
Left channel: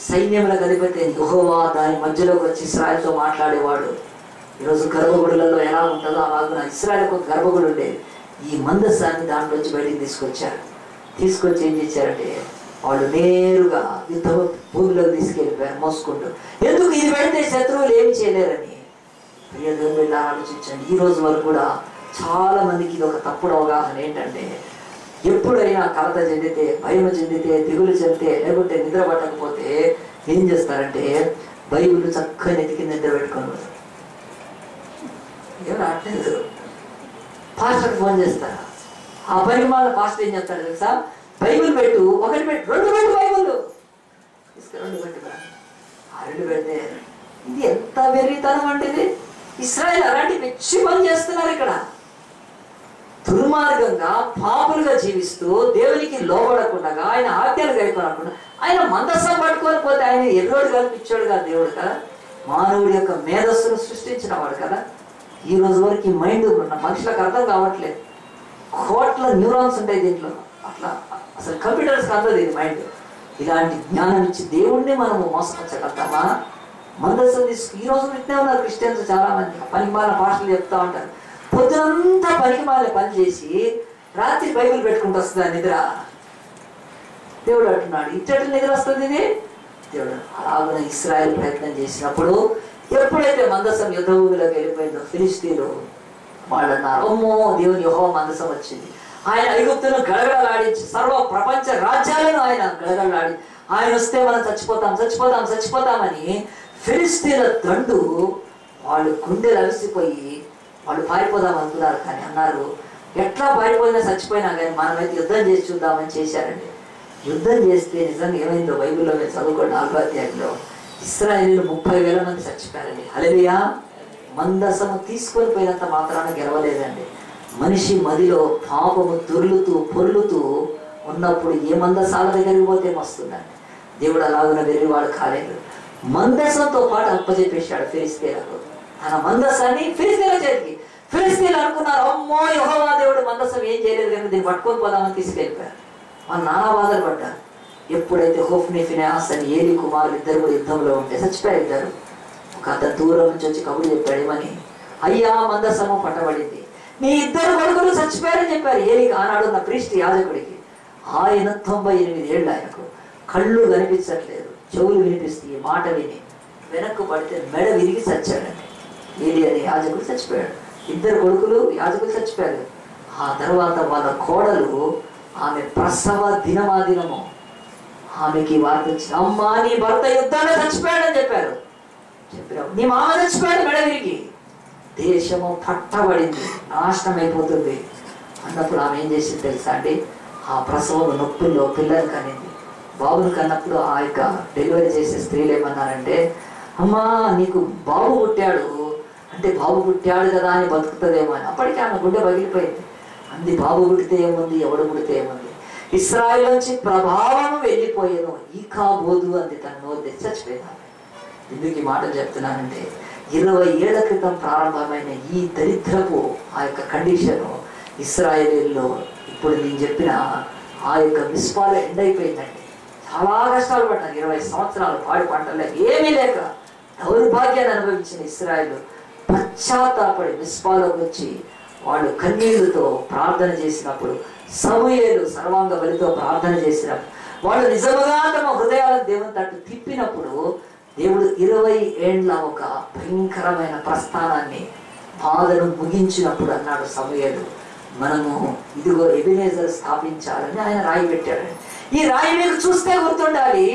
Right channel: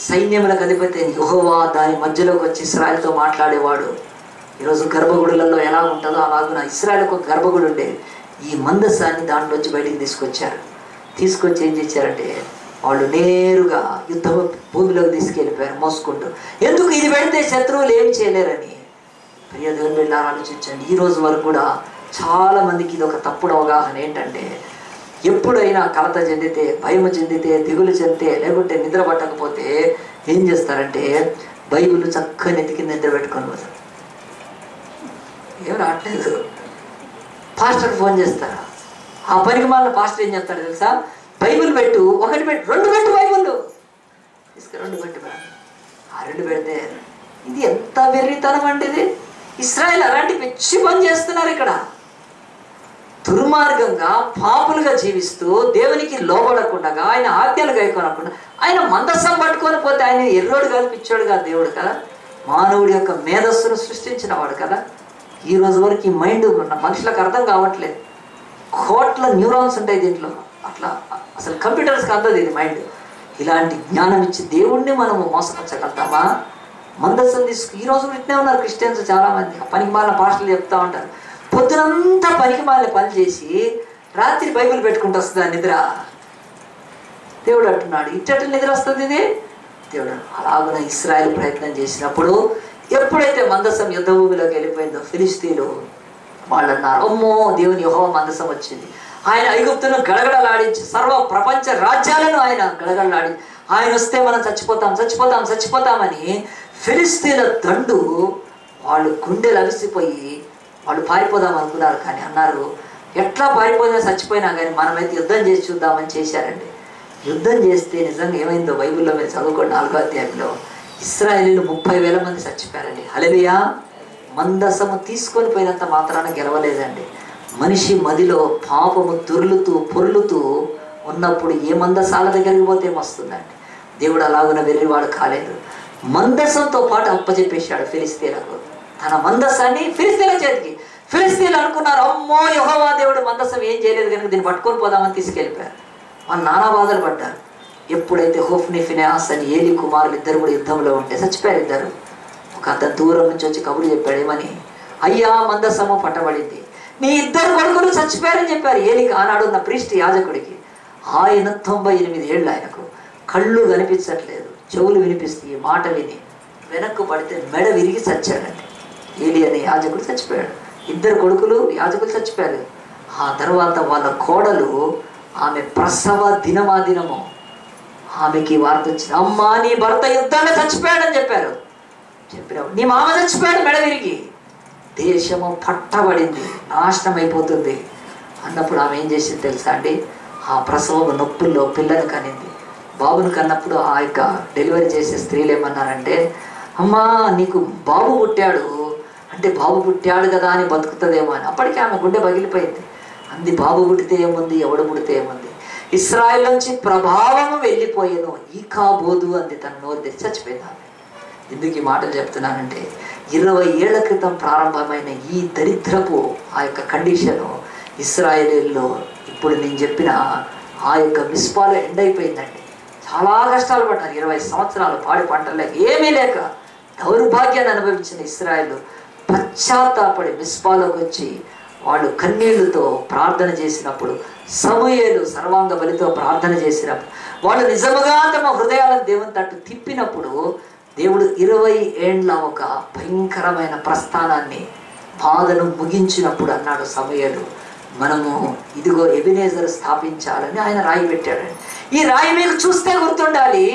సైన్యములకు అధిపతి యెహోవా దాని మధ్యలోకి వచ్చి ఇశ్రాయేలుతో మాట్లాడేవాడు. ఈరోజు గర్భగుడులలో ఎలా ఉంటుందో అలాగే ఇశ్రాయేలుకు ఒక గర్భగుడి ఉండేది. ఈ మందసాన్ని దాంట్లోంచి బయటికి తీసుకొచ్చి ఏం చేశారంటే వాళ్ళు నేరుగా యుద్ధ భూమిలోకి తీసుకెళ్ళిపోయారు మోసుకుంటూ. ఎందుకు? ఇది పెడితే శత్రువులు ఏమి చేయలేరని. ప్రియ దేవుని బిడ్డలారా ఆలోచించండి. ఈ రోజు వరకు కూడా చాలా మందికి ఇది ఒక తప్పుడు అవగాహన. ఏంటంటే ఎప్పుడైనా కలత చెందితే, భయం చెందితే, దిగులు చెందితే, లేకుంటే నిద్ర పట్టకపోతే ఏం చేస్తారంటే బైబిల్ చక్కగా నెత్తికి నిద్ర పెట్టుకొని పోతారు. ఏం రావట్లేదు. పాస్టర్ ఫోన్ చేస్తారా? ఆ పనికి మళ్ళీ పాస్టర్ ఏం చెప్తారు తెలుసా? బైబిల్ పెట్టు, 1 పెట్టు, 2 పెట్టు, బైబిల్ తీసుకు 2 పెట్టు. ఆ 2 పెడితే ఇది ఎంత వెర్రితనం అంటే ఇది. ఇశ్రాయేల్ అలాంటి పిచ్చి పని చేస్తున్నారు ఇక్కడ. దుర్మార్గంగా పాపులుగా జీవిస్తూ దేవునికి లోబడకుండా, ఆయన ఆజ్ఞలు గైకొనకుండా, ఆయన మందసం పట్టుకొని పోతే ఆయన ఎర్రోడు కాదు, పిచ్చోడు కాదు, దేవుడు కదా, మానవుడి యొక్క మేధస్సును సృష్టించిన వాడు కదా. ఈ రోజు వరకు ఈ మైండ్ మనుషులకు అర్థం కావట్లేదు. కోట్ల న్యూరాన్స్ ఉంటాయి దీంట్లో. అట్లా అసలు కంప్యూటర్స్కి అందదు ఇది మైండ్. ఇలాంటి జ్ఞానం ఇచ్చి దేవుణ్ణి మనము మోసపరచగలుగుతామా? మందసం తీసుకు ఈ రోజు వింటూనే ఉన్నారు క్రిస్టియన్స్ చాలా మంది. పనికి మాలిన పాస్టర్లు చెప్తా ఉంటారు, పొద్దునంతా పనికి మాలిన పని చేసి రాత్రి బైబిల్ పెట్టుకుంటూ వస్తుందా నిద్ర? దేవుడు అంటున్నాడు ఇచ్చటి నిద్ర వస్తుంది ఇది. దేవుడు అలాగనే ఇశ్రాయేల్ ప్రయత్నం చేసినప్పుడు ఎప్పుడైతే మందసం యుద్ధ భూమిలోకి వెళ్ళిపోయిందో ఫిలిష్తీయులు వాళ్ళు అన్నారు, అమ్మో దేవుని యెహోవా మందసం వచ్చింది. ఆయన ఐగుప్తును గడగడలాడించి సర్వ ప్రపంచ రాజ్యాలను ఆయన గడగడలాడి, ఆయన వస్తే మనం చచ్చిపోతామని ఫిలిష్తీయుల దండు వాళ్ళు గుండెలు అలసిపోయి వాళ్ళు పారిపోదాం అనుకున్నారు. కానీ అన్నారు ఎట్లా పారిపోయినా చచ్చిపోయినా కానీ మనమైతే యుద్ధం చేసి చూద్దామని చేశారండి. యుద్ధం చేస్తే నిజంగా ఏమైందో బైబిల్లో మీరు చదువుకోండి. 4వ అధ్యాయంలో ఇశ్రాయేలీయులు 30,000 మంది చచ్చిపోయారండి. హల్లెలూయా. మందసము తీసుకొని పోయినంత మాత్రాన గెలవలేదండి. మనిషి మదిలో పాపము పొర్లుతూ ఉన్నప్పుడు ఏ మందసాల దగ్గరికి పోతే వస్తుందండి. దేవుడు అలాగున వెర్రివాడు కాలేదు. మందసంతో పాటు అప్పచెప్పేశాడు ఫిలిష్తీయులకు తన మందసాన్ని ఫిలిష్తీయుల చేతికి. ఫిలిష్తీయులు అనుకున్నారు, అమ్మో యెహోవా దేవుడు మందసం ఏం చేయలేదు కనుక దీన్ని పట్టుకొని పోదామని తీసుకెళ్ళిపోయారు. వాళ్ళు నానా బాధలు పడ్డారు. ఎప్పుడైతే హోఫ్ని ఫినెహాస్ అని ఏలీ కుమారులు 2 కూడా యుద్ధంలో ఉంటే చచ్చిపోయారు 2. ఒక అతను దూరం నుంచి వచ్చి కబురు చెప్పాడు, ఏమని? అయ్యా మందసము పట్టబడింది, నీ 2 కొడుకులు చచ్చిపోయారని చెప్పారు ఏలీకి. ఆనాడు ఉన్న ప్రీస్ట్ యాజకుడికి. ఆయన 98 ఏళ్ళు, ఆయనకు కళ్ళు కనిపించట్లేదు, చెవులు వినిపిస్తాయి, మాట విని వెనక్కు పడితే మెడ విరిగి చచ్చాడండి. ఏలీ అనే యాజకుడు చచ్చిపోయాడు. 2 కొడుకులు యాజకులు చచ్చిపోయారు. ఆ తర్వాత వాళ్ళ కోడలు ఆమె ప్రసవ దినము ఆమెకి వార్త వచ్చింది, అమ్మా నీ భర్త యుద్ధాన్ని చచ్చిపోయాడని చెప్పారు. నీ మామ చచ్చిపోయాడు మెడ విరిగి, దేశము పట్టబడింది, నాశనం అయిపోతుంది అన్నప్పుడు ఆమె ఏం చేసింది తెలుసా అండి? ఆ ప్రసవం నొప్పుల్లో పిల్లని కనింది. బాబుని కన్నప్పుడు ఆ యొక్క డెలివరీ చేసే స్త్రీలు ఏమన్నారంటే, అమ్మా నీకు బాబు పుట్టాడు అంటే బాబు పుట్టాడు కదా అని బతుకుతుందేమో అని. అప్పటికే ఆమె గుండె పగిలిపోయింది. అంది బాబు పుట్టితే ఏముంది, ఎవడు పుడితే ఏముంది, ఇశ్రాయేల్ నుంచి ప్రభావము వెళ్ళిపోయాను, ఈకాబోదు అంది. తన నోరు తెచ్చి చచ్చిపోయింది. ఎందుకు ఈ మాటలు చెప్తున్నానంటే 20 ఏళ్ల క్రితం ప్రారంభమైన ఈ దరిద్రపు ఆ యొక్క కండిషను ఇశ్రాయేలీల్లో ఇప్పుడు నేను చెప్పిన ఆ యొక్క మిస్పాలో ఎండ్ అయిపోయిందండి. చాలా కష్టాలు పడ్డారు. 20 సంవత్సరాలు పాడి పంటలు లేక ఏమీ లేక దౌర్భాగ్యాన్ని అనుభవించిన ఇశ్రాయేలు పశ్చాత్తాపడి మిస్పాలోకి వచ్చి వాళ్ళు కన్నీళ్లతో ప్రార్థన చేసినప్పుడు, సమూయేలు సర్వాంగ బలితో ప్రార్థన చేసినప్పుడు, వాళ్ళు నిజముగా తమ హృదయాలను దేవుని తట్టు తిప్పినప్పుడు దేవుడు 20 ఏండ్ల ఒక భయంకరమైన ప్రస్థానాన్ని బాధను ముగించినప్పుడు అన్నాడు సమూయేలు, మనము ఇదిగో ఎబెనేజర్ స్థాపించాలని ఆయన రాయి పెట్టాడు. ఈ రాయి మీకు చూస్తే గుర్తుండాలి,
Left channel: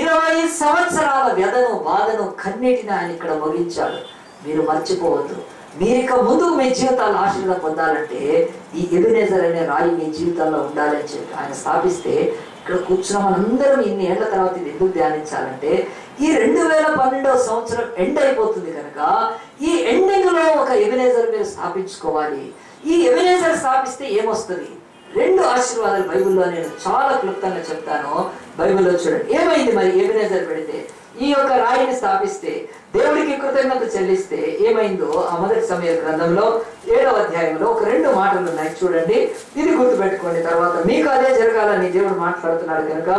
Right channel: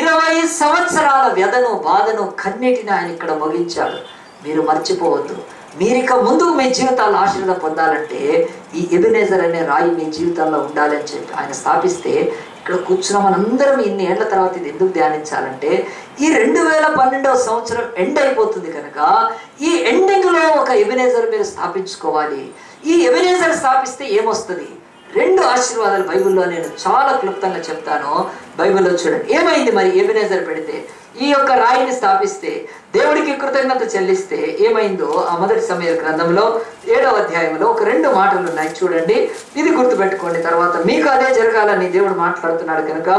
20 సంవత్సరాల వ్యధను బాధను కన్నీటిని ఆయన ఇక్కడ ముగించాడు. మీరు మర్చిపోవద్దు. మీరిక ముందు మీ జీవితాలు ఆశీర్వాదం పొందాలంటే ఈ ఎబెనేజర్ అనే రాయి మీ జీవితాల్లో ఉండాలని చెప్పి ఆయన స్థాపిస్తే ఇక్కడ కూర్చున్న మనందరం ఇన్ని ఏళ్ల తర్వాత ఇది ఎందుకు ధ్యానించాలంటే ఈ 2012వ సంవత్సరం ఎండ్ అయిపోతుంది కనుక ఈ ఎండింగ్లో ఒక ఎబెనేజర్ మీరు స్థాపించుకోవాలి. ఈ ఎబెనేజర్ స్థాపిస్తే ఏమొస్తుంది? 2 ఆశీర్వాదాలు బైబిల్లో నేను చాలా క్లుప్తంగా చెప్తాను. బైబిల్లో చూడండి ఏమైంది మరి ఎబెనేజర్ పెడితే, ఈ యొక్క రాయిని స్థాపిస్తే, దేవుడికి కృతజ్ఞత చెల్లిస్తే ఏమైందో ఆ మొదటి సమూయేలు గ్రంథంలో 7వ అధ్యాయంలో ఒక 2 మాటలు ఉన్నాయి చూడండి. ఇది గుర్తుపెట్టుకోండి, తర్వాత మీకు అదే జరగాలని దేవుడు మాట్లాడుతున్నాడు కనుక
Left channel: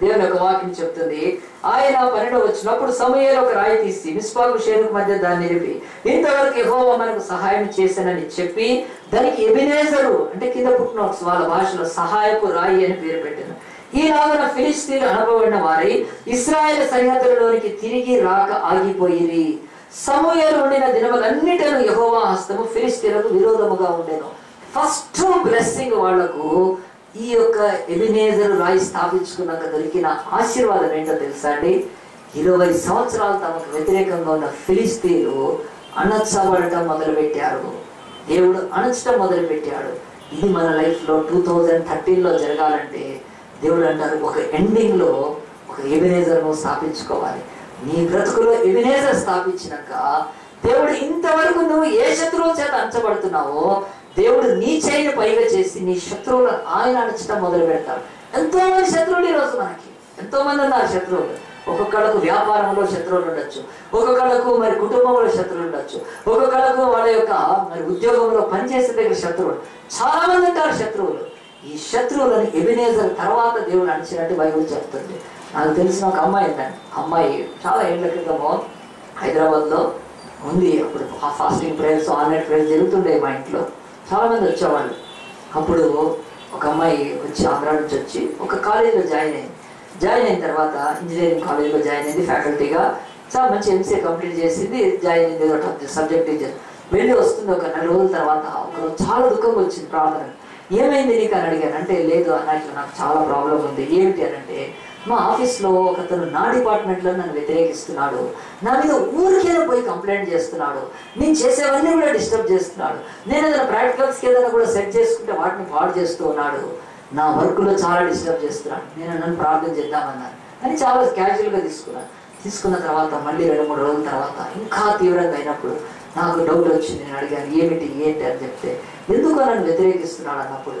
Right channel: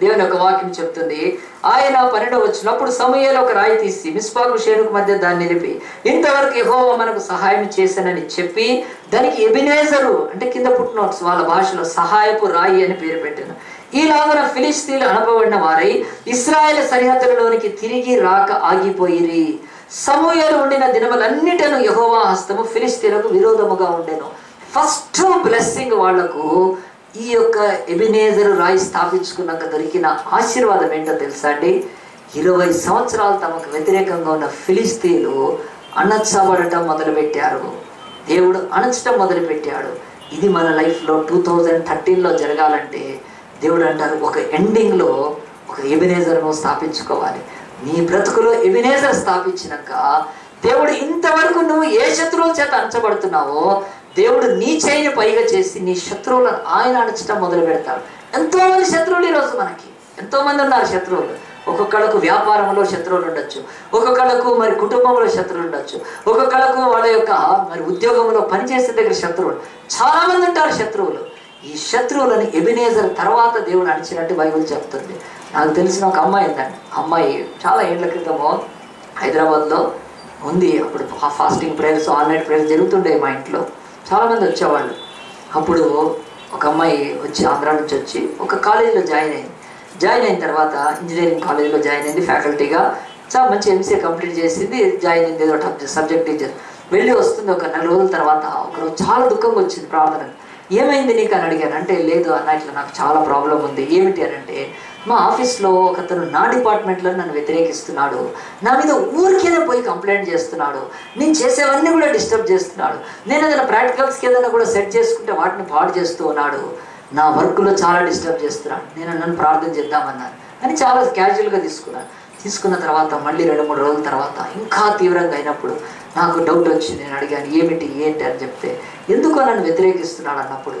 దేవుని యొక్క వాక్యం చెప్తుంది. ఆయన 12వ వచ్చినప్పుడు సమూయేలు ఒక రాయి తీసి మిస్పాకు షేనుకు మధ్య దాన్ని నిలిపి ఇంతవరకు యెహోవా మనకు సహాయం చేశానని చెప్పి దానికి ఎబెనేజరు అంటే కింద పుట్టినోట్స్ వాళ్ళ భాషలో సహాయపు రాయి అని పేరు పెట్టాను. ఈలాగున ఫిలిష్తీయులు అనబడిన వారై ఇశ్రాయేలు సరిహద్దులలోనికి తిరిగి రాక ఆగిపోయిరి. సమూయేలు ఉండిన దినములన్నిటను యెహోవా హస్తము ఫిలిష్తీయులకు విరోధముగా ఉండెను. ఫస్ట్ బ్లెస్సింగ్ వాళ్లకు ఈ యొక్క ఎబెనేజరు రాయి స్థాపించుకున్నాక దొరికిన ఆశీర్వాదం ఏంటో తెలుసా అండి? 20 సంవత్సరాలు తమకు వ్యతిరేకంగా ఉన్న ఫిలిష్తీయులు అణచబడటం మొదలుపెట్టారు. దేవుడు అణచడం మొదలుపెట్టాడు. ఇది మన లైఫ్లో 2013లో జరగాలంటే దేవుడు అంటారు ఒక ఎండింగ్లో ఒక ఎబెనేజర్ను స్థాపించుకోవాలి. నీ బ్రతుకులో ఎబెనేజర్ స్థాపించినాక దేవుడు ఇంతవరకు నువ్వు ఏ శత్రువుల చేత అణచబడుతున్నావో దేవుడు నీ చేయిని పైగా చేసి నీ శత్రువులను ఆయన అణచడం మొదలు పెడతాడు. ఎంతో మంది శత్రువులు ఈరోజు మనకి ఎంతో మంది ఉన్నారు శత్రువులు. ఒక్కొక్కళ్ళకు వ్యాపారంలో శత్రువులు ఉండొచ్చు, ఒక్కొక్కళ్ళకు మరి కుటుంబంలో శత్రువులు ఉండొచ్చు, ఒక్కొక్కళ్ళకు వాళ్ళ యొక్క మరి ఉద్యోగంలో పనిచేసే దగ్గర శత్రువులు, చాలా మంది ఉంటారు శత్రువులు. ఈ శత్రువులను ఎబెనేజర్ తర్వాత దేవుడు అణచినట్టు బైబిల్ చెప్తుంది. నాకు తెలిసిన ఒక అమ్మాయి ఉందండి. అమ్మాయి చాలా ఏళ్ల క్రితము హైదరాబాద్లో ఉంది. అప్పుడు fasting prayers, all night prayers జరుగుతుండే మా ఇంట్లో. చాలామంది వచ్చేవాళ్ళు. అప్పుడు ఒక అమ్మాయి వచ్చి ఆంధ్ర నుంచి వచ్చి ఒక కాలేజీలో జాయిన్ అయిన తర్వాత ఇంజనీరింగ్ కాలేజీలో జాయిన్ అయింది ఫ్యాకల్టీగా. చాలా మంచి ఎంసీఏ కంప్లీట్ చేసింది, జాయిన్ అయింది ఏదో సబ్జెక్ట్ టీచర్. వెళ్ళి వస్తుంది. ఒక 4 రోజుల తర్వాత ఒకరోజు చాలా దుఃఖంగా వచ్చింది ప్రార్థన. ఏమైంది నీకు అని అడిగాను. అంటే లేదు అన్న, ఇట్లా నాకు చాలా ప్రాబ్లం ఉంది. ఏమిటి అని అంటే మా ఆఫీస్లో ఒకతను నా డిపార్ట్మెంట్లో నన్ను వ్యతిరేకిస్తున్నాడు, నా మీద ఊరికేదో పోయి కంప్లైంట్ చేస్తున్నాడు, నేను చేసేవన్నీ కూడా డిస్టర్బ్ చేస్తున్నాడు, నేను ఏదైనా ప్రాక్టికల్స్కి ఏదైనా కూడా సెట్ చేసుకుంటే వాటిని పాడు చేస్తూ ఉన్నాడు, నా వర్క్లో చాలా డిస్టర్బ్ చేస్తున్నాడు, నేను నన్ను ప్రార్థన చేద్దామన్నాను అని చాలా క్యాజువల్గా తీసుకున్న తర్వాత మళ్ళీ 2-3 రోజుల తర్వాత ఇంకా తీవ్రంగా అయినప్పుడు నాకు డౌట్ వచ్చింది. నేను అడిగాను ఏంటి అని చెప్తే ఎందుకో నన్ను వ్యతిరేకిస్తున్నాడు అన్నప్పుడు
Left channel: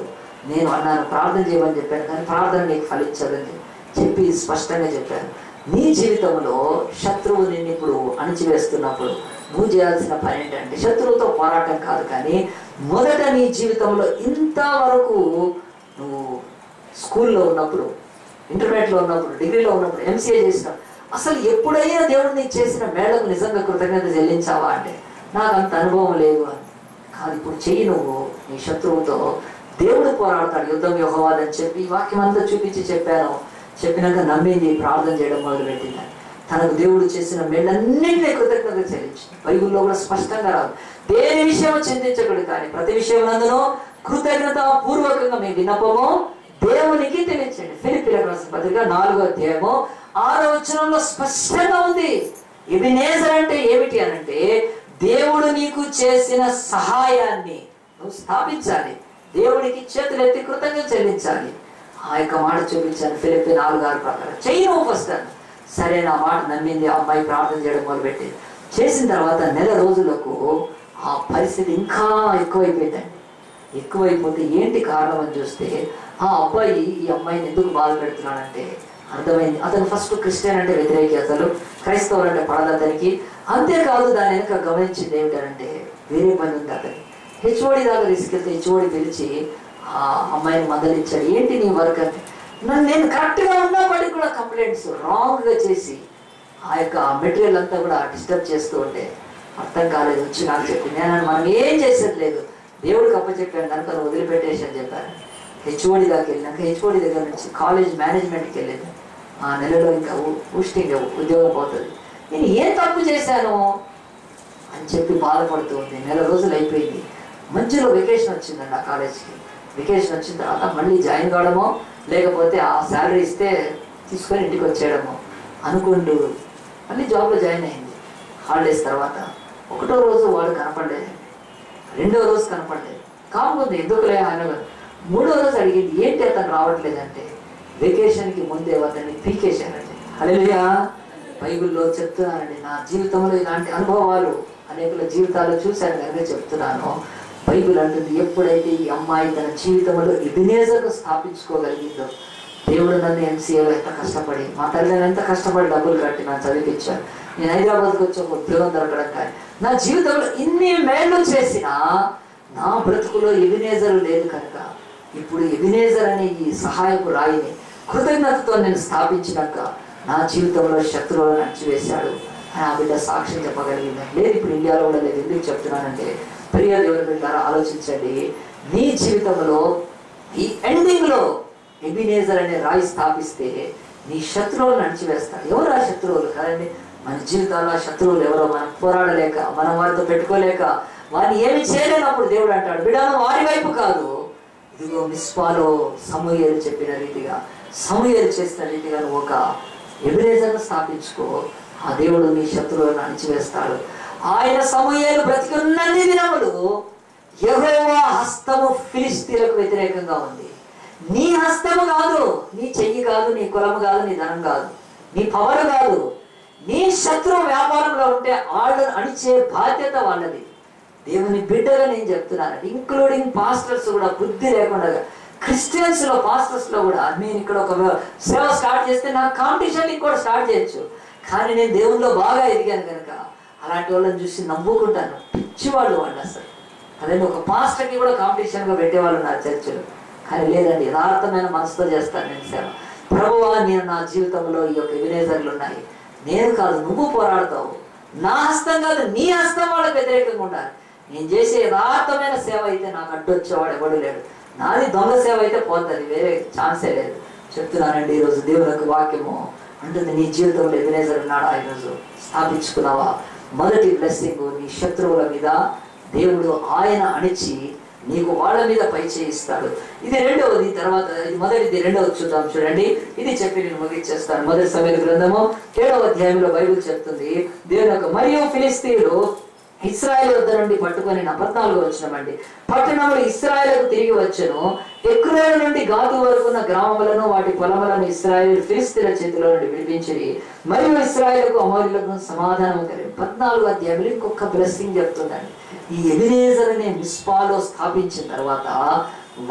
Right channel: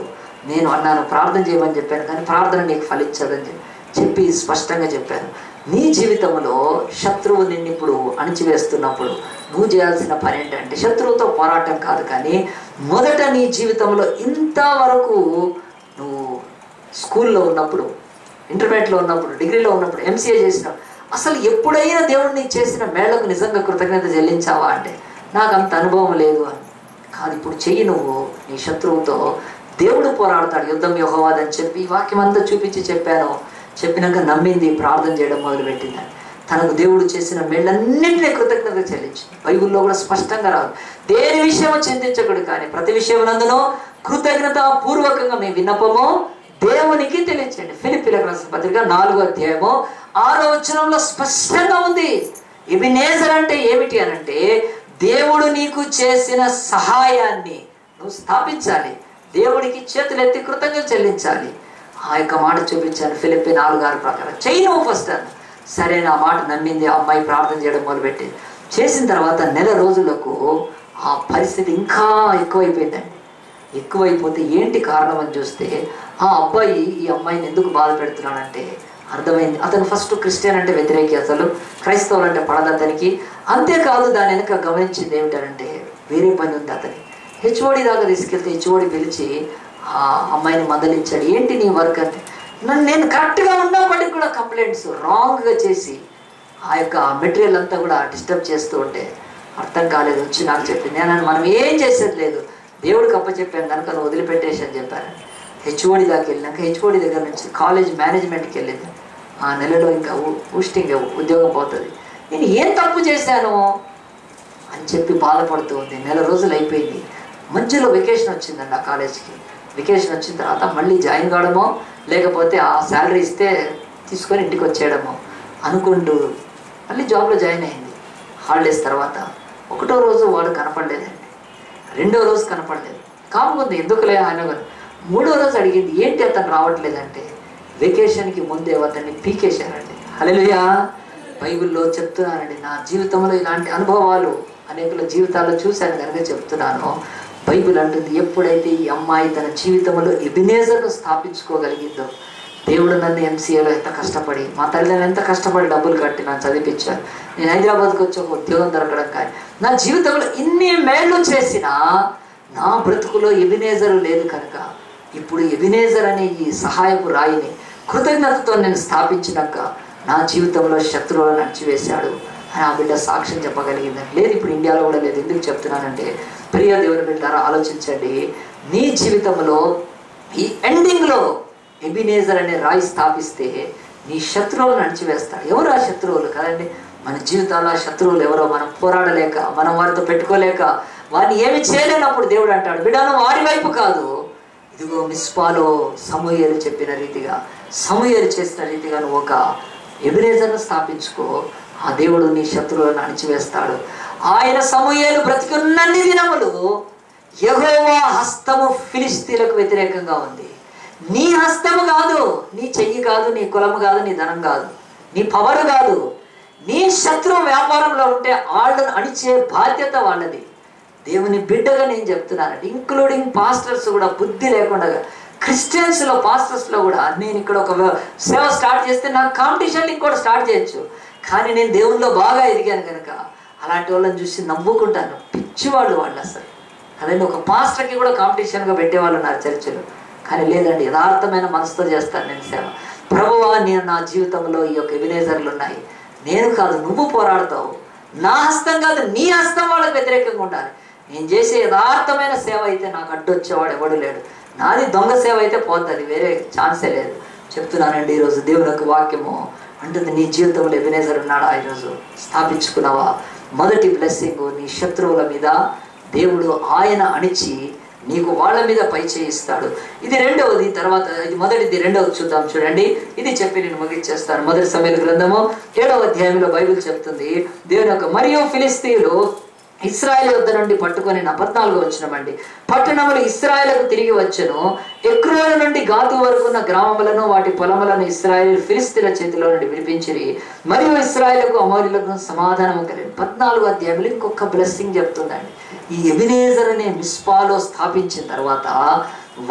నేను అన్నాను ప్రార్థన చేయమని చెప్పాను, కానీ ప్రార్థన నీకు ఫలించదని చెప్పి స్పష్టంగా చెప్పాను. నీ జీవితంలో శత్రువు నిన్ను ఇప్పుడు అణిచివేస్తున్నప్పుడు నువ్వు చేయాల్సిన పని ఏంటంటే శత్రువుతో పోరాటం కాదు, కానీ మొదట నీ జీవితంలో ఇంతవరకు నువ్వు స్కూల్లో ఉన్నప్పుడు, ఇంటర్మీడియట్లో ఉన్నప్పుడు, డిగ్రీలో ఉన్నప్పుడు, ఎంసీఏ చేసినప్పుడు అసలు ఎప్పుడైనా దేవుడు నీకు చేసిన మేళకు నిజంగా కృతజ్ఞత చెల్లించావా అంటే నాకు అంత అనుభవం లేదు అని కాదు. ఇప్పుడు చెయ్యి, నువ్వు నీ శత్రువుతో దేవుడు పోరాడతాడు, యుద్ధం యెహోవాదని చెప్పి వాక్యం అంతా చూపించి చెప్పినాక నమ్మింది, ప్రార్థన చేయడం మొదలుపెట్టింది. తనకు దేవుడు చేసిన మేళ్ళన్నింటినీ కృతజ్ఞత చెల్లించింది. బైబిల్లో కూడా స్పష్టంగా రాదు దేని విషయం చింతించకూడదు, కానీ ప్రతి విషయం నందునో కృతజ్ఞత పూర్వకంగా మీ విన్నపము దేవునికి తెలియచేయండి. ఫిలిప్పీయులకు రాసిన పత్రిక 4వ అధ్యాయము 6వ వచనంలో స్పష్టంగా ఉంది. ఎబెనేజర్ అంటే ఏమిటి అనంటే దేవుడు నీకు చేసిన సహాయాన్ని నువ్వు స్థాపించాలి, దేవుడికి చేతులెత్తి కృతజ్ఞత చెల్లించాలి. ఆ యొక్క మాట చూపించాను. ఫిలిప్పీ 4:6 ప్రకారం చెయ్యి నువ్వు ఫస్ట్ అని. సరే, నా మాట నమ్మింది. ఆ అమ్మాయి ప్రార్థన చేయడం మొదలుపెట్టింది. చేసిన తర్వాత 1 రోజులకు ఆ పరిస్థితి ఇంకా ఎక్కువైపోయిందండి. ఎక్కువైపోతే ఏంటి కారణం అని చూస్తే ఆ అబ్బాయి ఈ అమ్మాయిని ఎందుకు బాధ పెడుతున్నాడంటే అర్థమైంది. అతను ఫస్ట్ క్రిస్టియన్ అంటే వ్యతిరేకి, అసలు క్రైస్తవులు అంటే పడదు అతనికి. అంతేకాదు దాని వెనక గమనించింది ఏమిటంటే వేరే పని ఉంది అతని. హెచ్ఓడి దాకా తీసుకెళ్తే హెచ్ఓడి పిలిచి ఆ అమ్మాయిని మందలించాడు. ఏంటి నీ వర్క్ అంటే నేను కరెక్ట్గా ఉన్నప్పటికీ కూడా కంప్లైంట్స్ రాంగ్గా చేసి ఆ యొక్క మెటీరియల్ అంతా కూడా డిస్టర్బ్ చేస్తూ ఉంటే అర్థం కాలేదు. వచ్చి నాకు చెప్పింది. నేను మనం ఏం చేసేది లేదు, దేవుడికి అప్పచెప్పాను కనుక నువ్వు వదిలిపెట్టేసి అని చెప్పాను. హెచ్ఓడి దాకా వెళ్ళినాక హెచ్ఓడి దగ్గర నుంచి కాలేజ్ మేనేజ్మెంట్కి వెళ్ళింది. ఆ నెలలో ఇంకా పోస్టింగ్ ఉద్యోగం పోతుంది. నేను ఏం తప్పు చేశాను అని చెప్పి బాధపడుతూ ఉంది. 1 రోజులు అయిపోయింది. మధ్యలో వెకేషన్ వచ్చిందండి ఆ కాలేజ్కి. వెకేషన్ వచ్చిన తర్వాత మళ్ళీ జాయిన్ కావడమో లేకపోతే ఆ శాలరీ ఇస్తే తీసుకొని ఇంటికి వచ్చేయడమో అనుకుంటూ మళ్ళీ జాబ్లో జాయిన్ అయింది. హాలిడేస్ తర్వాత 1వ రోజు వాడు కనపడలేదండి, 2వ రోజు కనపడలేదు. కాకపోతే ఎందుకులే ఆయన 3వ రోజు అడిగింది ఏంటి అతను రావట్లేదంటే వెకేషన్కి ముందే అతన్ని పీకేశారండి. హల్లెలూయా. బైబిల్లో చెప్తున్నానండి, నా జీవితంలో ఇలాంటి అనుభవాలు అనేకుల జీవితాల్లో చూశాను కనుక చెప్తున్నాను. బైబిల్ అంటుంది, ఎప్పుడైతే ఈ అమ్మాయి తన జీవితంలో ఎబినేజర్ను స్థాపించుకోగలిగిందో, దేవుడు నన్ను ఎంసీఏలో ఎంత కష్టపడి, మా తల్లిదండ్రులు ఎంత కష్టపడి డబ్బులు కట్టి నన్ను చదివించారు. నేను హైదరాబాద్కి వచ్చి ఒక ఉద్యోగం దొరకడం కానీ నా జీవితంలో ఇన్ని మేళ్ళు చేసినా నా బ్రతుకులో ఎబినేజర్ లేదు కనుక ఇప్పుడు ఎబినేజర్ అనే ఈ సహాయపు రాయిని కృతజ్ఞతతో నేను స్థాపించినాక నా జీవితంలో శత్రువులను అణచివేశాడు అని ఆ బిడ్డ సాక్ష్యం చెప్పగలిగిందని. లేదు, ఇప్పుడు ఇండియాలో కూడా లేదు. ఎందుకు చెప్తున్నానంటే, ప్రియ దేవుని బిడ్డారా, ఆలోచించండి. నీ జీవితంలో ఈ ఎండింగ్లో ఎబినేజర్ అనే రాయి స్థాపిస్తే నీ శత్రువులను అణచివేస్తాడు. ఎవరు ఆ శత్రువులు? కదండి, మన జీవితాల్లో శత్రువులు ఎవరో మనం పోరాడలేక, మనం వారితో పెట్టుకోలేక, వారిని ఏమి చేయలేనప్పుడు దేవుడు అంటాడు, బిడ్డను వారి వైపు కాదు, ఇదిగో మిస్పాలో సమూయేలు చెప్పిన రీతిగా, సమూయేలు చేసిన రీతిగా నువ్వు ఒక ఎబినేజర్ను స్థాపించుకో. ఆ దేవుడు నీ శత్రువులను అణిచివేస్తాడు. ఆయన సమూయేలు బ్రతికున్నన్ని దినములు యెహోవా హస్తము ఫిలిష్తీయులకు వ్యతిరేకంగా ఉంది. నీ హస్తము కాదు, నీ చెయ్యి కాదు, నీ కులము కాదు, నీ ధనం కాదు, నీ పవర్ కాదు. నీ శత్రువు వ్యాపారంలో ఉంటే వాళ్ళను అణిచే బాధ్యత వాళ్ళది. దేవుని బిడ్డగా నేను చెప్తున్నానండి, ఇంక్లూడింగ్ పాస్టర్స్ కూడా బుద్ధి లేకుండా, క్రిస్టియన్స్లో పాస్టర్స్లో కూడా, నేను ఇక్కడ ఒక సేవ స్టార్ట్ చేస్తే నాకు కాంపిటీషన్ ఇంకోటి స్టార్ట్ చేయొచ్చు, కానీ నేను దేవుల్లో బాగా ఎదిగాను కనుక అలాంటి వాళ్ళని చూసి నవ్వుకుంటాను. పిచ్చివాళ్ళు వాళ్ళు అసలు. అదే ఒక పాస్టర్కి కూడా కాంపిటీషన్గా పెట్టేవాళ్ళు నా చర్చలు. కానీ లేదండి, యథార్థమైన మనసుతో చేస్తాను నేను సేవ. ప్రభువా, నేను నా జీవితంలో ఈ యొక్క ఎబినేజర్లు ఉన్నాయి, నేను కాదు నువ్వు పోరాడతావు, నా హస్తం కాదు నీ హస్తం వాళ్ళకి వ్యతిరేకంగా ఉండాలి. నేను చేసే యథార్థమైన సేవ అయితే నాకు అడ్డొచ్చేవాడు ఎవడు లేడు. నాది దొంగ సేవ అయితే పోతుంది, వేరే ఛాన్సే లేదు. చెప్తున్నానండి, ఈరోజు దేవుని యొక్క వాక్యము అంటుంది, నీ జీవితంలో ఎబినేజర్ ఉన్నాడా? ఈరోజు స్థాపించుకున్నావా? మొదటి బ్లెస్సింగ్, నీ శత్రువుల మీద దేవుడు ఆయన అణిచి నీకు వాళ్ళ మీద పై చేయిస్తాడు. ఇది రెండవది. తర్వాత ఇది మొదటిది, రెండవది చూద్దాం. చూడండి, ఇది చెప్పి నేను ముగించేస్తాను. మొదటి సమూయేలు గ్రంథము 7వ అధ్యాయంలో బైబిల్ చెప్తుంది, దేవుని యొక్క మరియు ఫిలిష్తీయులు ఇశ్రాయేలు వద్ద నుండి పట్టుకొని 14వ వచనమండి, పట్టణములు ఇశ్రాయేలుకు తిరిగి వచ్చెను. ఎక్రోను నుండి గాతు వరకు ఉన్న గ్రామములను వాటి పొలములను ఇశ్రాయేలు ఫిలిష్తీయుల చేతిలో నుండి విడిపించిరి. మరియు ఇశ్రాయేలుకు అమోరీయులకు సమాధానం కలిగింది. 14వ అధ్యాయంలో ఇంకొక బ్లెస్సింగ్ చెప్తుందండి. ఈ ఎబినేజర్ అనే మిస్పాలో స్థాపించిన తర్వాత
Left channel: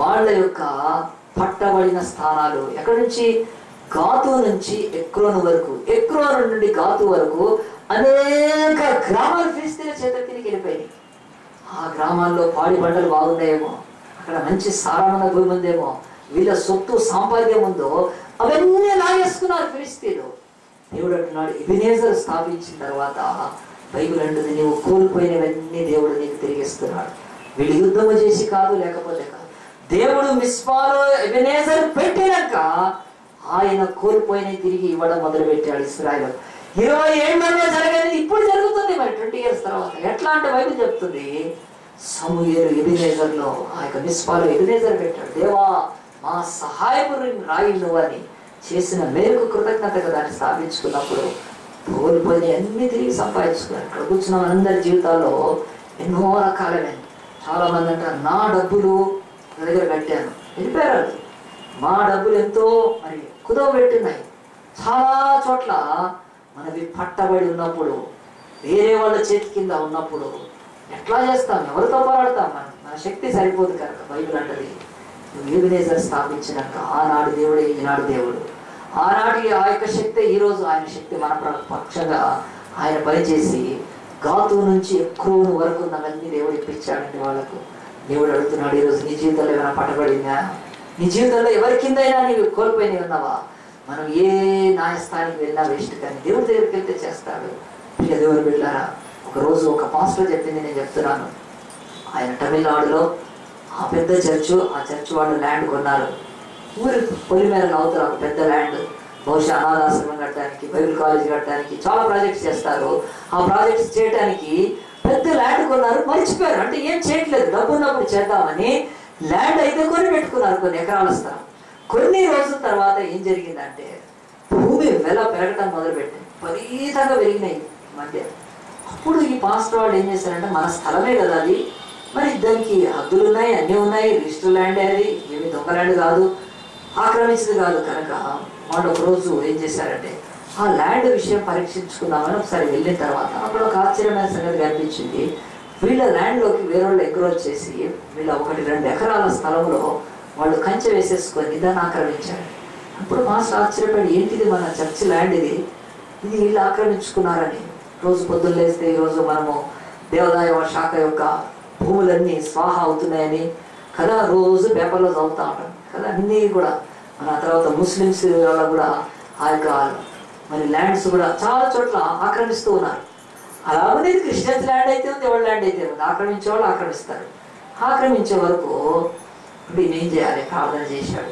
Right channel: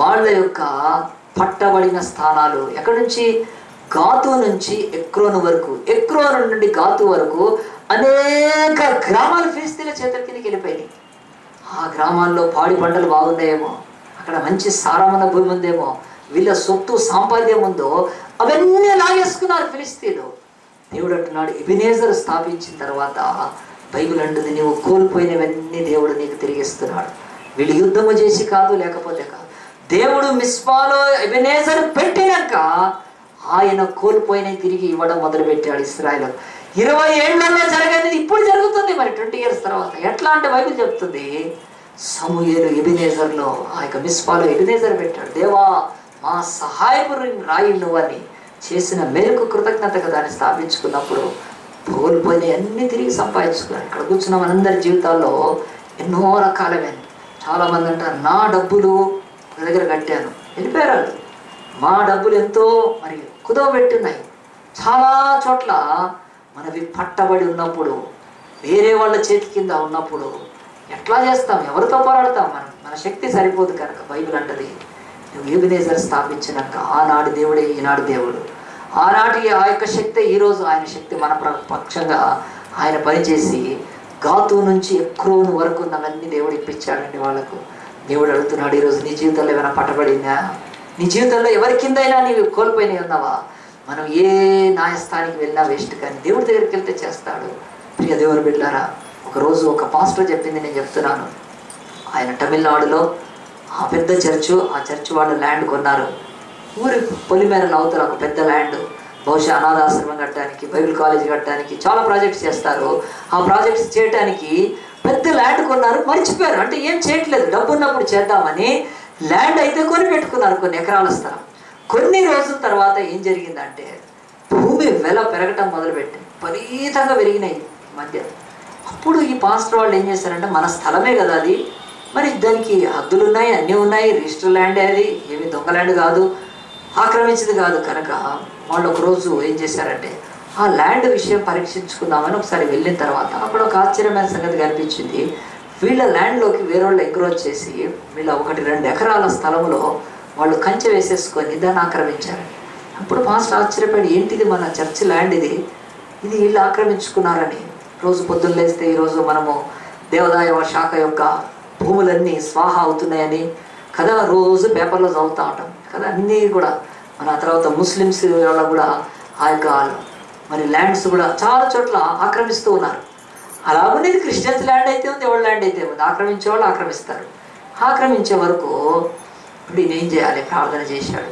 వాళ్ళ యొక్క పట్టబడిన స్థానాలు ఎక్కడి నుంచి? గాతు నుంచి ఎక్రోను వరకు, ఎక్రోను నుండి గాతు వరకు అనేక గ్రామాలు ఫిలిష్తీయుల చేతుల కిందకి వెళ్ళిపోయినాయి. ఆ గ్రామాల్లో పాడి పంటలు బాగున్నాయేమో, అక్కడ మంచి సారమైన భూమి ఉందేమో, వీళ్ళ సొత్తు సాంపాద్యం ఉందో అవన్నీ లాగేసుకున్నారు ఫిలిష్తీయులు. దేవుడు అంటున్నాడు, ఎబినేజర్ స్థాపించిన తర్వాత బైబిల్ అంటుంది, నీవు కోల్పోయినవన్నీ దేవుడు నీకు తిరిగిస్తున్నాడు. వీళ్ళు యుద్ధము చేసి కాదు, లేకపోతే కాదు, దేవుడు మిస్పాలో ఎబినేజర్ పెట్టినాక ఆయన కోల్పోయినవి తిరిగి ఇవ్వడం మొదలుపెట్టాడు ఇశ్రాయేలు. 20 ఏళ్లలో జరగేది ఇప్పుడు జరుగుతుంది. మరి 20 years తర్వాత ఎట్లా అంటే బైబిల్ చెప్తుంది, సమూయేలు ఎబినేజర్లో ఆ యొక్క మిస్పాలో ఎబినేజర్ పెట్టాడు. దేవా, మా సహాయపు రాయి నువ్వని చేసిన మేరకు కృతజ్ఞతగా దాన్ని స్థాపించుకున్నప్పుడు కోల్పోయిన అన్ని తిరిగి సంపాదించుకున్నాను. ఇక్కడ కూర్చున్న మనందరి జీవితాల్లో ఎన్నో రకాలైన, చాలామంది అంటారు, నా డబ్బులు నా దగ్గర కట్టాను, వెళ్ళిపోయారు. మా డబ్బులు ఎంతో మరి కుదవబెట్టున్నాయి. చాలా చోట్ల మనవి పట్టబడి ఉన్నప్పుడు, వేరే వాళ్ళ చేతి కింద ఉన్నప్పుడు ఎట్లా చేస్తాం? ఎవరితో పోరాడతాం? మన శక్తి సరిపోదు కనుక బైబిల్ అంటది, నువ్వు ఎబినేజర్ స్థాపించినాక ఆనాడు దేవుడే ఈనాడు దేవుడు. ఆనాటి ఆ యొక్క శక్తి ఈరోజు ఆయన శక్తి మన పక్షంగా ఆయన పనిచేసి గాతు నుంచి ఎక్రోను వరకు ఉన్నవన్నీ దేవుడు ఇప్పించాడండి వాళ్ళకు. దేవుడు అడుగుతున్నాడు, ఈరోజు నీ జీవితంలో ఏమైనా పట్టబడిందా? నీ జీవితంలో ఎవరి కిందైనా నీవు కోల్పోయినవి ఉన్నావా? మనం ఏ న్యాయస్థానానికి వెళ్ళినా వేస్ట్, కానీ దేవుడి దగ్గరికి వెళ్తే చేస్తాడు. ప్రియ దేవుని బిడ్డలారా, ఒకరోజు ఒక పాస్టర్ చెప్పింది నేను చెప్తున్నాను. ఆయన తమిళనాడులో ఆ పెద్ద చర్చు, ఆ చర్చ్ వాళ్ళు ల్యాండ్ కొన్నారు. ఊరి పొలిమేరలు అవతల ఒక పెద్ద ల్యాండ్, బహుశా అనాథాశ్రమం కట్టడానికి, బైబిల్ కాలేజ్ కట్టడానికి చాలా ప్రాజెక్ట్స్ చేస్తారు. ఆ ప్రాజెక్ట్స్ చేయడానికి పెద్ద ల్యాండ్ కొన్నారు. మర్చిపోయారు, అంటే ఏం చేయట్లేదు, డబ్బు ఉన్నప్పుడు చేద్దామని ల్యాండ్ అయితే కొని పెట్టుకున్నారు, కొన్ని ఎకరాల స్థలం. కొన్ని రోజుల తర్వాత ఏం జరిగిందంటే భూమి వెల పెరగటం మొదలుపెట్టింది, విపరీతంగా పెరిగినాయి మధ్య. అప్పుడు ఈ పాస్టర్ వాళ్ళు ఏం చేశారంటే, మన స్థలమే కదా అది, మరి దానికి హద్దులు ఉన్నాయి, అన్నీ ఉన్నాయి, రిజిస్టర్ ల్యాండే, అది ఏమి దొంగ ల్యాండ్ కాదు. ఆక్రమించింది కాదు కనుక వాళ్ళు ఒకరోజు ఏం చేశారంటే ఆ ల్యాండ్ విషయం పరీక్షించుకుందామని ఒకసారి వెళ్ళిన తర్వాత అక్కడ ఒక ఆశ్చర్యమైన సంగతి కనిపించింది. వీళ్ళ ల్యాండ్లోకి వేరేవాళ్ళు ఎంక్రోచ్ చేసి వీళ్ళ 1-2 ఎకరాల స్థలంలో వాళ్ళు కంచె వేసేసుకొని దాన్ని ఆక్రమించారు. అప్పుడు మాస్టర్ ఆశ్చర్యపడి, ఏంటిది మన చర్చ్ ల్యాండ్ ఇది వీళ్ళు ఆక్రమించుకున్నారని. రోజు పొద్దున్న లేస్తే ఈరోజు మనము దేవాదాయ శాఖ యొక్క భూములన్నీ స్వాహ అవుతున్నాయని కదా రోజు పేపర్లో చదువుతూ ఉంటాం కదా. అన్నీ కూడా మన తర్వాత ముస్లిమ్స్ వాళ్ళ కూడా ఆ యొక్క మరి ల్యాండ్స్ కూడా చాలా చోట్ల ఆక్రమిస్తూ ఉన్నారు. అలాగనే క్రిస్టియన్స్ ల్యాండ్ అయితే ఉంది, ఎవరి ల్యాండ్ అయితే ఉంది, ఆక్రమించే వాళ్ళు ఆక్రమిస్తారు. ఆక్రమించే వరకు ఇప్పుడు ఈయన ఏం చేయాలి? ప్రార్థన చేశాడు,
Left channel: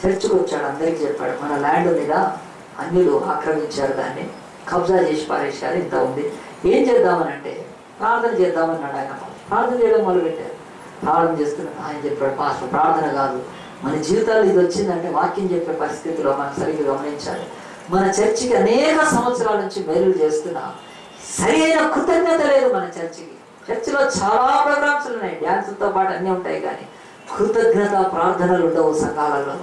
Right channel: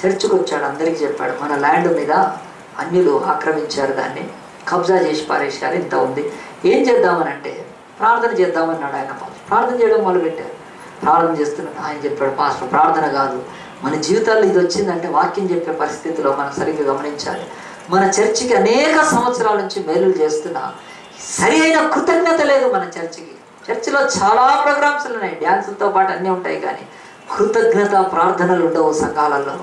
చర్చికి వచ్చాడు, అందరికీ చెప్పాడు, మన ల్యాండ్ మీద అన్యులు ఆక్రమించారు, దాన్ని కబ్జా చేసి పారేశారు, ఇంత ఉంది, ఏం చేద్దామని అంటే ప్రార్థన చేద్దామన్నాడు. ఆయన ప్రార్థన చేయడం మొదలుపెట్టారు. ప్రార్థన చేస్తున్నాడు. ఆయన చెప్పాడు, పాస్టర్ ప్రార్థన కాదు, మన జీవితాల్లో ఇది వచ్చిందంటే వాక్యం చెప్పే పరిస్థితిలో మనం సరిగ్గా గమనించాలి. మన చర్చికి అనేక సంవత్సరాల నుంచి మేలులు చేస్తున్నా సరి అయిన కృతజ్ఞత లేదు మన చర్చికి. చర్చిలో చాలా ప్రోగ్రామ్స్ ఉన్నాయి, డ్యాన్సులతో పాటు అన్నీ ఉంటాయి, కానీ కృతజ్ఞత ప్రార్థనలు ఉండవు సంఘాలలో.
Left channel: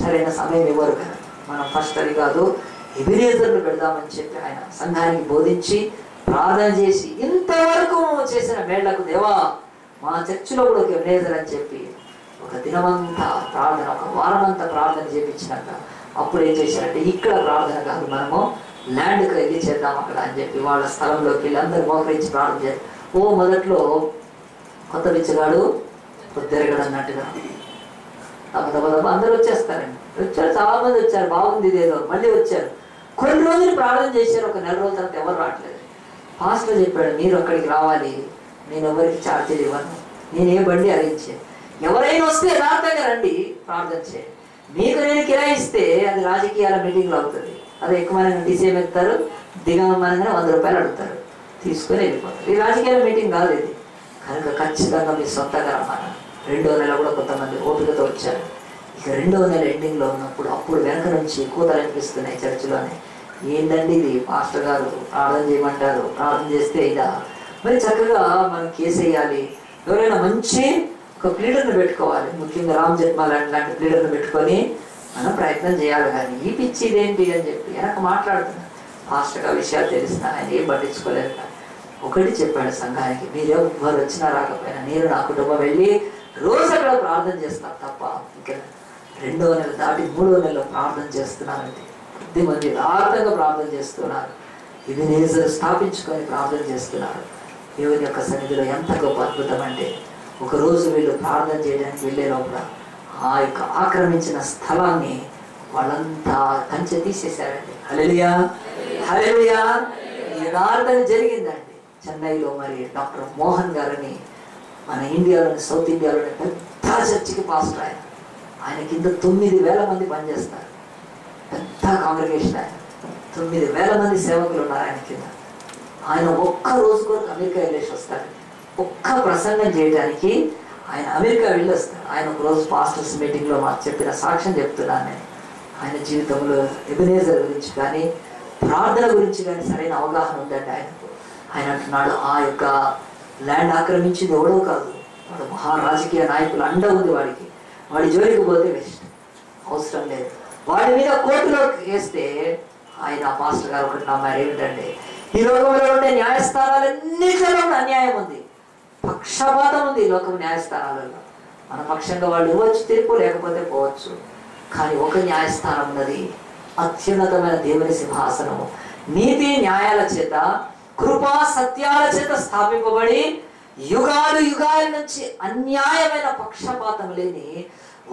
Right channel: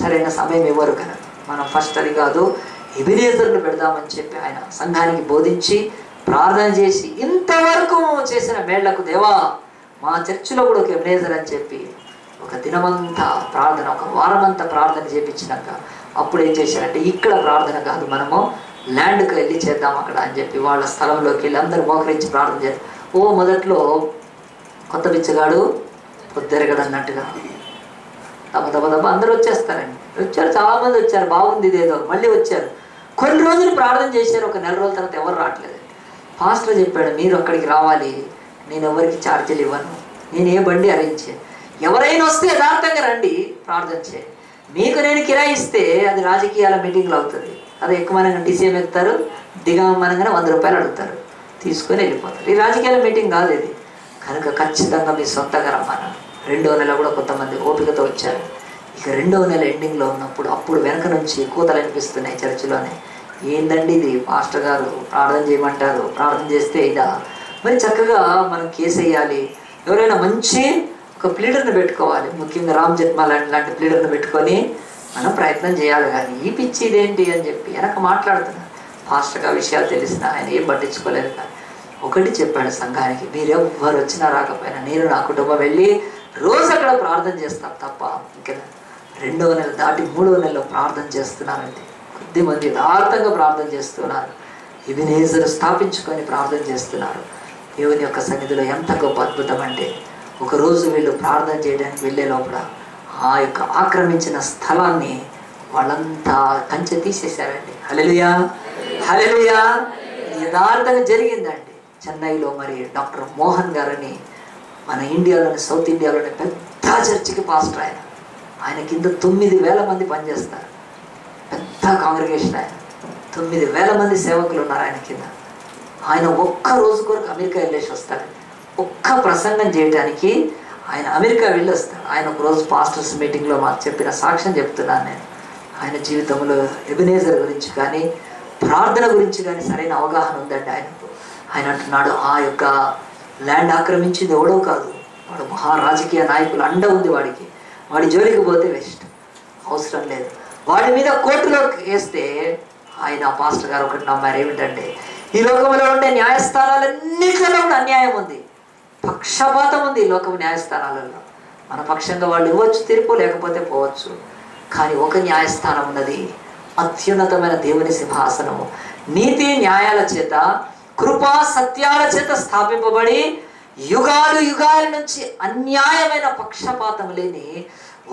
సరైన సమయం ఇవ్వరు కదా. మనం ఫస్ట్ అది కాదు, ఎబినేజర్లు పెడదామని చెప్పి ఆయన సంఘానికి బోధించి ప్రార్థన చేసి ఇంతవరకు చేసిన మేళ్లకు దేవా మా చర్చిలో కూడా ఒక ఎబినేజర్ అని చెప్పి ఒక దినమంతా ప్రార్థన, ఒక వారమంతా ప్రార్థన చేయించినాక అప్పుడు ఏం చేశారంటే ఇక్కడ ప్రార్థన కాదు, మనము ల్యాండ్కి వెళ్ళి చేద్దాం అక్కడ అని చెప్పి వాళ్ళ స్థలంలోకి వెళ్ళి అందరూ మోకరించి ప్రార్థన చేస్తారు. మొదట్లో కొత్త బిచ్చగాడు పొద్దెరగడు అన్నట్టుగా దబ అందరూ వచ్చేస్తారండి. వచ్చారు, చాలా మంది వచ్చారు, బాగుంది ఇదేదో, మళ్ళీ వచ్చారు. కొన్ని రోజులు ప్రార్థన చేశారు, ఒక 4 రోజుల తర్వాత ఎవరు రావట్లేదు. పాస్టర్ చెప్పాడు, మీరు అక్కడికి రావాలి, నేను ఎవరికి ఛార్జీలు ఇవ్వను, నేను ఏ బండి అరేంజ్ చేయను, ఎవరైనా వస్తే యథార్థంగా రండి ప్రార్థన చేయండి, మీకు నేను కిరాయి ఇస్తే అది రాజకీయాల మీటింగ్లో అవుతుంది, అది ఎక్కువనంగా డీసీఎం ఎక్కుతారు, దిగమనగానే 100 రూపాయలు అడుగుతారు, తీసుకొని వెళ్ళిపోతారు. ఈ రాజకీయాల మీటింగ్ కాదు ఇది కనుక ఖచ్చితంగా మీ సొంతంగా రమ్మన్నారు. 2వ నెల కూడా కొంతమంది ఓపికతో వచ్చారు. ఇక 2వ నెల ఎండింగ్లో ఉన్నప్పుడు అప్పుడు వెనక నుంచి కూతలు అనిపిస్తున్నాయి చర్చిలోనే. ఏందండి ఇది, మాస్టర్ గారు ప్రార్థన చేయమంటారు, ప్రార్థన చేస్తే ఇదా, మరి చక్కగా మనం కేసు వేయాలి, ఎవరైనా మంచి ఒక ప్లీడర్ని పెట్టుకోవాలి, ముఖ్యంగా రామ్ జెత్మలాని లాంటి ప్లీడర్ని పెట్టుకొని మనం ప్రయత్నం చేయాలి, కానీ ఈ పిచ్చి ఇదేంటి అని చెప్పి వెనక మాట్లాడుతున్నారు. మాస్టర్గా విషయాలు తెలిసిన ఆయన ఏం పట్టించుకోలేదు. కానీ ఒకటి చెప్పాడు సంఘానికి, మీరెవ్వరు వచ్చినా రాకపోయినా నేను నా కుటుంబం వెళ్ళి రోజు అక్కడ ప్రార్థన చేస్తాం తప్ప ఇంకా 2వ నెల దాటి 3వ నెలలో ప్రార్థన చేస్తున్నారంటే కొద్దిమంది యథార్థంగా ప్రార్థన చేస్తున్నారు, ఎబినేజర్ స్థాపించుకొని ప్రార్థన చేస్తున్నారు. దేవుని యొక్క సన్నిధిలో ఎంత గొప్ప అద్భుతం అంటే ఒకరోజు వీళ్ళు ప్రార్థన చేయడానికి వెళ్ళే లోపల ఆ యొక్క ఆక్రమించిన స్థలాన్ని వాళ్ళంతా కంచె తీసేశారండి. హల్లెలూయా, హల్లెలూయా. యథార్థంగా జరిగిందండి. చెన్నైలో మరి డాక్టర్ మోహన్ గారని మన ఇండియాలోని సౌత్ ఇండియాలోని పెద్ద చర్చికి పాస్టర్ ఆయన కింద 9,000 మంది పనిచేస్తారు, పెద్ద కాంగ్రిగేషన్. ఆయన 9,000 మంది సేవకులు ఉన్నారు ఆయన కింద. ఆయన ఒక్క రోజు కొరకు అమెరికా వెళ్ళేసి వస్తాడు, ఒక్క ప్రసంగం చేయడానికి ఆయన అమెరికా వెళ్ళి వస్తాడు. ఆయన ఒకరోజు పాస్టర్స్ మీటింగ్లో మాకు చెప్పిన సాక్ష్యం చెప్తున్నాను నేను. ఆయన జీవితంలో ఎబినేజర్ గురించి కానీ ప్రార్థన గురించి కానీ సరైన అవగాహన ఉందండి ఆయనకు. ఆయన అంటున్నాడు, ఆ యొక్క ల్యాండ్ ఆక్రమించింది ఎవడో కాదు, వాడు మహారాజకీయ నాయకులు అండ ఉంది వాడికి, వాడి జోలికి పోతే వేస్ట్, అవసరం లేదు. వాడి మీద కోర్టులో వేస్తే ఆయన పాస్టర్ గారు ఒకటి నమ్మారు, ఏమిటంటే ఈ లోకంలో ఉండే న్యాయస్థానాలన్నింటిలో కూడా అన్యాయం ఉంది, పక్షపాతం ఉంది ఈ లోకం న్యాయస్థానాలలో. మన పక్షంగా వాళ్ళు ఇవ్వచ్చు తీర్పు, లేకపోతే పోవచ్చు. కానీ ఒక న్యాయస్థానం ఉన్నది, అత్యున్నతమైన దేవుని సింహాసనము, నీతి న్యాయాల చేత కృపా సత్యాల చేత స్థాపింపబడి యుగాలు యుగాల నుంచి అన్యాయమైన పక్షపాతం లేని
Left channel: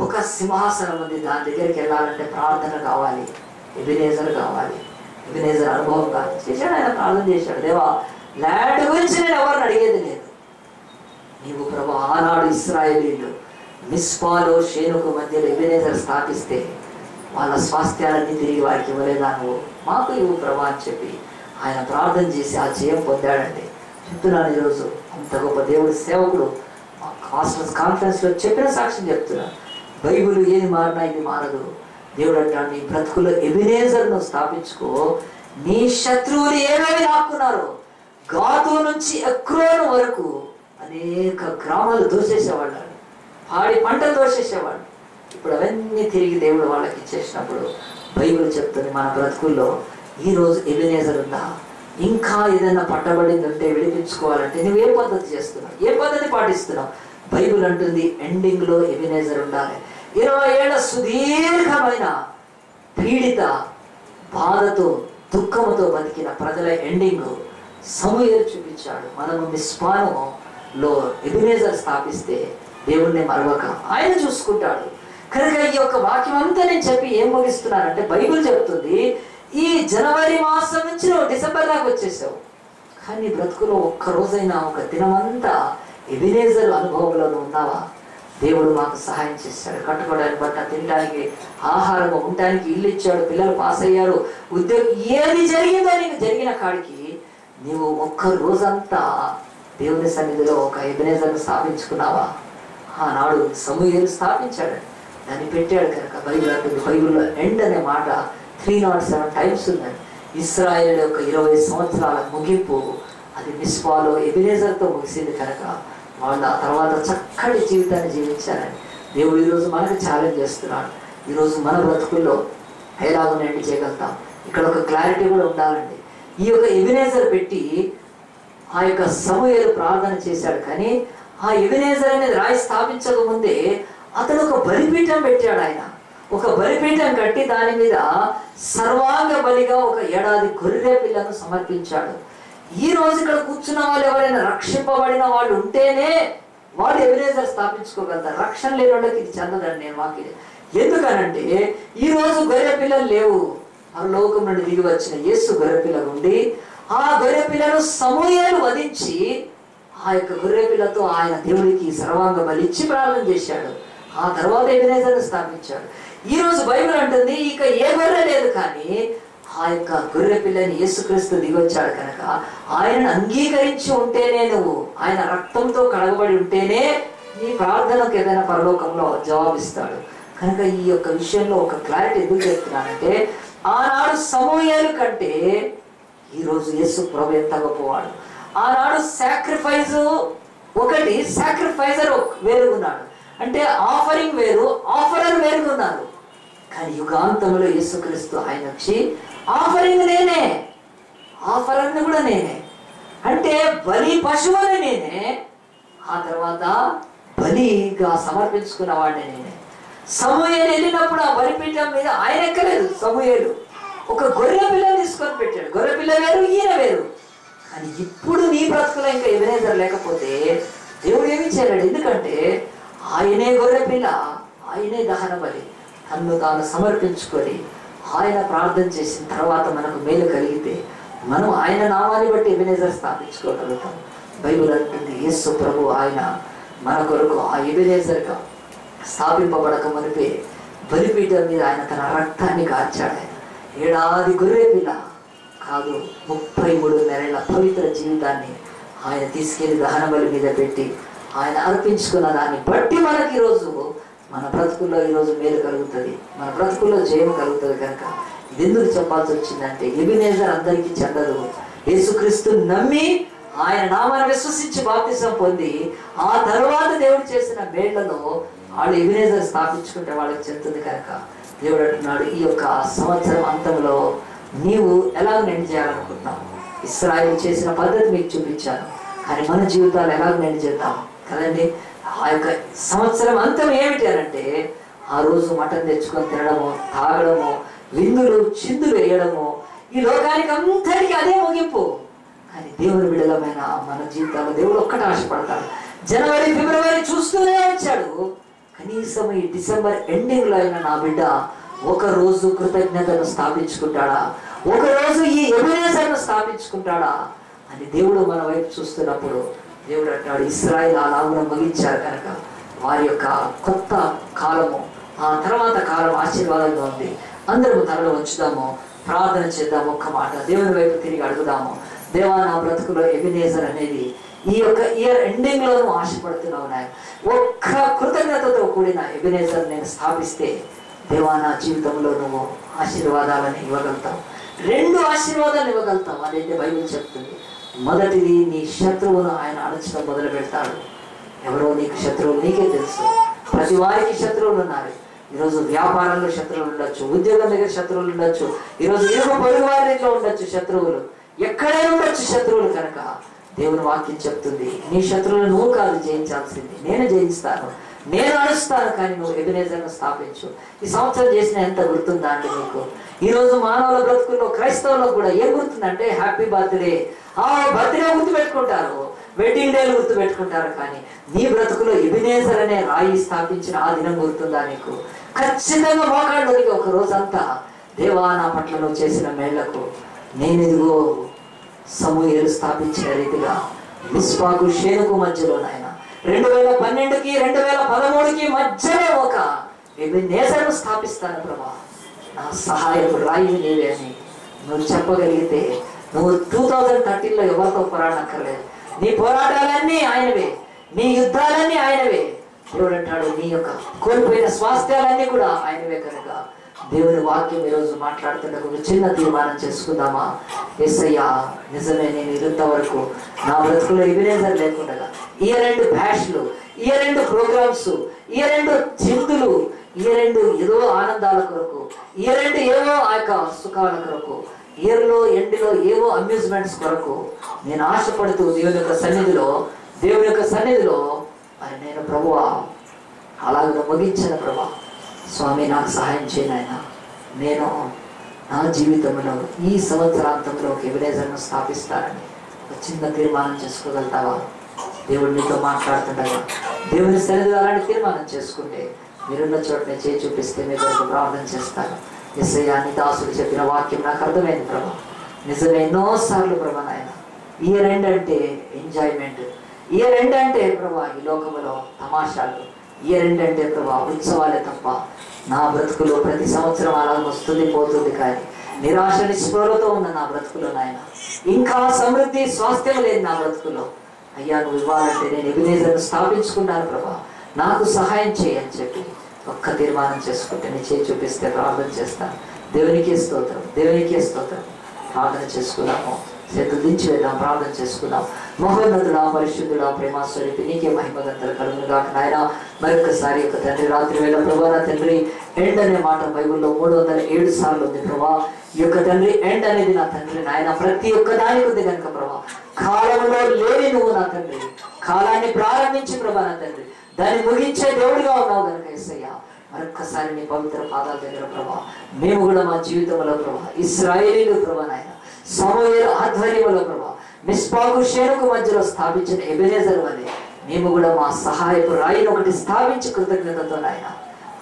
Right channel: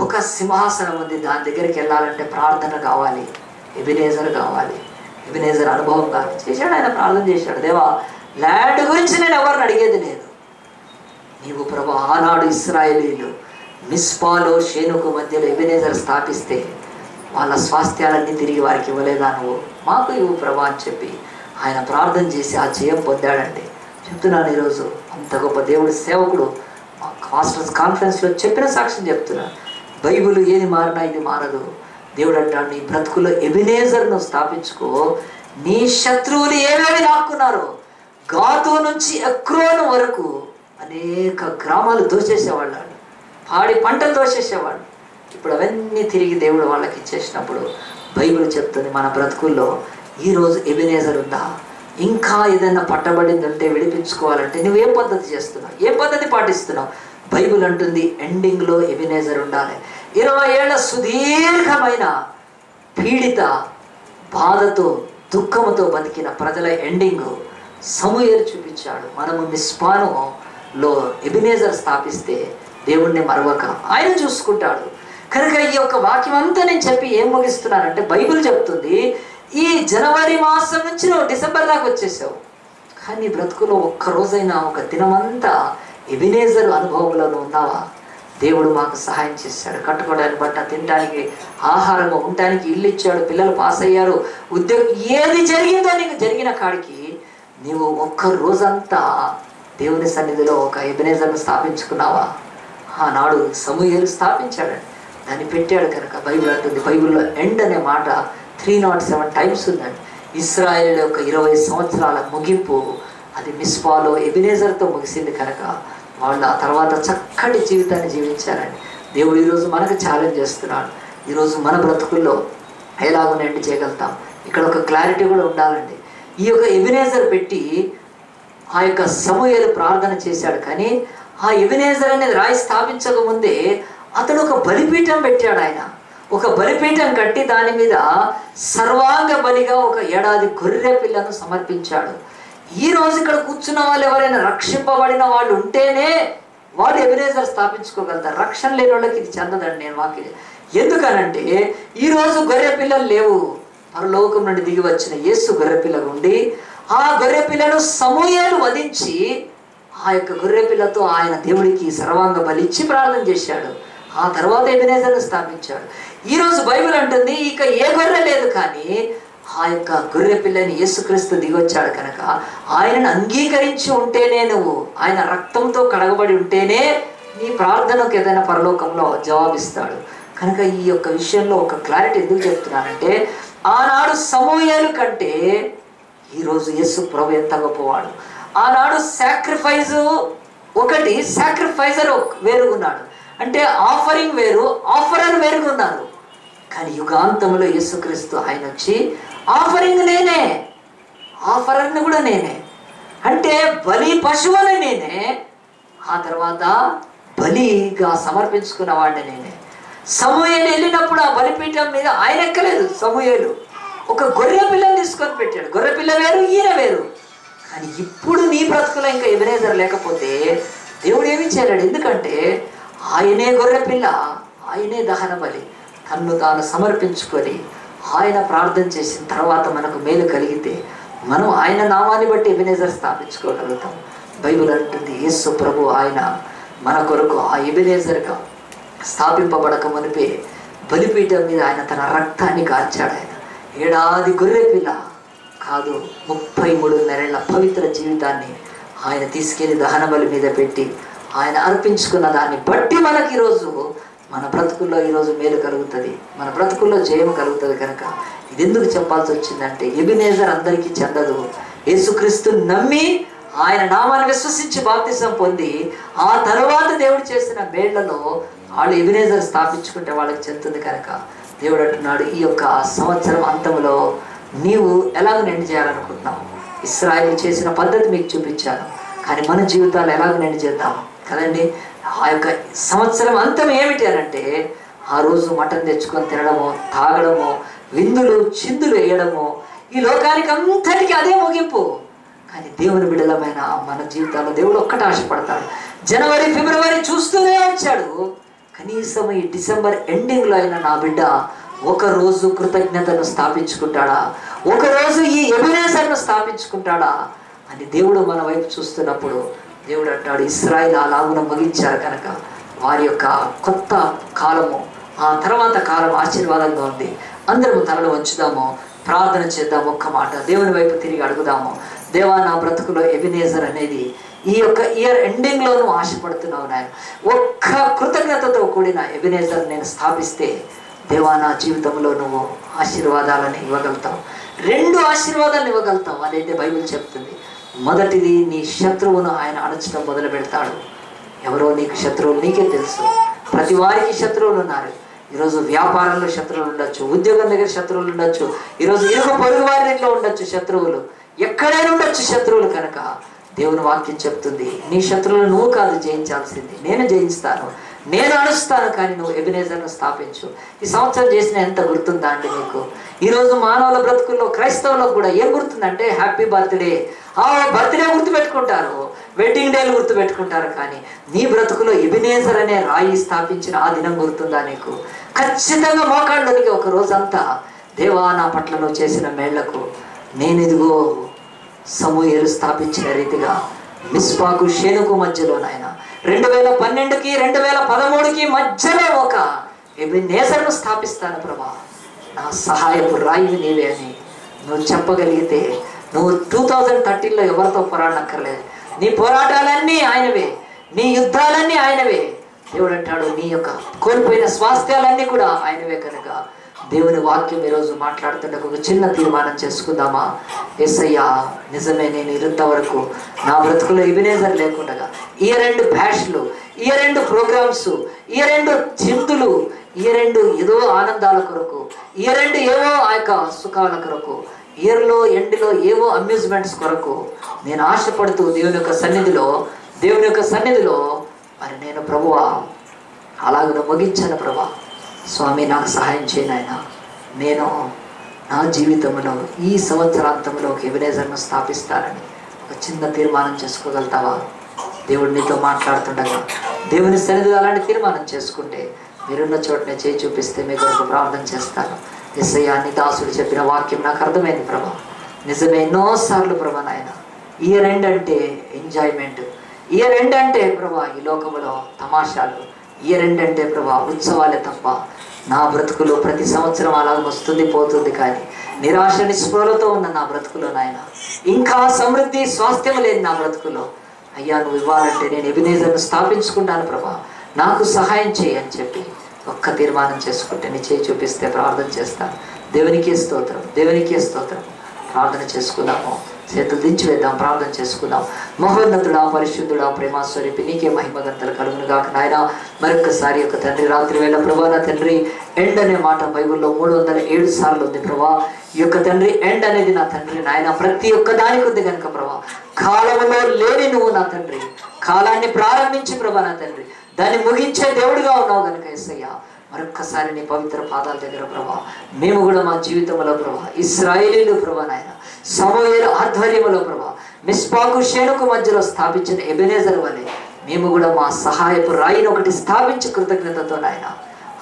ఒక సింహాసనం ఉంది. దాని దగ్గరికి వెళ్ళాలంటే ప్రార్థన కావాలి, ఎబినేజర్ కావాలి. ఎబినేజర్ అనుభవం కాదు. చేశాడు ఆయన, ప్రార్థన చేశాడు, దేవా ల్యాండ్ గురించి నేను ఎవరిని అడిగేది లేదు, నీవు ప్రభు ఆనాడు ఇశ్రాయేలీయులు మిస్పాలో షేనుకు మధ్యలో ఎబినేజర్ స్థాపిస్తే వాళ్ళ స్వాస్థ్యాలన్నీ తిరిగి వారికి ఇవ్వలేదా, నువ్వు మాకు ఇవ్వు ప్రభా అని చెప్పి ఆయన ప్రార్థన చేసి ఆ జయం పొందాడండి. చెప్తున్నాను ఈరోజు అంత గొప్ప దేవుడి సేవకుడు మా మాస్టర్స్ కాన్ఫరెన్స్లో చెప్పిన సాక్ష్యం చెప్తున్నా. బైబిల్ ఏది మారినా ఇది మారదు. దేవుడు అంటాడు, నీ బ్రతుకులో ఎబినేజర్ను స్థాపించుకో. నీ శత్రువులు ఏమేమి లాక్కున్నారో గాతు నుంచి ఎక్రోను వరకు అనేక గ్రామాలు దోచేసేవాళ్ళు, పాడి పంటలు దోచేసేవాళ్ళు, ఇప్పుడు అవన్నీ తిరిగి దేవుడు వాళ్ళకి ఇచ్చేసినప్పుడు బైబిల్ చెప్తుంది మన బ్రతుకుల్లో ఈరోజు ఎబినేజర్ ఉందా? ఇంకా ఏదైనా పట్టబడింది ఉంటే విడిపించుకోవాలంటే నువ్వు ఏ పద్ధతి చేస్తున్నావు, ఏ పద్ధతి పాటిస్తున్నావు? బైబిల్ అంటుంది ఎండింగ్లో ఎబినేజర్ ఉండాలి. 20 ఏళ్ల సుదీర్ఘమైన పీడిత బాధతో దుఃఖముతో బతికిన ప్రజల ఎండింగ్ సమూయేలు చూపించాడు. మనము మిస్పానులో ఎబినేజర్ స్థాపిస్తే దేవుణ్ణి మరవక ఆయన చూసుకుంటాడు. కనుక ఈ యొక్క వాక్యం అంతా నేను చెప్పి ఏం ముగిస్తున్నానంటే, బైబిల్ చెప్తుంది ఈ జనవరి మాసం నుంచి నువ్వు డిసెంబర్ దాకా వచ్చేసావు, కానీ బ్రతుకులో ఒక్కరోజైనా ఒక దినమంతా ఎబినేజర్ అనుభవంలో ఉన్నావా? దేవుడు మాకు సహాయం చేశాడు. కట్టుకోవడానికి బట్ట, తినడానికి ఆహారం, ఉండటానికి ఇల్లు ఇచ్చాడు, పిల్లలు పాస్ అయ్యారు, ఉద్యోగం, ఏది జరిగిందో నీకు జరిగిన కాడికి నీవు ఒక్క రోజంతా దేవుని సన్నిధిలో ఒక ఎబినేజర్ను స్థాపించుకున్నావా? ఆనాడు సమూయేలు స్థాపించాడు, దాన్ని పెట్టాడు. కనుక బైబిల్ అంటుంది, బైబిల్లో ఎండ్ అనే మాట 307 టైమ్స్ ఉందండి. ఇశ్రాయేలు యొక్క 20 సంవత్సరాల ముగింపు అది మిస్పాలో ఎబినేజర్తో ముగిసింది. కనుక వాళ్ళు ఆ తర్వాత చక్కటి జీవితాన్ని జీవించారని దేవుడు ఈరోజు మనకు ఛాలెంజ్ చేస్తున్నాడు. ఈరోజు మన బ్రతుకుల్లో ఎలాగో ఎండ్ చేయగలుగుతాం? ఇక్కడ ఒక క్లారిటీ కూడా ఉండాలండి. ఈ యొక్క ఎబినేజర్ పెట్టి ఆ యొక్క సమూయేలు ప్రార్థన చేశాడు, కానీ ఆ ఎబినేజర్ అనేది రాయి స్థాపించక ముందే అతడు ఒక బలిపీఠం పెట్టాడు. ఆయన ఒక బలిపీఠం కట్టి దాని మీద సర్వాంగ బలిగా ఒక ఏడాది గొర్రె పిల్లను సమర్పించాడు. ఈ రోజు ఇక్కడ కూర్చున్న వాళ్ళు ఎవరైనా రక్షింపబడిన వాళ్ళు ఉంటేనే వాళ్ళు ఎబినేజర్ స్థాపించుకోగలుగుతారు. రక్షణ లేని వాళ్ళకి ఇది చెందదండి నేను వాక్యం. ఎందుకనంటే ఈ రోజు గొర్రె పిల్లలు లేవు. పరలోకం నుండి దిగి వచ్చిన యేసు గొర్రె పిల్లగా ఉండి ఆ గొర్రె పిల్లను సమూయేలు వధించి ఆ యొక్క గొర్రె పిల్లతో ఆయన దేవుడికి సర్వాంగ బలిచ్చి ప్రార్థన చేశాడు. ఆ తర్వాత ఎబినేజర్ను స్థాపించాడు. ఈరోజు బైబిల్ అంటుంది ఇక ఏ గొర్రె లేదు, కానీ ఆ యొక్క గొర్రె పిల్లని యేసుక్రీస్తు దిగొచ్చాడు. కనుక ఆయనను అంగీకరించి ఉంటేనే, నువ్వు ఆయన రక్తంతో కడగబడి ఉంటేనే నీ ప్రార్థనకు ఏదైనా పరలోకంలో జవాబిస్తాడు. కనుక ఈ యొక్క విషయంలో ఒక క్లారిటీ ఎందుకు చెప్తున్నానంటే, ఆనాడు సమూయేలు కంటే ఈరోజు యేసు ప్రభు ఎంత గొప్పవాడు. ఆనాడు సాక్రిఫైజ్ ఒకటి, సాక్రిఫైజర్ వేరుగున్నాడు, అంటే ఆఫరింగ్ వేరు, ఆఫరర్ వేరుగున్నారు. కానీ యుగాంతంలో యేసుక్రీస్తు ఆయన వచ్చి ఆఫరింగ్ నేనే, ఆఫరర్ని కూడా నేనే, అంటే బలి పశువుని నేనే, ఆ తర్వాత బలిగా సమర్పించుకున్న వాడిని నేనే. సమూయేలు వెళ్ళినప్పుడు ఆ బలిపీఠం మీద ఆయన ఎక్కలేదు. సమూయేలు ఒక గొర్రె పిల్లని తీసుకొని పెట్టాడు. గొర్రె పిల్ల వేరు, ఈయన వేరు. కానీ ఇప్పుడు నీ బ్రతుకులో ఇంకా ఎబినేజర్ లేకపోతే దేవుడు ఏమీ చేయలేడు. ఎందుకంటే ఆయనే గొర్రె పిల్ల, ఆయనే దహన బలి. తన్ను తాను సమర్పించుకొని ఆయన ప్రార్థన చేసిన తర్వాత మనకు మేలు కలిగితే మనం ఆయన నామాన్ని బట్టి ఎబినేజర్ స్థాపించుకోగలుగుతాం. బైబిల్ అంటుంది యేసు ప్రభు ఆయన మన కొరకు ఆ ఎబినేజర్గా స్థాపింపబడక మునిపే బలిపీఠం మీద ఆయన తన రక్తాన్ని కార్చాడు. ఆయన ఏడాది గొర్రె పిల్ల కాదు, 33 పవిత్ర జీవితాన్ని ఆయన తీసుకెళ్లి దహన బలి మీద పెట్టి ఆయన అర్పించుకున్న దాన్ని బట్టి మనకి ఈరోజు మన బ్రతుకుల్లో ఈరోజు మేలు కలుగుతుంది, మన బ్రతుకుల్లో జయం కలుగుతుంది. కనుక ఇది ఎందుకు చెప్పాల్సి వచ్చిందంటే, ఎబినేజర్ అందరికీ చెందదు. యేసుక్రీస్తు నమ్మి ఆయన నామాన్ని విశ్వసించి బాప్తిసం పొంది ఆ తర్వాత దేవుడు చేసిన మేళ్లలో వాళ్ళు ఎబినేజర్ స్థాపించుకుంటే వాళ్ళకి చెందుతుంది. కనుక దేవుడు అంటున్నాడు, ఈ యొక్క సంవత్సరం అంతంలో నీవు ఎలాగ నిండి చేయాలనుకుంటున్నావు? ఇశ్రాయేలు చేసిన పద్ధతి మీకు చూపించాను, కానీ మన జీవితాలు ఎలాగ నిండి చేద్దాం కదండి. ఆ యొక్క సంవత్సరం అంతం ఏమిటి అనంటే, ఆ రోజు మటన్ తెచ్చుకొని తినడము, తాగడము, విందులు చిందులు వేయడము, ఈ లోకానికి అంతటికీ అదే ముగింపు. కానీ దేవుని బిడ్డలమైన మన జీవితాల్లో దేవుడు ఒక్కటి ఆశపడతాడు. జనవరి ఫిబ్రవరి చూస్తూనే వచ్చాడు, కనీసం ఈ డిసెంబర్ ఎండింగ్లో అయినా నా బిడ్డ ఒకరోజు కృతజ్ఞతను స్థాపించుకుంటాడా, ఒకరోజు ఈ ఎబినేజర్ను స్థాపించుకుంటాడా అని దేవుడు మన వైపు చూస్తున్నప్పుడు దేవుడు అంటాడు, ఇశ్రాయేలు అలాగున ముగించారు కనుక వారి యొక్క కొత్త కాలము, ఆ తర్వాత కాలం ఆశీర్వాదంగా ఉంది. అందరము తలలో ఉంచుదాము, ప్రార్థన చేద్దాము. ఒక్క మాట దేవుని వైపు తిరిగి అడుగుదాము. దేవా, నా బ్రతుకులో ఎబినేజర్ అనేది ఈ యొక్క ఇయర్ ఎండింగ్లో నువ్వు ఆశపడుతున్నావు నాయన. ఒక్క కృతజ్ఞతతో కూడిన ఎబినేజర్ నేను స్థాపిస్తే దేవా, నా జీవితంలో నువ్వు ఆశీర్వాదాలను ఇవ్వగలుగుతావు, 2 ఆశీర్వాదాలు ఇవ్వగలుగుతావు. అదైతే బైబిల్ చెప్తుంది. మొదటిది, నీ శత్రువును ఆయన అణచడం మొదలు పెడతాడు. ఎవరో నీకు శత్రువులు నీకే తెలుసు. ప్రతి వారికి శత్రువులు ఉన్నారు. ఈరోజు వ్యాపారంలో శత్రువులు ఉండొచ్చు, ఉద్యోగం దగ్గర శత్రువులు ఉండొచ్చు, ఈరోజు ఇరుగు పొరుగు వారి ఇంట్లో ఉండొచ్చు శత్రువులు, ఎక్కడైనా ఉండొచ్చు శత్రువులు. కనుక దేవుని వాక్యం చెప్తుంది, నీ శత్రువులు నువ్వు కాదు జయించాల్సింది, నేను జయిస్తాను, నేను అడుస్తాను, కానీ నువ్వు ఎబెనేజర్ను స్థాపించు. ఈ సంవత్సరం చేసిన ఎంత గుర్తుందా అండి మీకు? ఈరోజు మానవుల బ్రతుకుల్లో, క్రైస్తవులకు కూడా ఏం గుర్తుందంటే హ్యాపీ బర్త్డే. ఆ బర్త్డే గుర్తుపెట్టుకుంటారు, వెడ్డింగ్ డేలు గుర్తుపెట్టుకుంటారు, కానీ నీ బ్రతుకులో ఎబెనేజర్ అనే రాయి స్థాపించిన ఆ దినం గుర్తుందా నీకు? ఖచ్చితంగా మోకాళ్ళకి ఒక రోజంతా, దేవా నా పట్ల నువ్వు చేసిన మేళ్లకు నేను ఇదిగో సమూయేలు స్థాపించిన రీతిగా మిస్పాకు షేనుకు మధ్యలో నాయన 2012కి 2013కి మధ్యలో ఒక ఎబెనేజర్ను స్థాపిస్తాను ప్రభా, నా సహాయపు రాయి నీవే అని నువ్వు చెప్పగలిగితే నువ్వు 2013లో ఎవరితో పోరాడనక్కర్లేదు. నీ పోరాటాలన్నీ ఆయనవే, నీ యుద్ధాలన్నీ ఆయనవే. దేవుడు అంటాడు నీ యొక్క కోల్పోయిన స్వాస్థ్యాలన్నీ కూడా ఆయనవే. కనుక దేవుని వాక్యం ఈరోజు మాట్లాడుతుంటే ఒక చిన్న తీర్మానం చేసుకుందామా? యేసయ్యా నిజమే, నేను ఇంతవరకు నా బ్రతుకులో ఎబెనేజర్ లేకుండా ఇయర్ ఎండ్ బ్యాష్లు, year end programs, year end చిందులు, ఇయర్ ఎండ్ ఏదో ఆనందాల కొరకు, ఇయర్ ఎండ్ ఏవో ఆ యొక్క సుఖాల కొరకు, ఇయర్లో ఎండ్లో ఏవో అమ్యూజ్మెంట్స్ కొరకు నేను ఆశపడుతూ దేవుని యొక్క సన్నిధిలో మరి నేను ప్రభువా అలాగ ముగించాను ప్రభా. స్వామి నాకు సహాయం చేయను ఆయన, నేను నా జీవితంలో ఈ సంవత్సరాంతంలో ఒక ఎబెనేజర్ను స్థాపిస్తానని ఒక చిన్న తీర్మానం చేసుకోగలుగుతావా? దేవుడు నీతో మాట్లాడుతుండగా దేవుని సన్నిధిలో అలాంటి తీర్మానం చేసుకుంటే మీరున్న చోటనే చేయి చూపిస్తే మీ కొరకు ప్రార్థన చేస్తాను. యేసయ్యా నీ దాసుడు చెప్పిన వాక్యం నాకు అర్థమైంది ప్రభా, నిజమే ఎన్నోసార్లు ప్రభా నాయన. ఇయర్ ఎండ్ అంటే ఎంజాయ్మెంట్, ఇయర్ ఎండ్ అంటే ప్రభా ఈ లోకంలో తమాషాలు, ఇయర్ ఎండ్ అంటే ప్రభా ఉత్సవాలే తప్ప నా బ్రతుకులో ప్రతి సంవత్సరం అలా వస్తుంది పోతుంది, కానీ నిరాశ నిస్పృహలతో ఉన్న నా బ్రతుకులో నాయన ఇంకా సమృద్ధి స్వాస్థ్యం లేదు నా బ్రతుకులో. అయ్యా నువ్వు ఇవ్వాలంటే నేను ఎబెనేజర్ను స్థాపించుకుంటాను ప్రభా, నాకు సహాయం చేయి అని చెప్పి ఒక్క తీర్మానం చేసుకుంటే నీ చేయి చూపిస్తే ప్రార్థన చేస్తాను. దేవునికే స్తోత్రం, దేవునికే స్తోత్రం. ప్రార్థన చేసుకుందాము, చేతులు దించి వేద్దాం, ప్రార్థన చేసుకుందాం. మహోన్నతుడా, పరిశుద్ధుడా, ప్రేమాస్వరూపి నీకే మహిమగంతలు కలుగును గాక నాయన. మరొకసారి యొక్క తండ్రి రాత్రి వేళ ప్రభా నా తండ్రి ఎండ్ అనే మాట బైబిల్లో 307 సార్లు ఉంది ప్రభా. ఈ యొక్క తండ్రి ఎండ్ అనేది నా తండ్రి నాయన ప్రతి ఒక్క దానికి ఉంది కనుక ప్రభా, కాలంలో లేని నువ్వు నా తండ్రి కాలాన్ని ప్రారంభించి ప్రభా నా తండ్రి దాన్ని ముగించే దేవుడిగా ఉన్నావు కనుక యేసయ్యా మరొక్కసారి నీ పవిత్ర పాదాల దగ్గర ప్రభా మేము కూడా మా జీవితంలో ప్రభా ఇశ్రాయేలీలు ప్రభా నాయన సమూయేలు ఆధ్వర్యంలో ప్రభా మిస్పాకు షేనుకు మధ్యలో స్థాపించిన ఎబెనేజర్ వలె మేము కూడా మా సహాయపు రాయిని ఒకటి స్థాపించి కృతజ్ఞతతో నాయన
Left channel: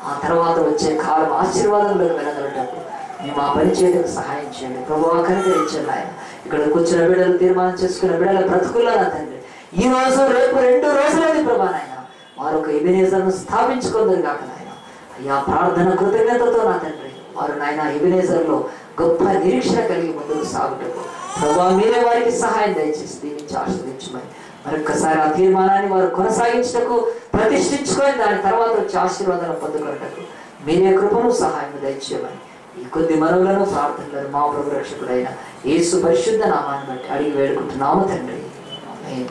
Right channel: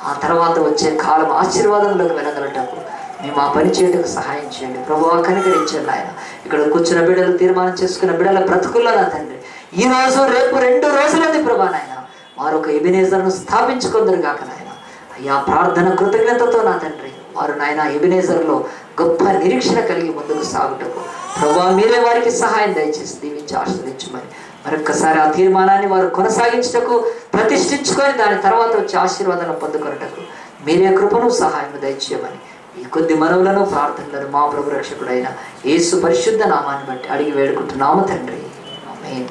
ఆ తర్వాత వచ్చే కాలం ఆశీర్వాదంలోకి వెళ్ళగలటప్పుడు మేము ఆ పని చేయడానికి సహాయం చేయండి ప్రభువా. కనికరించండి ఆయన. ఇక్కడ కూర్చున్న బిడ్డలు తీర్మానం చేసుకున్న బిడ్డల బ్రతుకుల్లో నా తండ్రి ఈ రోజు రేపు 2 రోజులది ప్రభా నాయన వారొక ఎబెనేజర్ను స్థాపించుకుందరు కాక నాయన. అయ్యా ప్రార్థన కృతజ్ఞతతో నా తండ్రి వారు నాయన ఎబెనేజర్లో గొప్ప నిరీక్షణ కలిగి ముందుకు సాగుటకు ప్రభువా మీరే వారికి సహాయం దయచేసి దీవించి ఆశీర్వదించమని మరొక్కసారి ఆ తీర్మానాన్ని వారు కొనసాగించటకు ప్రతిష్ఠించుకొని దాని తర్వాత వచ్చే ఆశీర్వాదాలను పొందుకొనటకు మీరే కృపను సహాయం దయచేయమని ఈ కొద్ది మనవులను ప్రార్థనలను మా ప్రభు రక్షకుడైన యేసు పరిశుద్ధ నామాన్ని బట్టి అడిగి వేడుకుంటున్నాము తండ్రి. ఆమేన్.